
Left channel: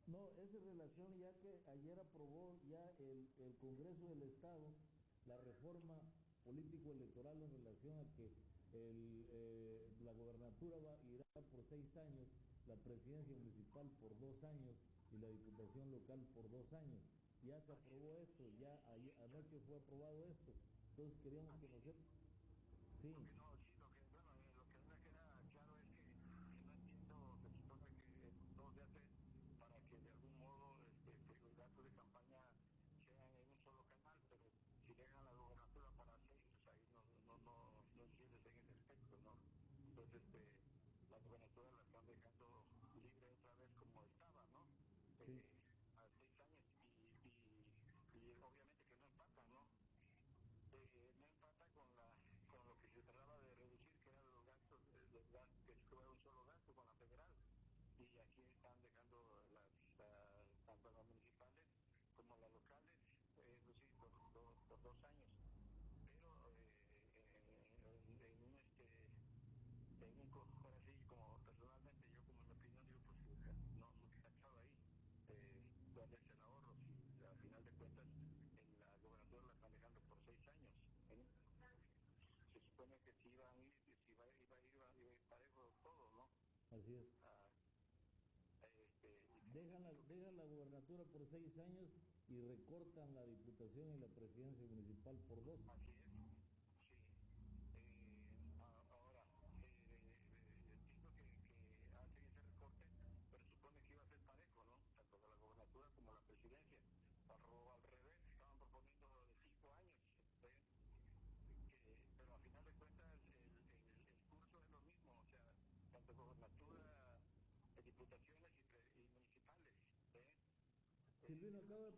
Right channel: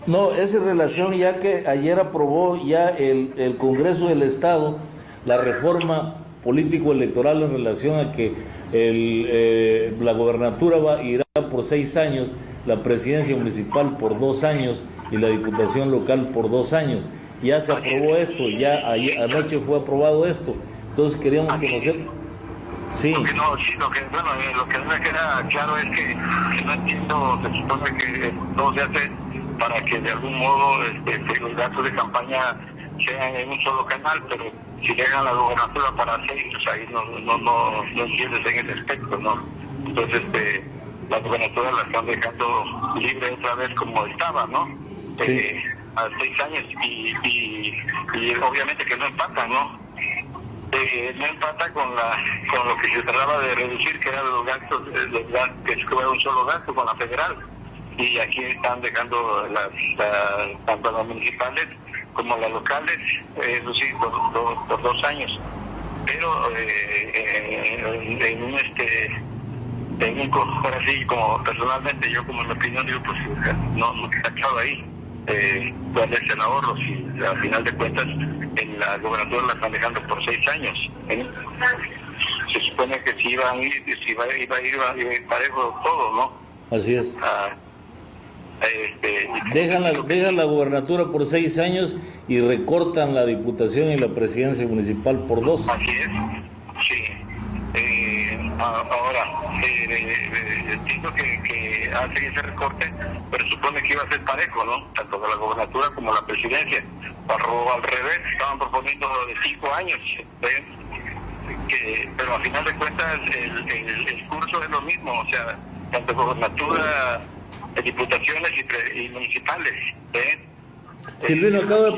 No, es en relación ya que ayer aprobó ya el Congreso del Estado la reforma político-electoral en relación a que la gobernatura irá por 6 años, la presidencia municipal por 2 años y la diputación local por 2 años. Ya se aprobó esto, ya ayer, anoche fue aprobado esto. Entonces queríamos conocer. Sí. Lo que a mí me queda claro es que no entiendo, se supone que todo se hace para que de algún modo los gastos de campaña sean en un solo canal, pero si dejan la gobernatura para 6, pues ahí no entiendes en ese aspecto, ¿no? Entonces, la gobernatura la están dejando libre otra vez como estaba, ¿no? Sí. A 6 años y obviamente que no empata, ¿no? No empata con lo que se trataba de reducir, que eran los gastos, que fue un solo gasto con la federal. Y aquí están dejando tanto las municipales como las locales, eso sí, por 2 años. Pero ahora sí, como personalmente, yo como en mi opinión digo, pues no está echado ahí cuál es el ahorro, si al final de cuentas en la gobernatura la están dejando por 6 años. Se supone que si iba a ir parejo todo, ¿no? Así es. Dejan la gobernatura por 6 años y recortan la diputación y la presidencia municipal por 2. Así es, sí. Ahora, entiendo que hace ese recorte, pero supone que iba a ser parejo, ¿no? Tanto de la gobernatura como la presidencia. Al revés, estaban proponiendo de 5 años, pero al final de cuentas el curso es lo mismo, o sea, tanto gobernatura, diputaciones y municipales. Silvino, acaba de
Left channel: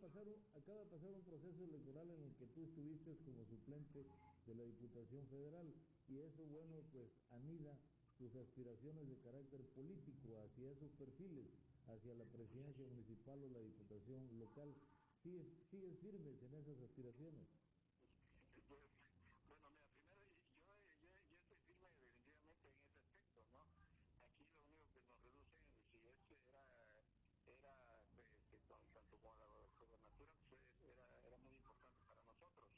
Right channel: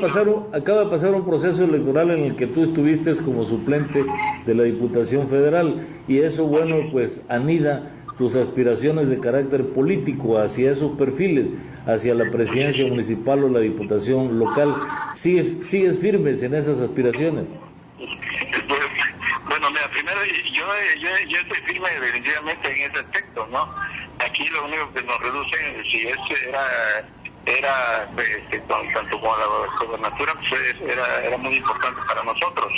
pasar un proceso electoral en el que tú estuviste como suplente de la Diputación Federal y eso, bueno, pues anida tus aspiraciones de carácter político hacia esos perfiles, hacia la presidencia municipal o la diputación local. ¿Sigues firmes en esas aspiraciones? Bueno, mira, primero yo estoy firme definitivamente en ese aspecto, ¿no? Aquí lo único que nos reduce, si era tanto como la gobernatura, pues era muy importante para nosotros,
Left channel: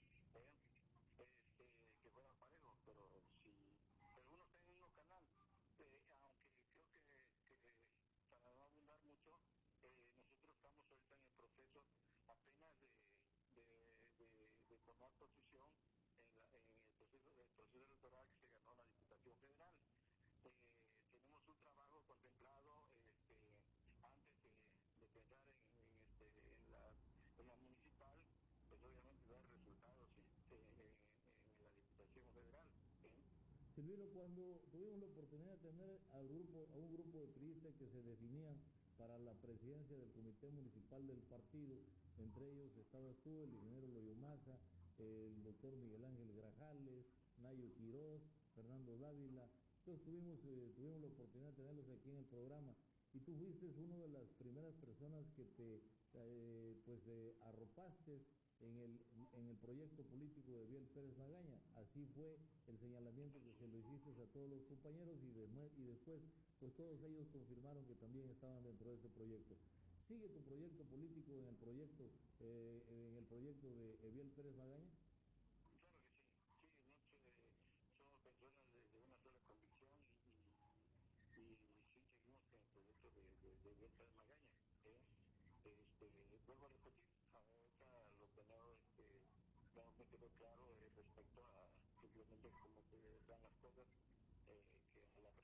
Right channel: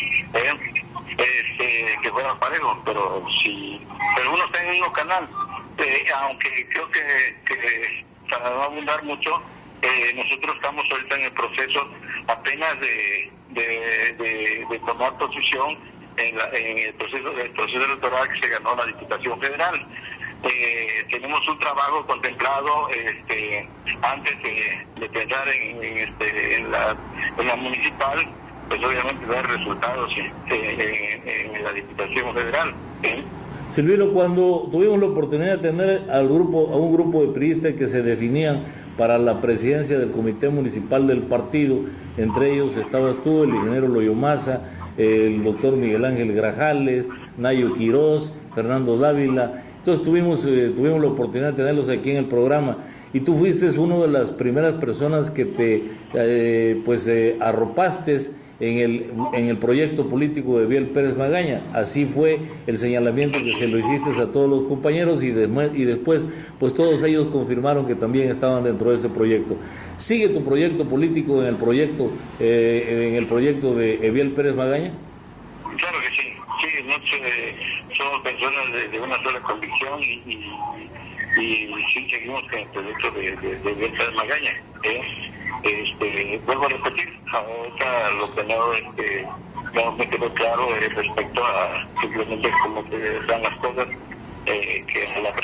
que fuera parejo, pero uno está en el mismo canal, aunque creo que para no abundar mucho, nosotros estamos ahorita en el proceso apenas de tomar posición en el proceso electoral que se ganó la Diputación Federal. Tenemos un trabajo contemplado antes de pensar en la municipal, pues obviamente dar resultados en la Diputación Federal. Silvino, cuando tuvimos la oportunidad de tener a un grupo de priistas que se definían para la presidencia del comité municipal del partido, entre ellos estabas tú, el ingeniero Loyomaza, el doctor Miguel Ángel Grajales, Nayo Quirós, Fernando Dávila. Entonces tuvimos la oportunidad de tenerlos aquí en el programa y tú fuiste una de las primeras personas que te arropaste en el proyecto político de Eviel Pérez Magaña. Así fue el señalamiento que se lo hiciste a todos los compañeros y después pues todos ellos confirmaron que también estaban dentro de ese proyecto. ¿Sigue tu proyecto político en el proyecto de Eviel Pérez Magaña? Claro que sí, somos personas de una sola convicción y sí seguimos con el proyecto de Eviel Pérez Magaña. Vuelvo a repetir, ahorita lo que no me quedó claro respecto a simplemente cómo se dan las cosas, que a la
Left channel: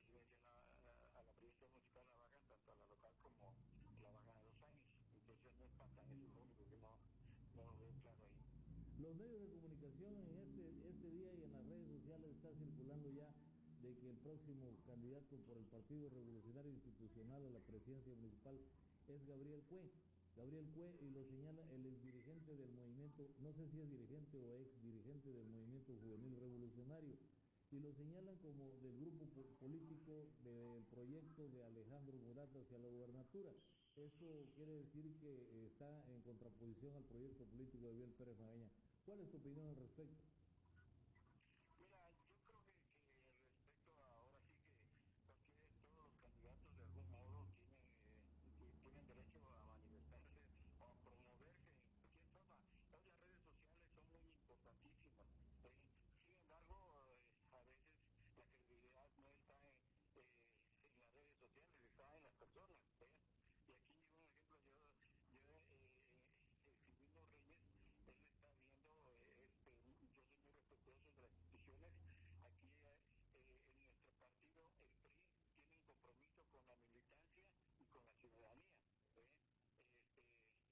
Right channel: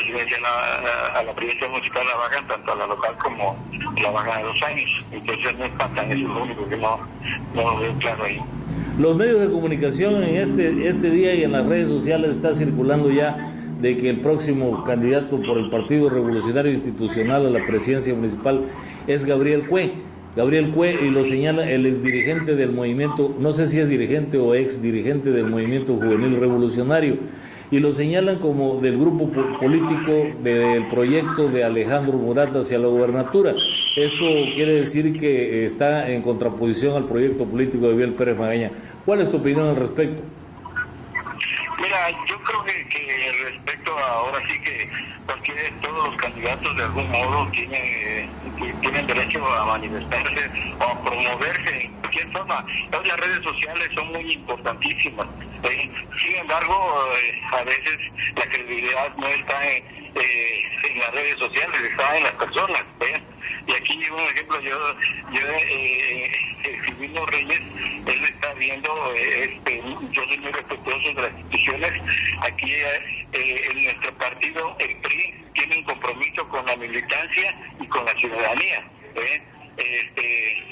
presidencia municipal la bajan tanto a la local como la bajan a 2 años. Entonces no empatan, eso es lo único que no veo claro ahí. Los medios de comunicación en este día y en las redes sociales está circulando ya de que el próximo candidato por el Partido Revolucionario Institucional a la presidencia municipal es Gabriel Cue, y lo señala el exdirigente del movimiento, no sé si es dirigente o ex dirigente del movimiento juvenil revolucionario, y lo señalan como del grupo político del proyecto de Alejandro Murat hacia la gobernatura. Esto quiere decir que está en contraposición al proyecto político de Biel Pérez Magaña. ¿Cuál es tu opinión al respecto? Mira, yo creo que respecto a ahora sí que todos los candidatos de algún modo tienen derecho a manifestarse o a promoverse de cualquier forma. Las redes sociales son muy importantísimas. Sin embargo, a veces la credibilidad no está en las redes sociales, está en las personas. Y aquí un ejemplo, yo Silvino Reyes, él está viendo, yo soy muy respetuoso de las instituciones. Aquí en nuestro partido, el PRI, tiene un compromiso con la militancia y con la ciudadanía.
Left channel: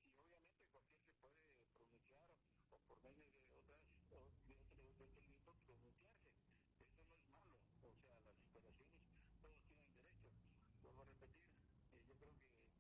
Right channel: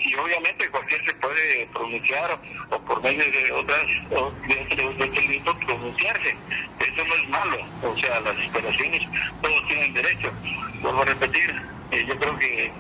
Y obviamente cualquier se puede pronunciar o por medio de otros delitos pronunciarse. Eso no es malo, o sea, las instalaciones todos tienen derecho. Vuelvo a repetir, yo creo que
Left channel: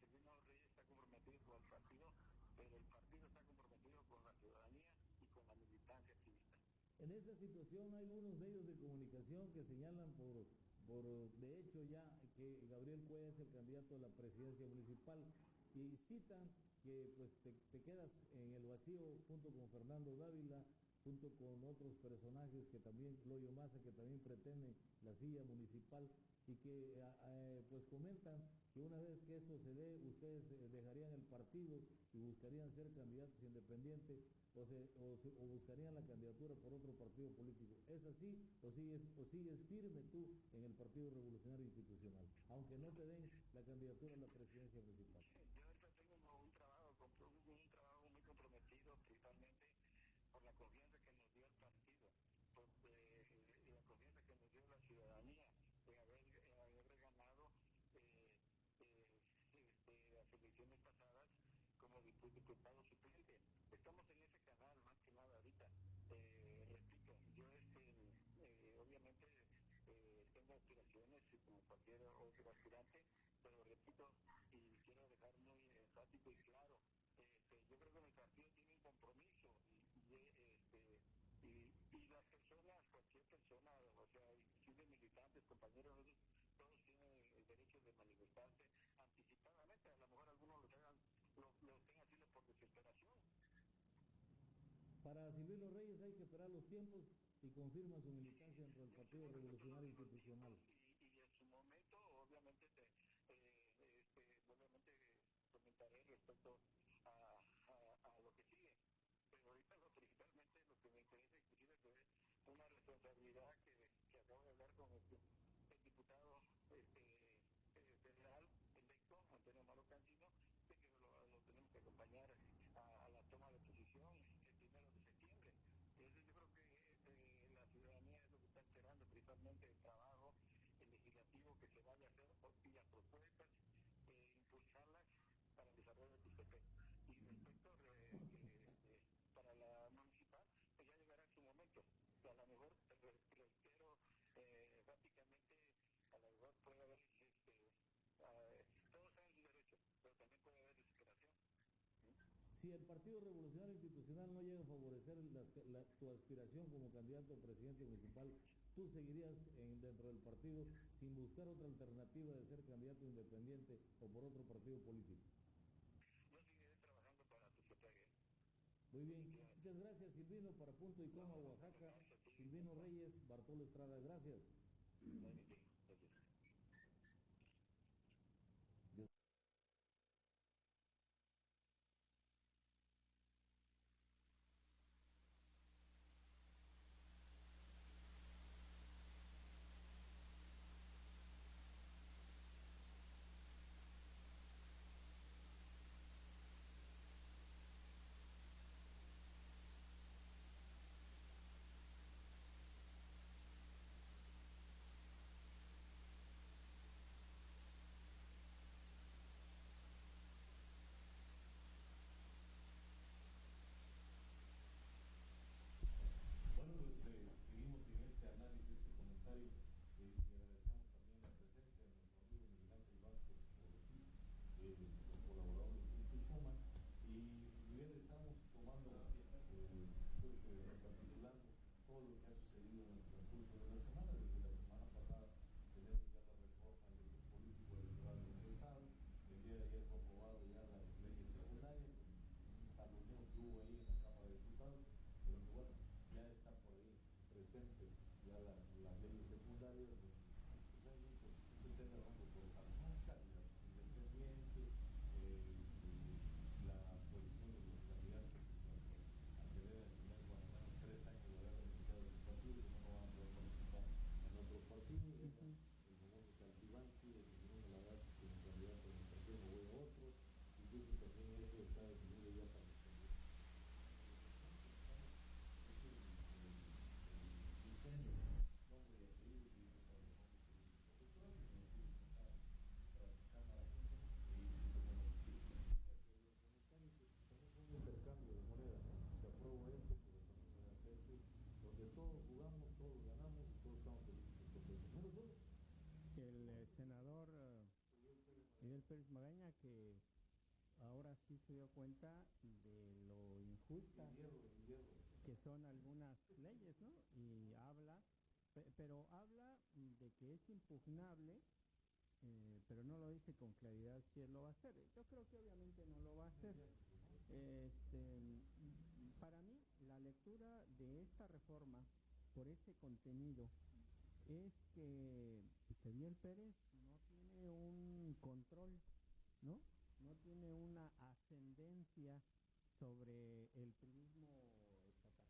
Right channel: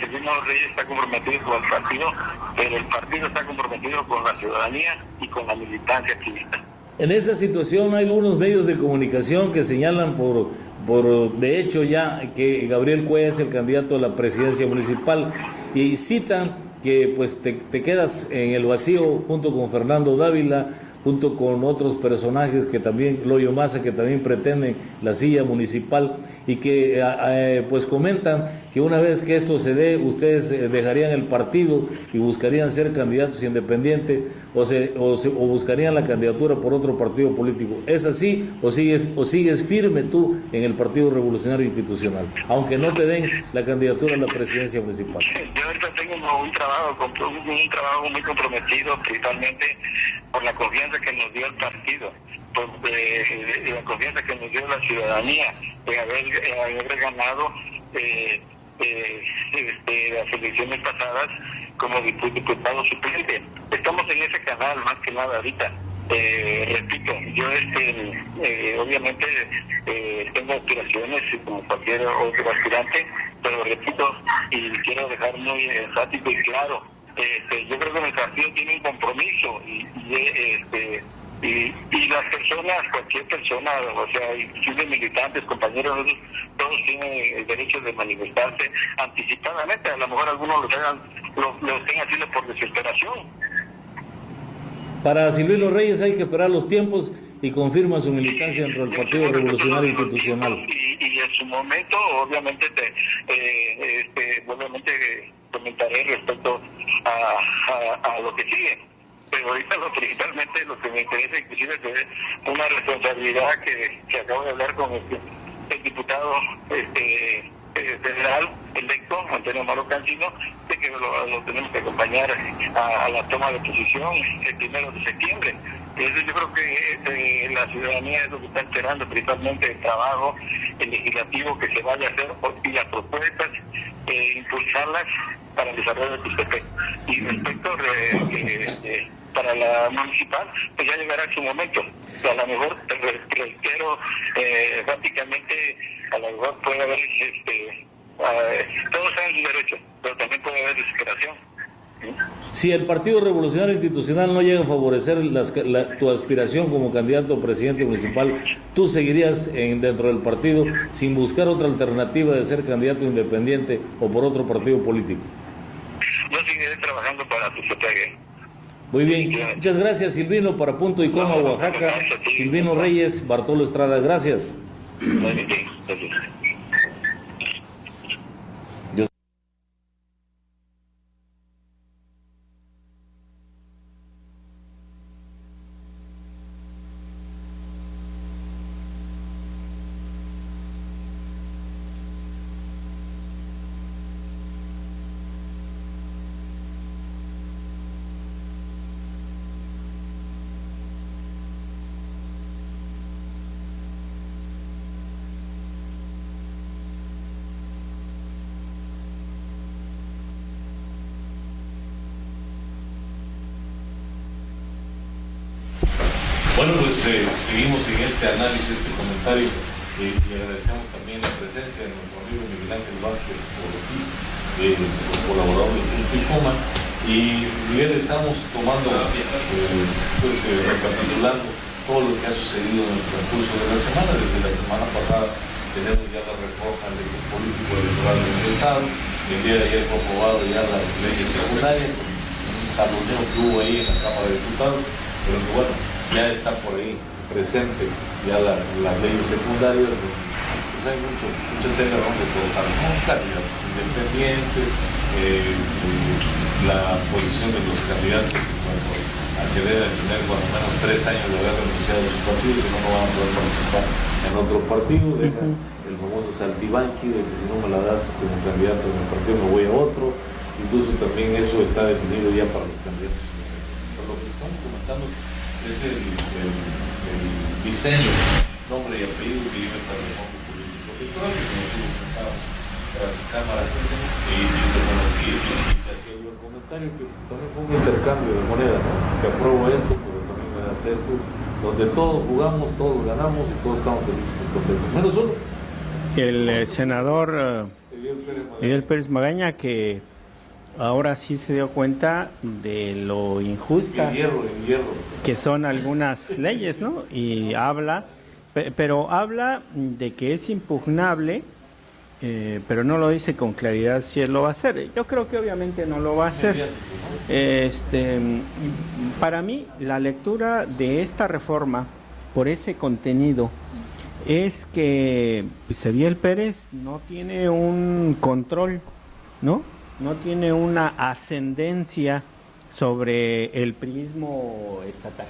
Silvino Reyes está comprometido con el partido, pero el partido está comprometido con la ciudadanía y con la militancia activista. En esa situación hay algunos medios de comunicación que señalan de hecho ya que Gabriel Cue es el candidato a la presidencia municipal y citan que pues te quedas en el vacío junto con Fernando Dávila, junto con otros personajes que también, Loyo Maza, que también pretenden la silla municipal y que pues comentan que una vez que esto se dé, ustedes dejarían el partido y buscarían ser candidatos independientes o buscarían la candidatura por otro partido político. ¿Es así o sigues firme tú en el Partido Revolucionario Institucional, aunque no te den la candidatura a la presidencia municipal? Yo ahorita tengo un trabajo muy comprometido, principalmente por la confianza que nos dio el partido, por la confianza que nos dio la ciudadanía de haber ganado las elecciones pasadas como diputado suplente. Estamos en ese canal más que nada ahorita. Repito, yo obviamente tengo aspiraciones como cualquier otro aspirante, pero repito y quiero dejar muy enfático y claro, yo creo que el partido tiene un compromiso y las personas, cualquier persona, o sea, inclusive militantes, compañeros, todos tienen el derecho de manifestarse anticipadamente. A lo mejor algunos lo estén haciendo por desesperación. Para Silvino Reyes hay que esperar los tiempos y confirma su militancia dentro del Partido Revolucionario Institucional. Y en su momento, obviamente, comentaré respecto a lo que sigue. Pero ahorita principalmente lo que me interesa inclusive es una responsabilidad que acabo de hablar con el diputado federal electo, Antonio Maro Cancino, de que lo tenemos que acompañar a la toma de posición el 1 de septiembre. Entonces yo creo que la ciudadanía es lo que está esperando, principalmente el trabajo el legislativo que se vaya a hacer y las propuestas, impulsarlas para el desarrollo de Tuxtepec. Y respecto para la municipal, pues ya llegará su momento. O sea, a lo mejor, reitero, prácticamente, a lo mejor puede haber, todos tienen su derecho, pero también puede haber desesperación. Si el Partido Revolucionario Institucional no llega a favorecer tu aspiración como candidato a presidente municipal, ¿tú seguirías dentro del partido sin buscar otra alternativa de ser candidato independiente o por otro partido político? Yo seguiré trabajando para Tuxtepec. Muy bien, muchas gracias Silvino. Para Punto y Coma, Oaxaca, Silvino Reyes, Bartolo Estrada, gracias. Bueno, pues seguimos en este análisis, este comentario, y agradecemos también la presencia de nuestro amigo Miguel Ángel Vázquez Ortiz, colaborador de Punto y Coma. Y Miguel, estamos tomando, recapitulando todo lo que ha sucedido en el transcurso de la semana. Desde la semana pasada tenemos ya la reforma al político electoral del Estado. El día de ayer fue aprobado ya las leyes secundarias, un jaloneo que hubo ahí en la Cámara de Diputados, pero que bueno, ya está por ahí presente ya las leyes secundarias. Pues hay mucho tema donde colocar, ¿no? Candidatos independientes, la posición de los candidatos en cuanto a que deben tener por lo menos 3 años de haber renunciado a su partido, si no, no van a poder participar en otro partido. Deja el famoso saltibanqui de que si no me la das como candidato en el partido me voy a otro. Incluso también eso está definido ya para los candidatos. Pero lo que estamos comentando es el diseño, nombre y apellido que lleva esta reforma política electoral, que como tú comentábamos tras cámaras y te hacía yo el comentario que también fue un intercambio de moneda, ¿no? Que apruebo esto, pero también me das esto, donde todos jugamos, todos ganamos y todos estamos felices y contentos, menos uno. El senador Miguel Pérez Magaña, que ahora sí se dio cuenta de lo injustas que son algunas leyes, ¿no? Y habla, pero habla de que es impugnable, pero no lo dice con claridad si él lo va a hacer. Yo creo que obviamente no lo va a hacer. Para mí, la lectura de esta reforma, por ese contenido, es que Miguel Pérez no tiene un control, ¿no? No tiene una ascendencia sobre el priismo estatal.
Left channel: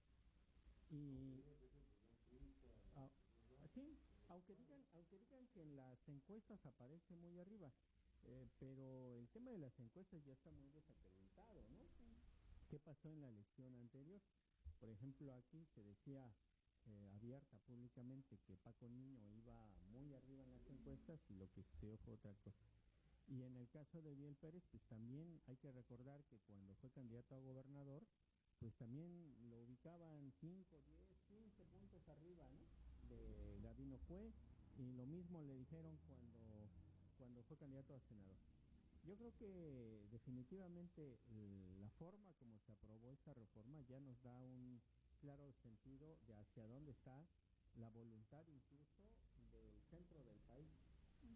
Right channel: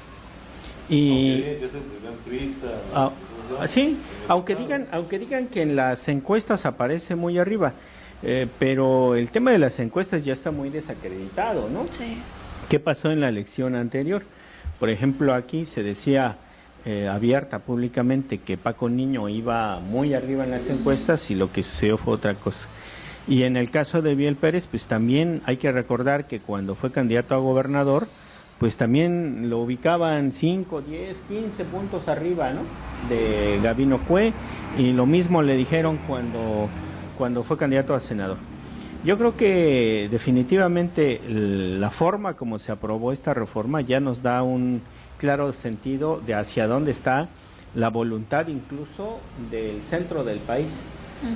Y sí, aunque digan que en las encuestas aparece muy arriba, pero el tema de las encuestas ya está muy desacreditado, ¿no? Sí. ¿Qué pasó en la elección anterior? Por ejemplo, aquí se decía abierta públicamente que Paco Niño iba muy arriba en las encuestas y lo que sucedió fue otra cosa. Y en el caso de Miguel Pérez, pues también hay que recordar que cuando fue candidato a gobernador, pues también lo ubicaban 5, 10, 15 puntos arriba, ¿no? De Gabino Cue, y lo mismo le dijeron cuando fue candidato a senador. Yo creo que definitivamente la forma como se aprobó esta reforma ya nos da un claro sentido de hacia dónde está la voluntad incluso del centro del país,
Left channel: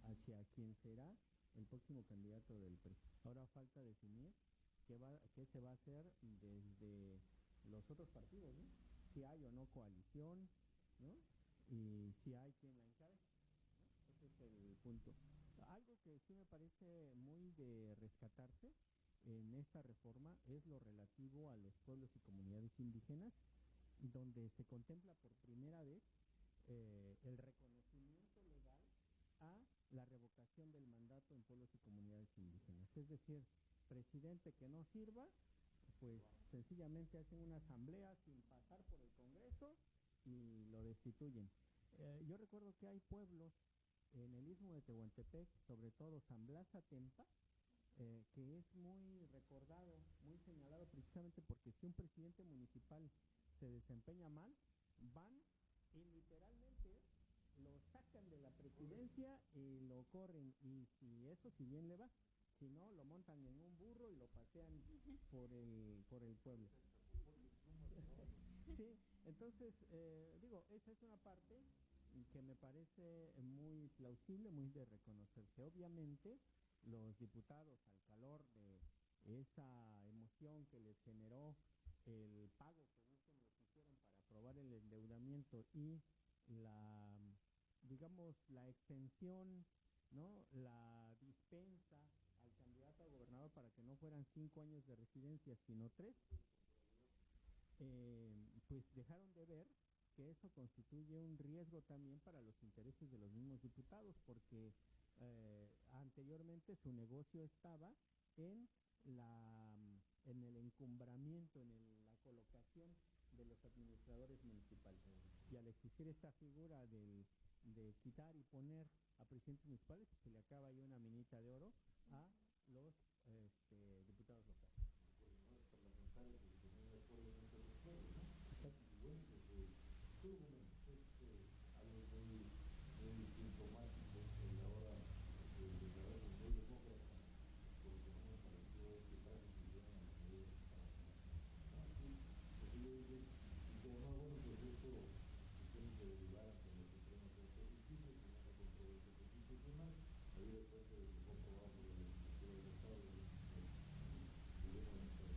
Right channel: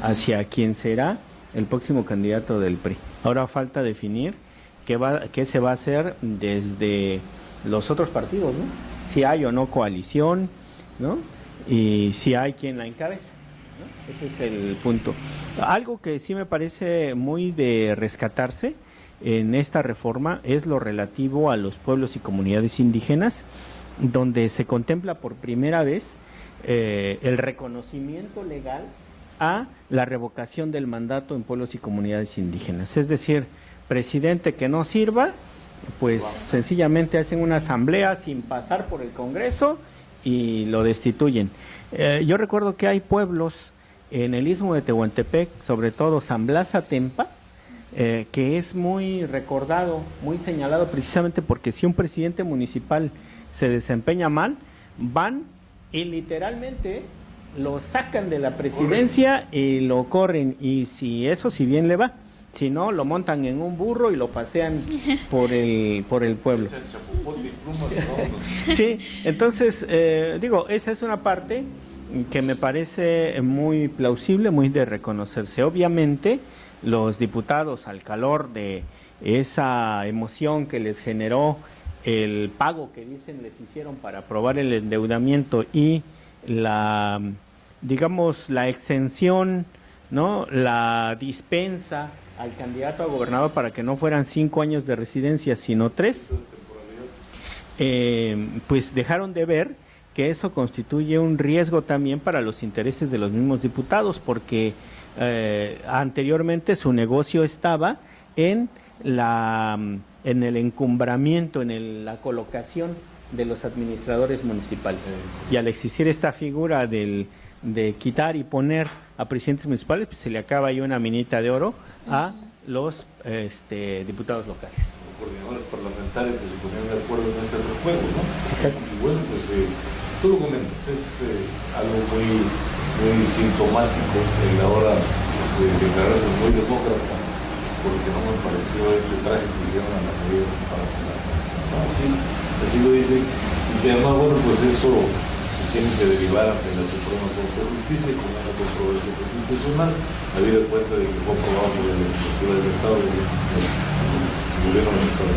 hacia quién será el próximo candidato del PRI. Ahora falta definir qué se va a hacer desde los otros partidos, ¿no? Si hay o no coalición, ¿no? Y si hay quien la encabeza, ¿no? Ese es el punto. Algo que sí me parece muy de rescatarse en esta reforma es lo relativo a los pueblos y comunidades indígenas, donde se contempla por primera vez el reconocimiento legal a la revocación del mandato en pueblos y comunidades indígenas. Es decir, presidente que no sirva, pues sencillamente hacen una asamblea sin pasar por el Congreso y lo destituyen. Yo recuerdo que hay pueblos en el istmo de Tehuantepec, sobre todo San Blas Atempa, que es muy recordado, muy señalado precisamente porque si un presidente municipal se desempeña mal, van y literalmente lo sacan de la presidencia y lo corren, y si bien le va, si no, lo montan en un burro y lo pasean por el pueblo. Sí, entonces, esa es una parte que me parece muy plausible, muy de reconocerse. Obviamente, los diputados, al calor de esa emoción que les generó el pago que dicen les hicieron para aprobar el endeudamiento y la exención, ¿no? La dispensa al candidato a gobernador para que no fueran 5 años de residencia, sino 3, pues dejaron de ver que eso constituye un riesgo también para los intereses de los mismos diputados, porque anteriormente su negocio estaba en el encumbramiento, en la colocación de los administradores municipales. Y al existir esta figura de quitar y poner a presidentes municipales, pues se le acaba ahí una minita de oro a los diputados locales. mejores parlamentarios que se ponían de acuerdo en ese juego, ¿no? Exacto. Y bueno, pues tú lo comentas, es algo muy, muy sintomático en la hora de declararse muy demócrata, porque no me pareció este traje que hicieron a la medida para ¿no? Así lo dicen, y que además, bueno, pues eso se tiene que derivar ante la Suprema Corte de Justicia con una controversia constitucional, habida cuenta de que fue aprobado por la legislatura del Estado y el gobierno del Estado.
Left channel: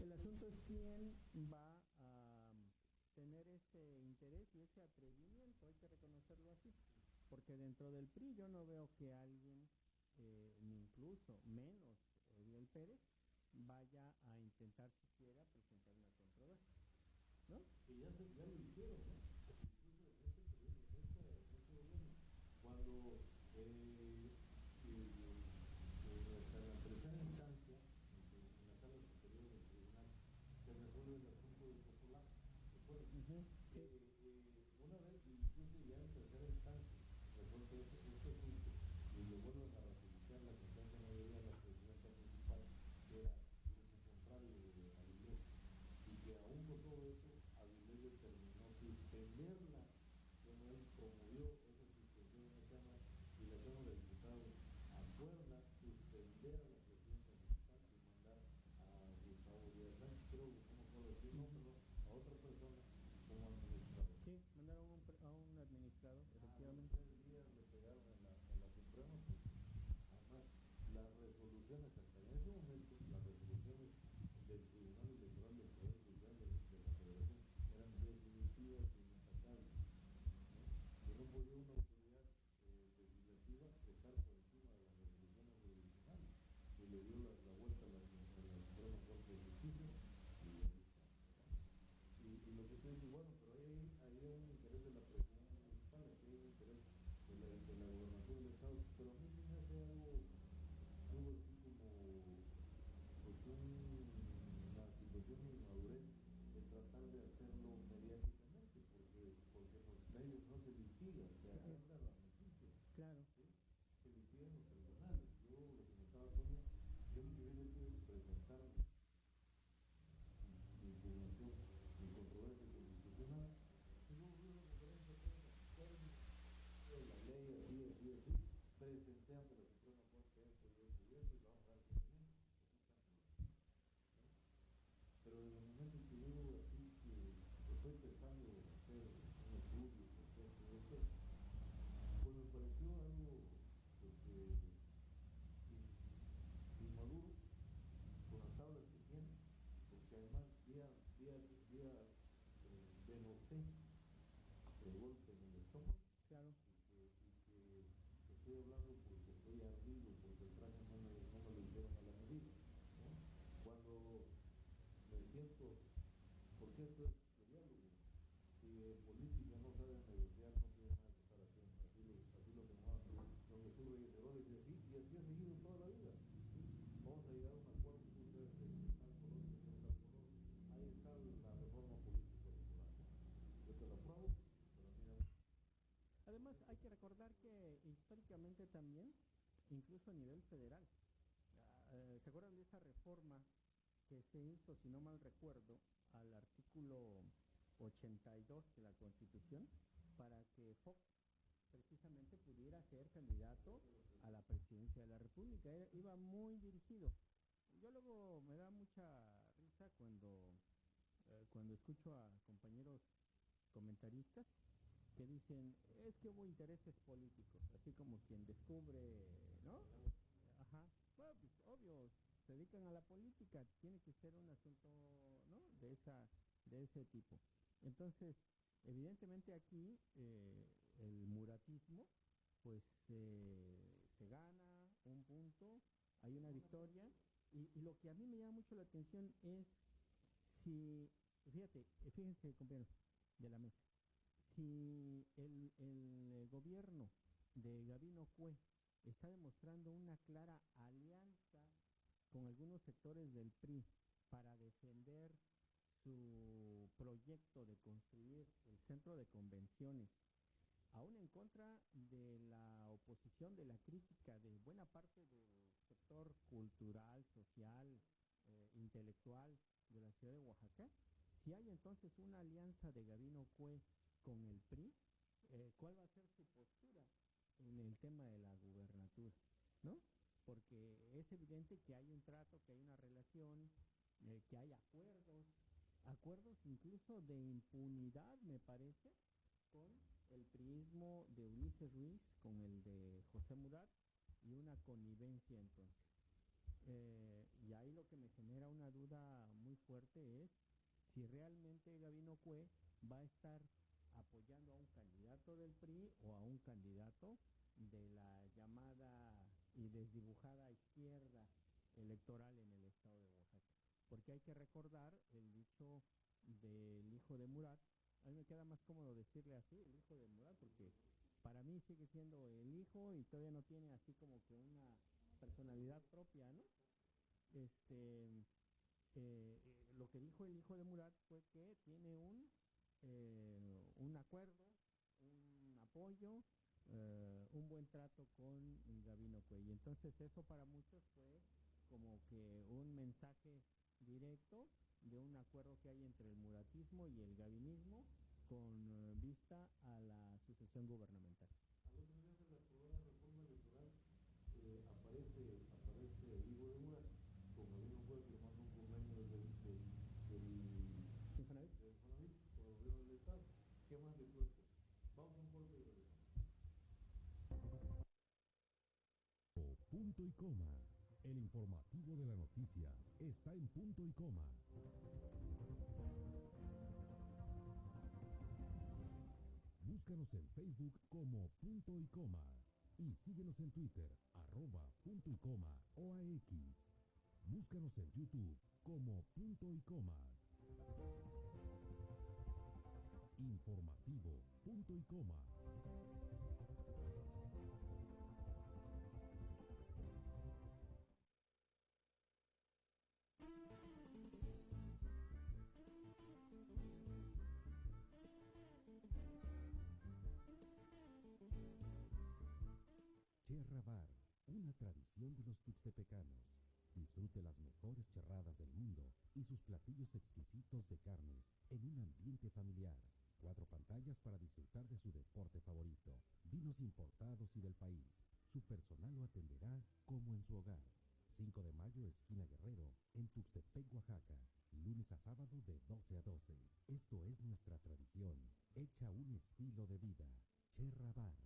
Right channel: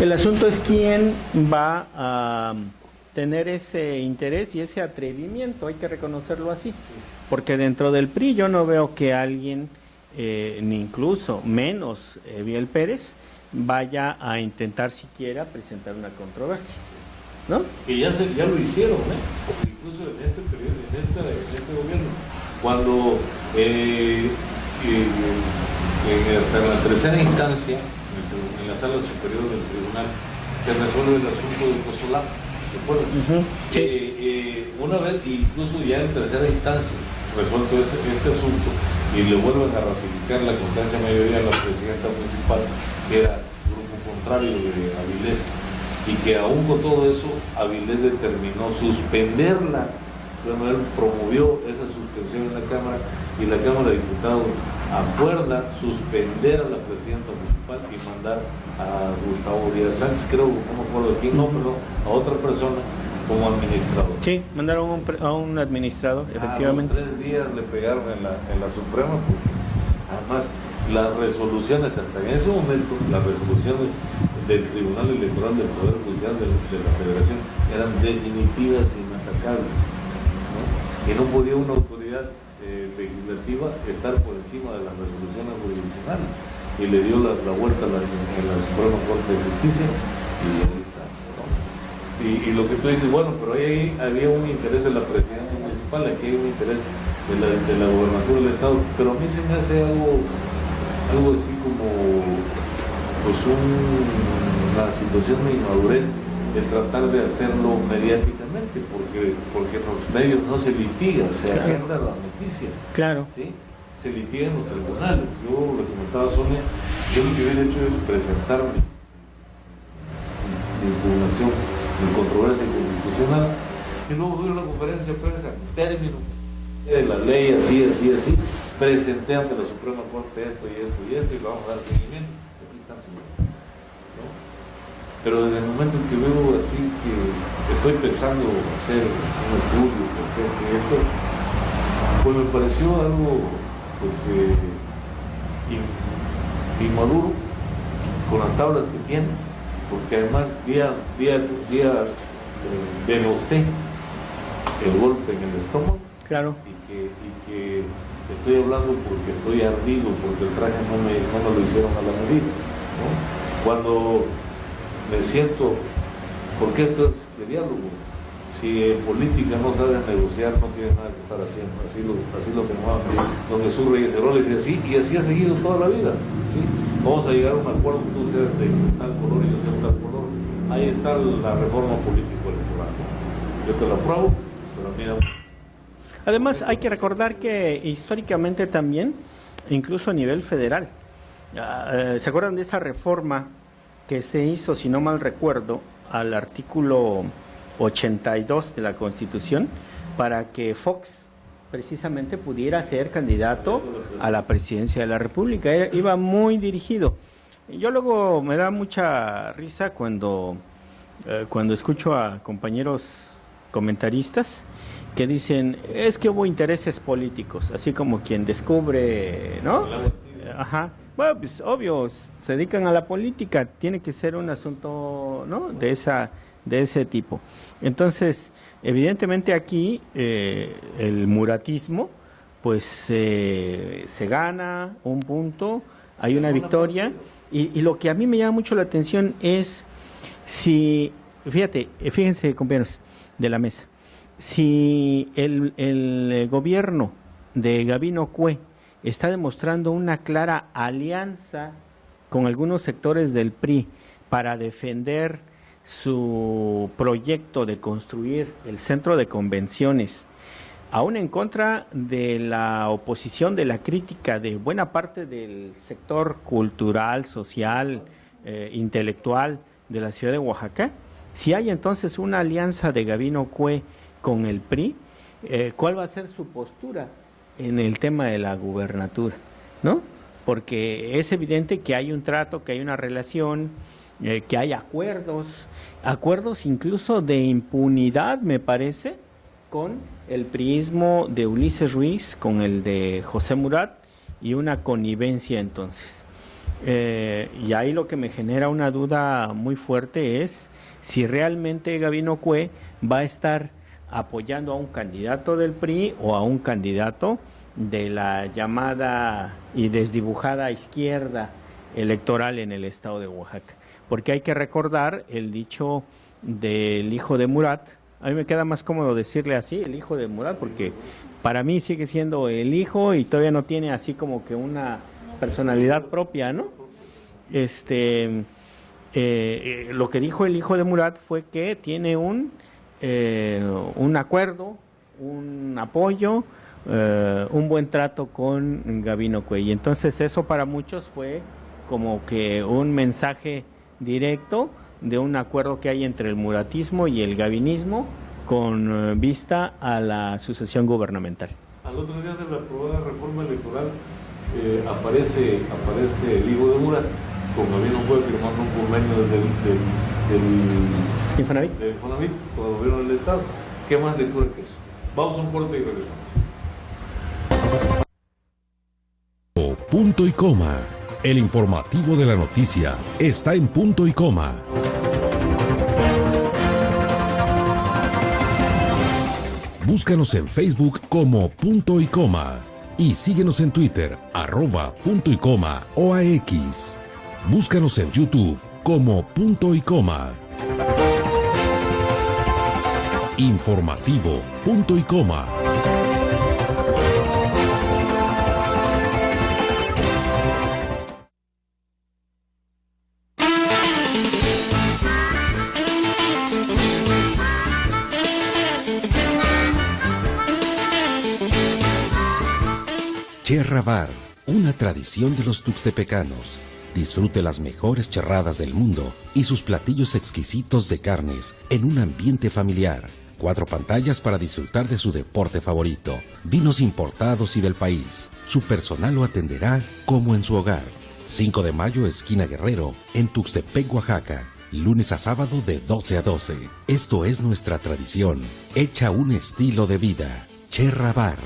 El asunto es quién va a tener ese interés y ese atrevimiento, hay que reconocerlo así, porque dentro del PRI yo no veo que alguien, ni incluso menos Eviel Pérez, vaya a intentar siquiera presentar una controversia, ¿no? Que ya lo hicieron, porque incluso en este periodo, en este gobierno, cuando hasta en la tercera instancia, en la sala superior del tribunal, se resuelve el asunto de Cozolá, ¿te acuerdas? Una vez, incluso ya en tercera instancia, resuelto este asunto, y le vuelven a ratificar la constancia mayoría a la presidenta municipal, que era grupo contrario de Avilés, y que aún con todo eso, Avilés determinó suspenderla. Él promovió esa suspensión en la Cámara, y la Cámara de Diputados acuerda suspender a la presidenta municipal y mandar a Gustavo Díaz Sánchez, creo, no me acuerdo quién, no, pero a otra persona como administrador. Sí, mandaron a un administrador, efectivamente. A los 3 días le pegaron en la Suprema, porque además las resoluciones, hasta en ese momento, las resoluciones del Tribunal Electoral del Poder Judicial de la Federación eran definitivas e inatacables, ¿no? Y no podía una autoridad legislativa estar por encima de las resoluciones jurisdiccionales, y le dio la vuelta en la Suprema Corte de Justicia, y ahí está, ¿no? Y lo que tú dices, bueno, pero ahí había un interés de la presidencia municipal, aquí hay un interés de la gobernatura del Estado, pero a mí se me hace algo así como pues una situación de inmadurez el tratar de hacerlo mediáticamente, porque en los medios no se litiga, se agenda la noticia. Claro. ¿Sí? Se litiga en los tribunales. Yo le comentaba a Sonia, yo lo que hubiera hecho es presentar mi impugnación en controversia constitucional, y luego doy una conferencia de prensa en términos de la ley, así, presenté ante la Suprema Corte esto y esto y esto, y le vamos a dar seguimiento. Aquí está el señor, ¿no? Pero desde el momento en que veo así que estoy pensando hacer un estudio, porque esto y esto, pues me pareció algo pues inmaduro con las tablas que tiene, porque además denosté el golpe en el estómago. Claro. Y que estoy hablando porque estoy ardido, porque el traje no me lo hicieron a la medida, ¿no? Cuando me siento, porque esto es de diálogo, si en política no sabes negociar, no tienes nada que estar haciendo, así lo firmaba don Jesús Reyes Heroles, y así ha seguido toda la vida, ¿sí? Vamos a llegar a un acuerdo, tú seas de tal color y yo sea de tal color, ahí está la reforma político-electoral, ¿no? Yo te la apruebo, pero mira. Además, hay que recordar que históricamente también, incluso a nivel federal, ¿se acuerdan de esa reforma que se hizo, si no mal recuerdo, al artículo 82 de la Constitución, para que Fox precisamente pudiera ser candidato a la presidencia de la República? Iba muy dirigido. Yo luego me da mucha risa cuando escucho a compañeros comentaristas que dicen, es que hubo intereses políticos, así como quien descubre, ¿no? Ajá. Bueno, pues obvio, se dedican a la política, tiene que ser un asunto, ¿no?, de ese tipo. Entonces, evidentemente aquí el muratismo, pues se gana un punto, hay una victoria, y lo que a mí me llama mucho la atención es si, fíjense compañeros de la mesa, si el gobierno de Gabino Cue está demostrando una clara alianza con algunos sectores del PRI para defender su proyecto de construir el centro de convenciones, aún en contra de la oposición, de la crítica de buena parte del sector cultural, social, intelectual de la ciudad de Oaxaca. Si hay entonces una alianza de Gabino Cue con el PRI, ¿cuál va a ser su postura en el tema de la gubernatura? ¿No? Porque es evidente que hay un trato, que hay una relación, que hay acuerdos incluso de impunidad, me parece, con el priismo de Ulises Ruiz, con el de José Murat, y una connivencia entonces. Y ahí lo que me genera una duda muy fuerte es si realmente Gabino Cue va a estar apoyando a un candidato del PRI o a un candidato de la llamada y desdibujada izquierda electoral en el estado de Oaxaca. Porque hay que recordar el dicho del hijo de Murat. A mí me queda más cómodo decirle así, el hijo de Murat, porque para mí sigue siendo el hijo y todavía no tiene así como que una personalidad propia, ¿no? Lo que dijo el hijo de Murat fue que tiene un acuerdo, un apoyo, un buen trato con Gabino Cue. Y entonces eso para muchos fue como que un mensaje directo de un acuerdo que hay entre el muratismo y el gabinismo con vista a la sucesión gubernamental. Al otro día de la aprobada reforma electoral aparece el hijo de Murat con Gabino Cue firmando un convenio del Infonavit con el gobierno del Estado. ¿Qué más lectura que eso? Vamos a un corte y regresamos. Punto y coma. El informativo de la noticia está en punto y coma. Búscanos en Facebook como Punto y Coma y síguenos en Twitter @punto y coma OAX. Búscanos en YouTube como Punto y Coma. Informativo Punto y Coma. Cherra Bar, una tradición de los tuxtepecanos. Disfrute las mejores charradas del mundo y sus platillos exquisitos de carnes en un ambiente familiar. 4 pantallas para disfrutar de su deporte favorito. Vinos importados y del país. Su personal lo atenderá como en su hogar. 5 de mayo, esquina Guerrero, en Tuxtepec, Oaxaca. Lunes a sábado de 12 a 12. Esto es nuestra tradición, hecha un estilo de vida. Cherra Bar.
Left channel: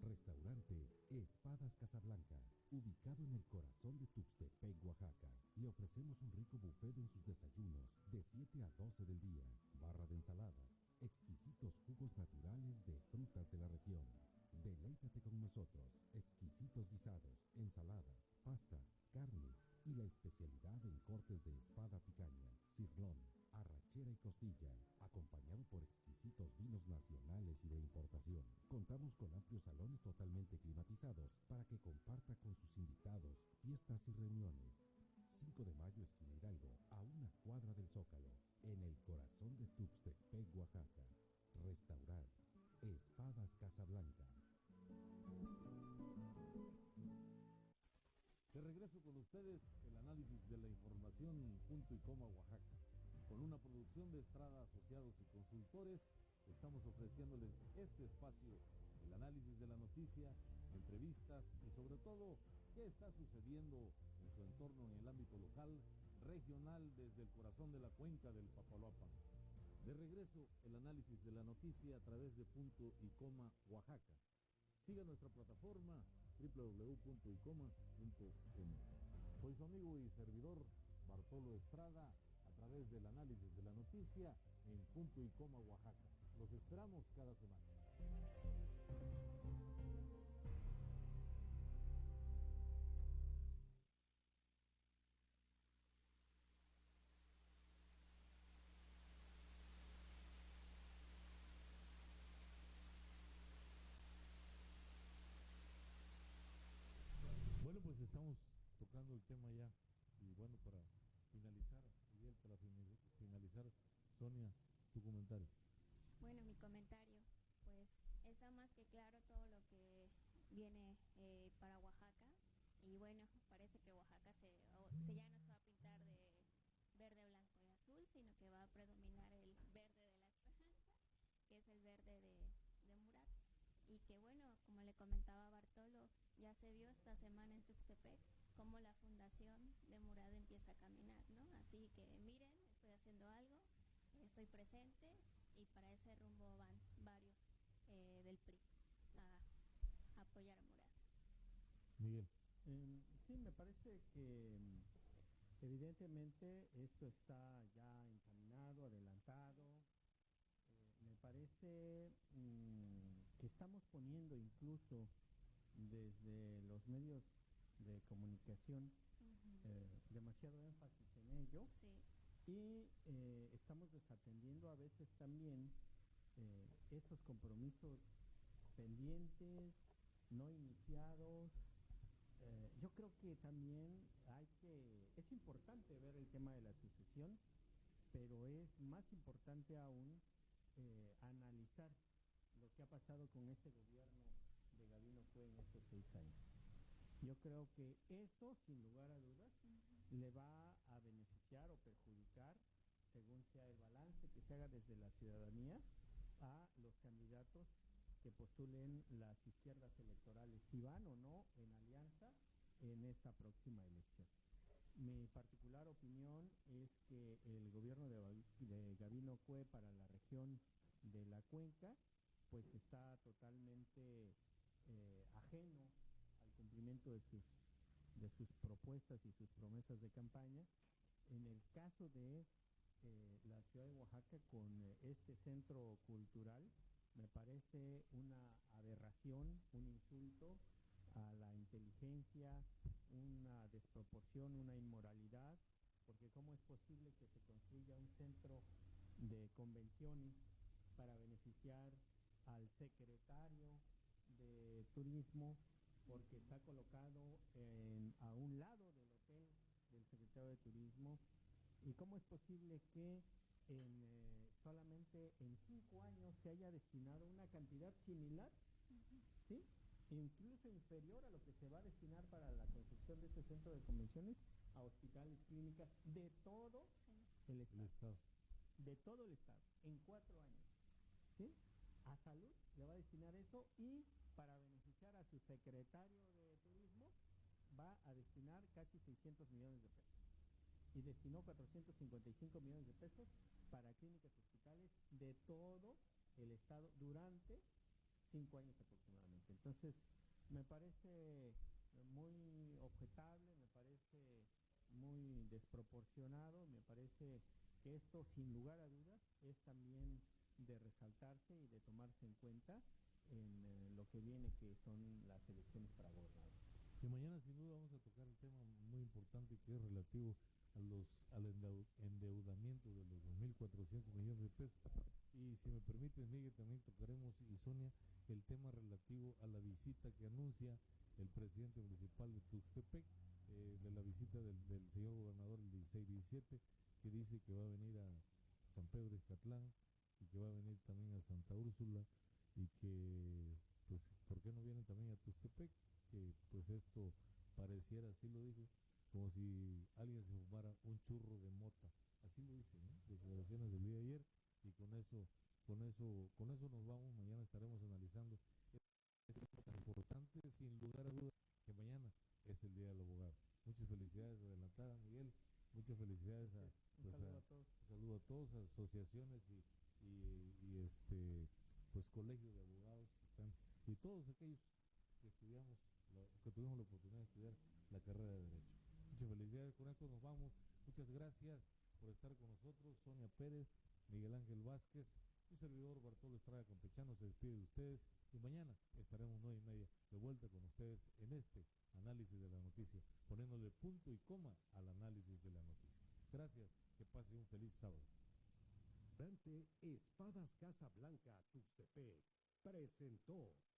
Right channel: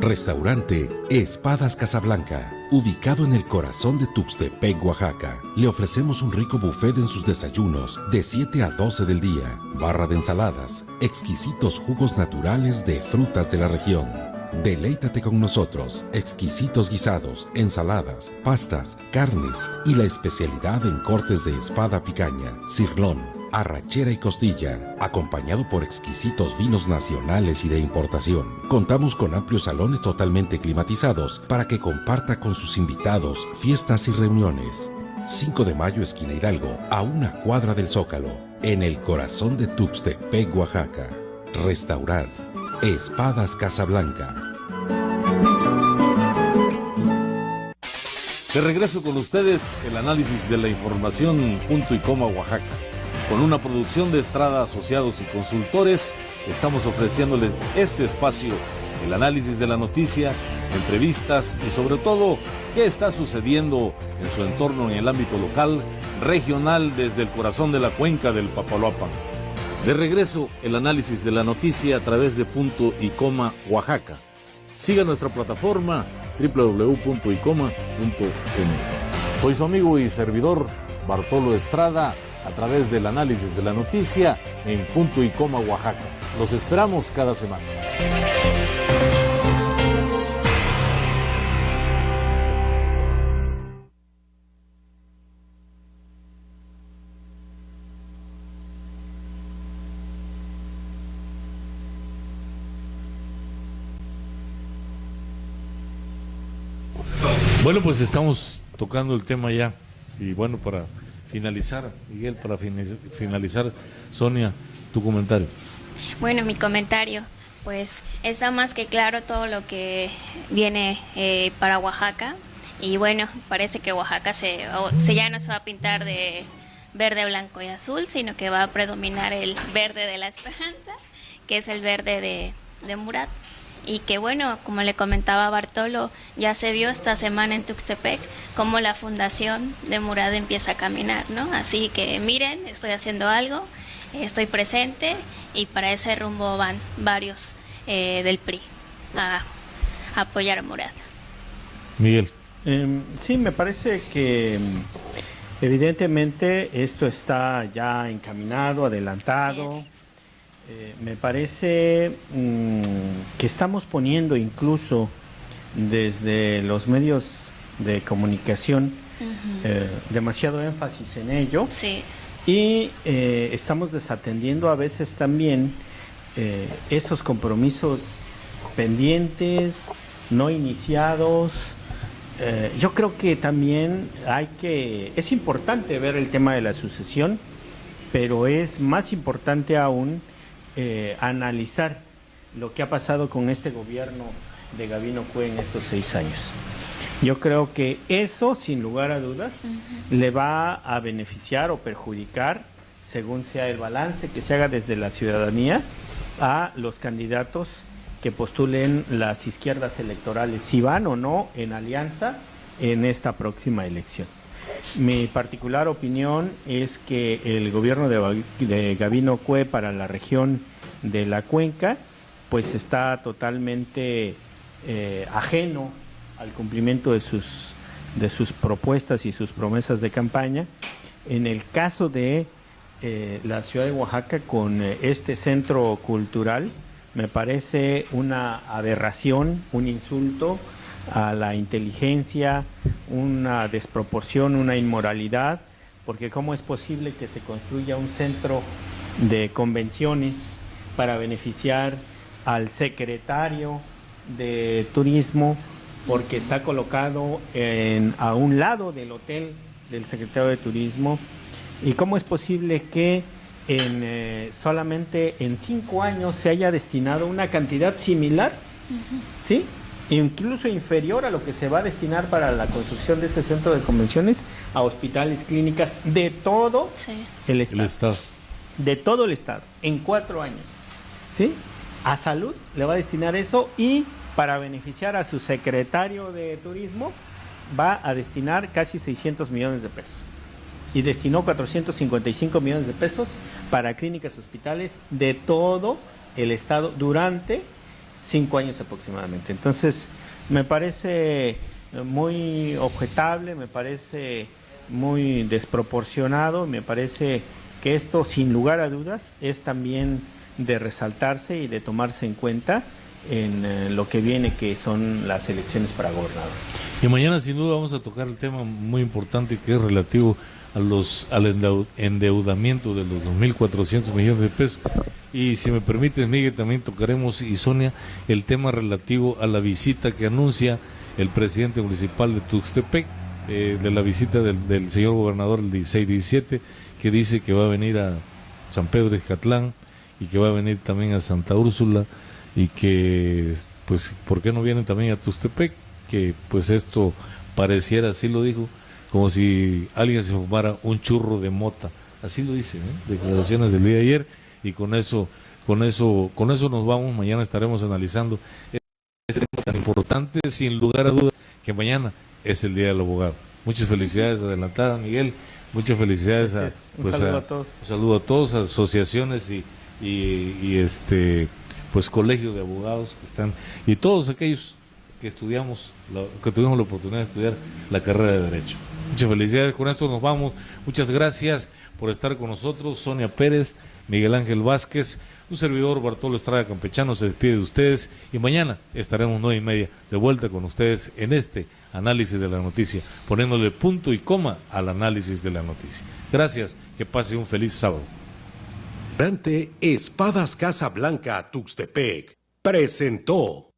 Restaurante Espadas Casablanca, ubicado en el corazón de Tuxtepec, Oaxaca. Le ofrecemos un rico buffet en sus desayunos de 7 a 12 del día, barra de ensaladas, exquisitos jugos naturales de frutas de la región. Deleítate con nosotros, exquisitos guisados, ensaladas, pastas, carnes y la especialidad en cortes de espada picaña, cirlón, arrachera y costilla, acompañado por exquisitos vinos nacionales y de importación. Contamos con amplios salones totalmente climatizados para que comparta con sus invitados fiestas y reuniones. 5 de mayo, esquina Hidalgo, a 1 cuadra del Zócalo, en el corazón de Tuxtepec, Oaxaca. Restaurant Espadas Casablanca. De regreso con ustedes, el análisis de la información Punto y Coma Oaxaca. Con una producción de Estrada Asociados y Consultores, estamos ofreciéndoles este espacio, el análisis de la noticia, entrevistas y sobre todo, qué está sucediendo en su entorno en el ámbito local, regional, desde el corazón de la cuenca del Papaloapan. De regreso, el análisis de la noticia a través de Punto y Coma Oaxaca. Siga nuestra plataforma www.icoma.mx. Soy su amigo y servidor Bartolo Estrada a través del análisis de la noticia en Punto y Coma Oaxaca. Los esperamos cada semana. Bueno, pues estamos tocando el tema ya. Y bueno, para finalizar, Miguel, para finalizar, Sonia, tu comentario. Bueno, mi comentario, pues está más que claro todo lo que viene para Oaxaca. Y bueno, parece que Oaxaca ya no se va a pintar de verde, blanco y azul, sino que va a predominar el verde de la esperanza, que es el verde de Murat. Y que bueno, como le comentaba Bartolo, ya se vio esta semana en Tuxtepec cómo la fundación de Murat empieza a caminar, ¿no? Así que miren, estoy haciendo algo, estoy presente, y para ese rumbo van varios del PRI a apoyar a Murat. Miguel. Sí, me parece que evidentemente esto está ya encaminado, adelantado. Me parece que estamos poniendo incluso desde los medios de comunicación demasiado énfasis en ello. Sí. Y estamos desatendiendo a veces también esos compromisos pendientes, no iniciados. Yo creo que también es importante ver el tema de la sucesión, pero es más importante aún analizar lo que ha pasado con este gobierno de Gabino Cue en estos 6 años. Yo creo que eso, sin lugar a dudas, le va a beneficiar o perjudicar, según sea el balance que se haga desde la ciudadanía, a los candidatos que postulen las izquierdas electorales, si van o no en alianza en esta próxima elección. Mi particular opinión es que el gobierno de Gabino Cue para la región de la Cuenca pues está totalmente ajeno al cumplimiento de sus propuestas y sus promesas de campaña. En el caso de la ciudad de Oaxaca, con este centro cultural, me parece una aberración, un insulto a la inteligencia, una desproporción, una inmoralidad, porque ¿cómo es posible que se construya un centro de convenciones para beneficiar al secretario de turismo, porque está colocado a un lado del hotel del secretario de turismo? ¿Y cómo es posible que solamente en 5 años se haya destinado una cantidad similar, ¿sí?, incluso inferior a lo que se va a destinar para la construcción de este centro de convenciones, a hospitales, clínicas de todo el estado? De todo el estado, en 4 años, ¿sí? A salud le va a destinar eso, y para beneficiar a su secretario de turismo va a destinar casi 600 millones de pesos. Y destinó 455 millones de pesos para clínicas, hospitales de todo el estado durante 5 años aproximadamente. Entonces, me parece muy objetable, me parece muy desproporcionado, me parece que esto, sin lugar a dudas, es también de resaltarse y de tomarse en cuenta en lo que viene, que son las elecciones para gobernador. Y mañana, sin duda, vamos a tocar el tema muy importante que es relativo al endeudamiento de los 2.400 millones de pesos. Y si me permites, Miguel, también tocaremos, y Sonia, el tema relativo a la visita que anuncia el presidente municipal de Tuxtepec, de la visita del señor gobernador el 16-17, que dice que va a venir a San Pedro de Izcatlán y que va a venir también a Santa Úrsula, y que, pues, ¿por qué no vienen también a Tuxtepec? Que, pues, esto pareciera, así lo dijo, como si alguien se fumara un churro de mota. Así lo dice, declaraciones del día de ayer, y con eso nos vamos. Mañana estaremos analizando este tema tan importante, sin lugar a dudas, que mañana es el Día del Abogado. Muchas felicidades adelantadas, Miguel. Muchas felicidades un saludo a todos. Un saludo a todos, a asociaciones y pues colegios de abogados que están, y todos aquellos que estudiamos, que tuvimos la oportunidad de estudiar la carrera de Derecho. Muchas felicidades. Con esto nos vamos. Muchas gracias por estar con nosotros. Sonia Pérez, Miguel Ángel Vázquez, un servidor, Bartolo Estrada Campechano, se despide de ustedes, y mañana estaremos 9:30 de vuelta con ustedes en este análisis de la noticia, poniéndole punto y coma al análisis de la noticia. Gracias, que pase un feliz sábado. Espadas Casa Blanca Tuxtepec presentó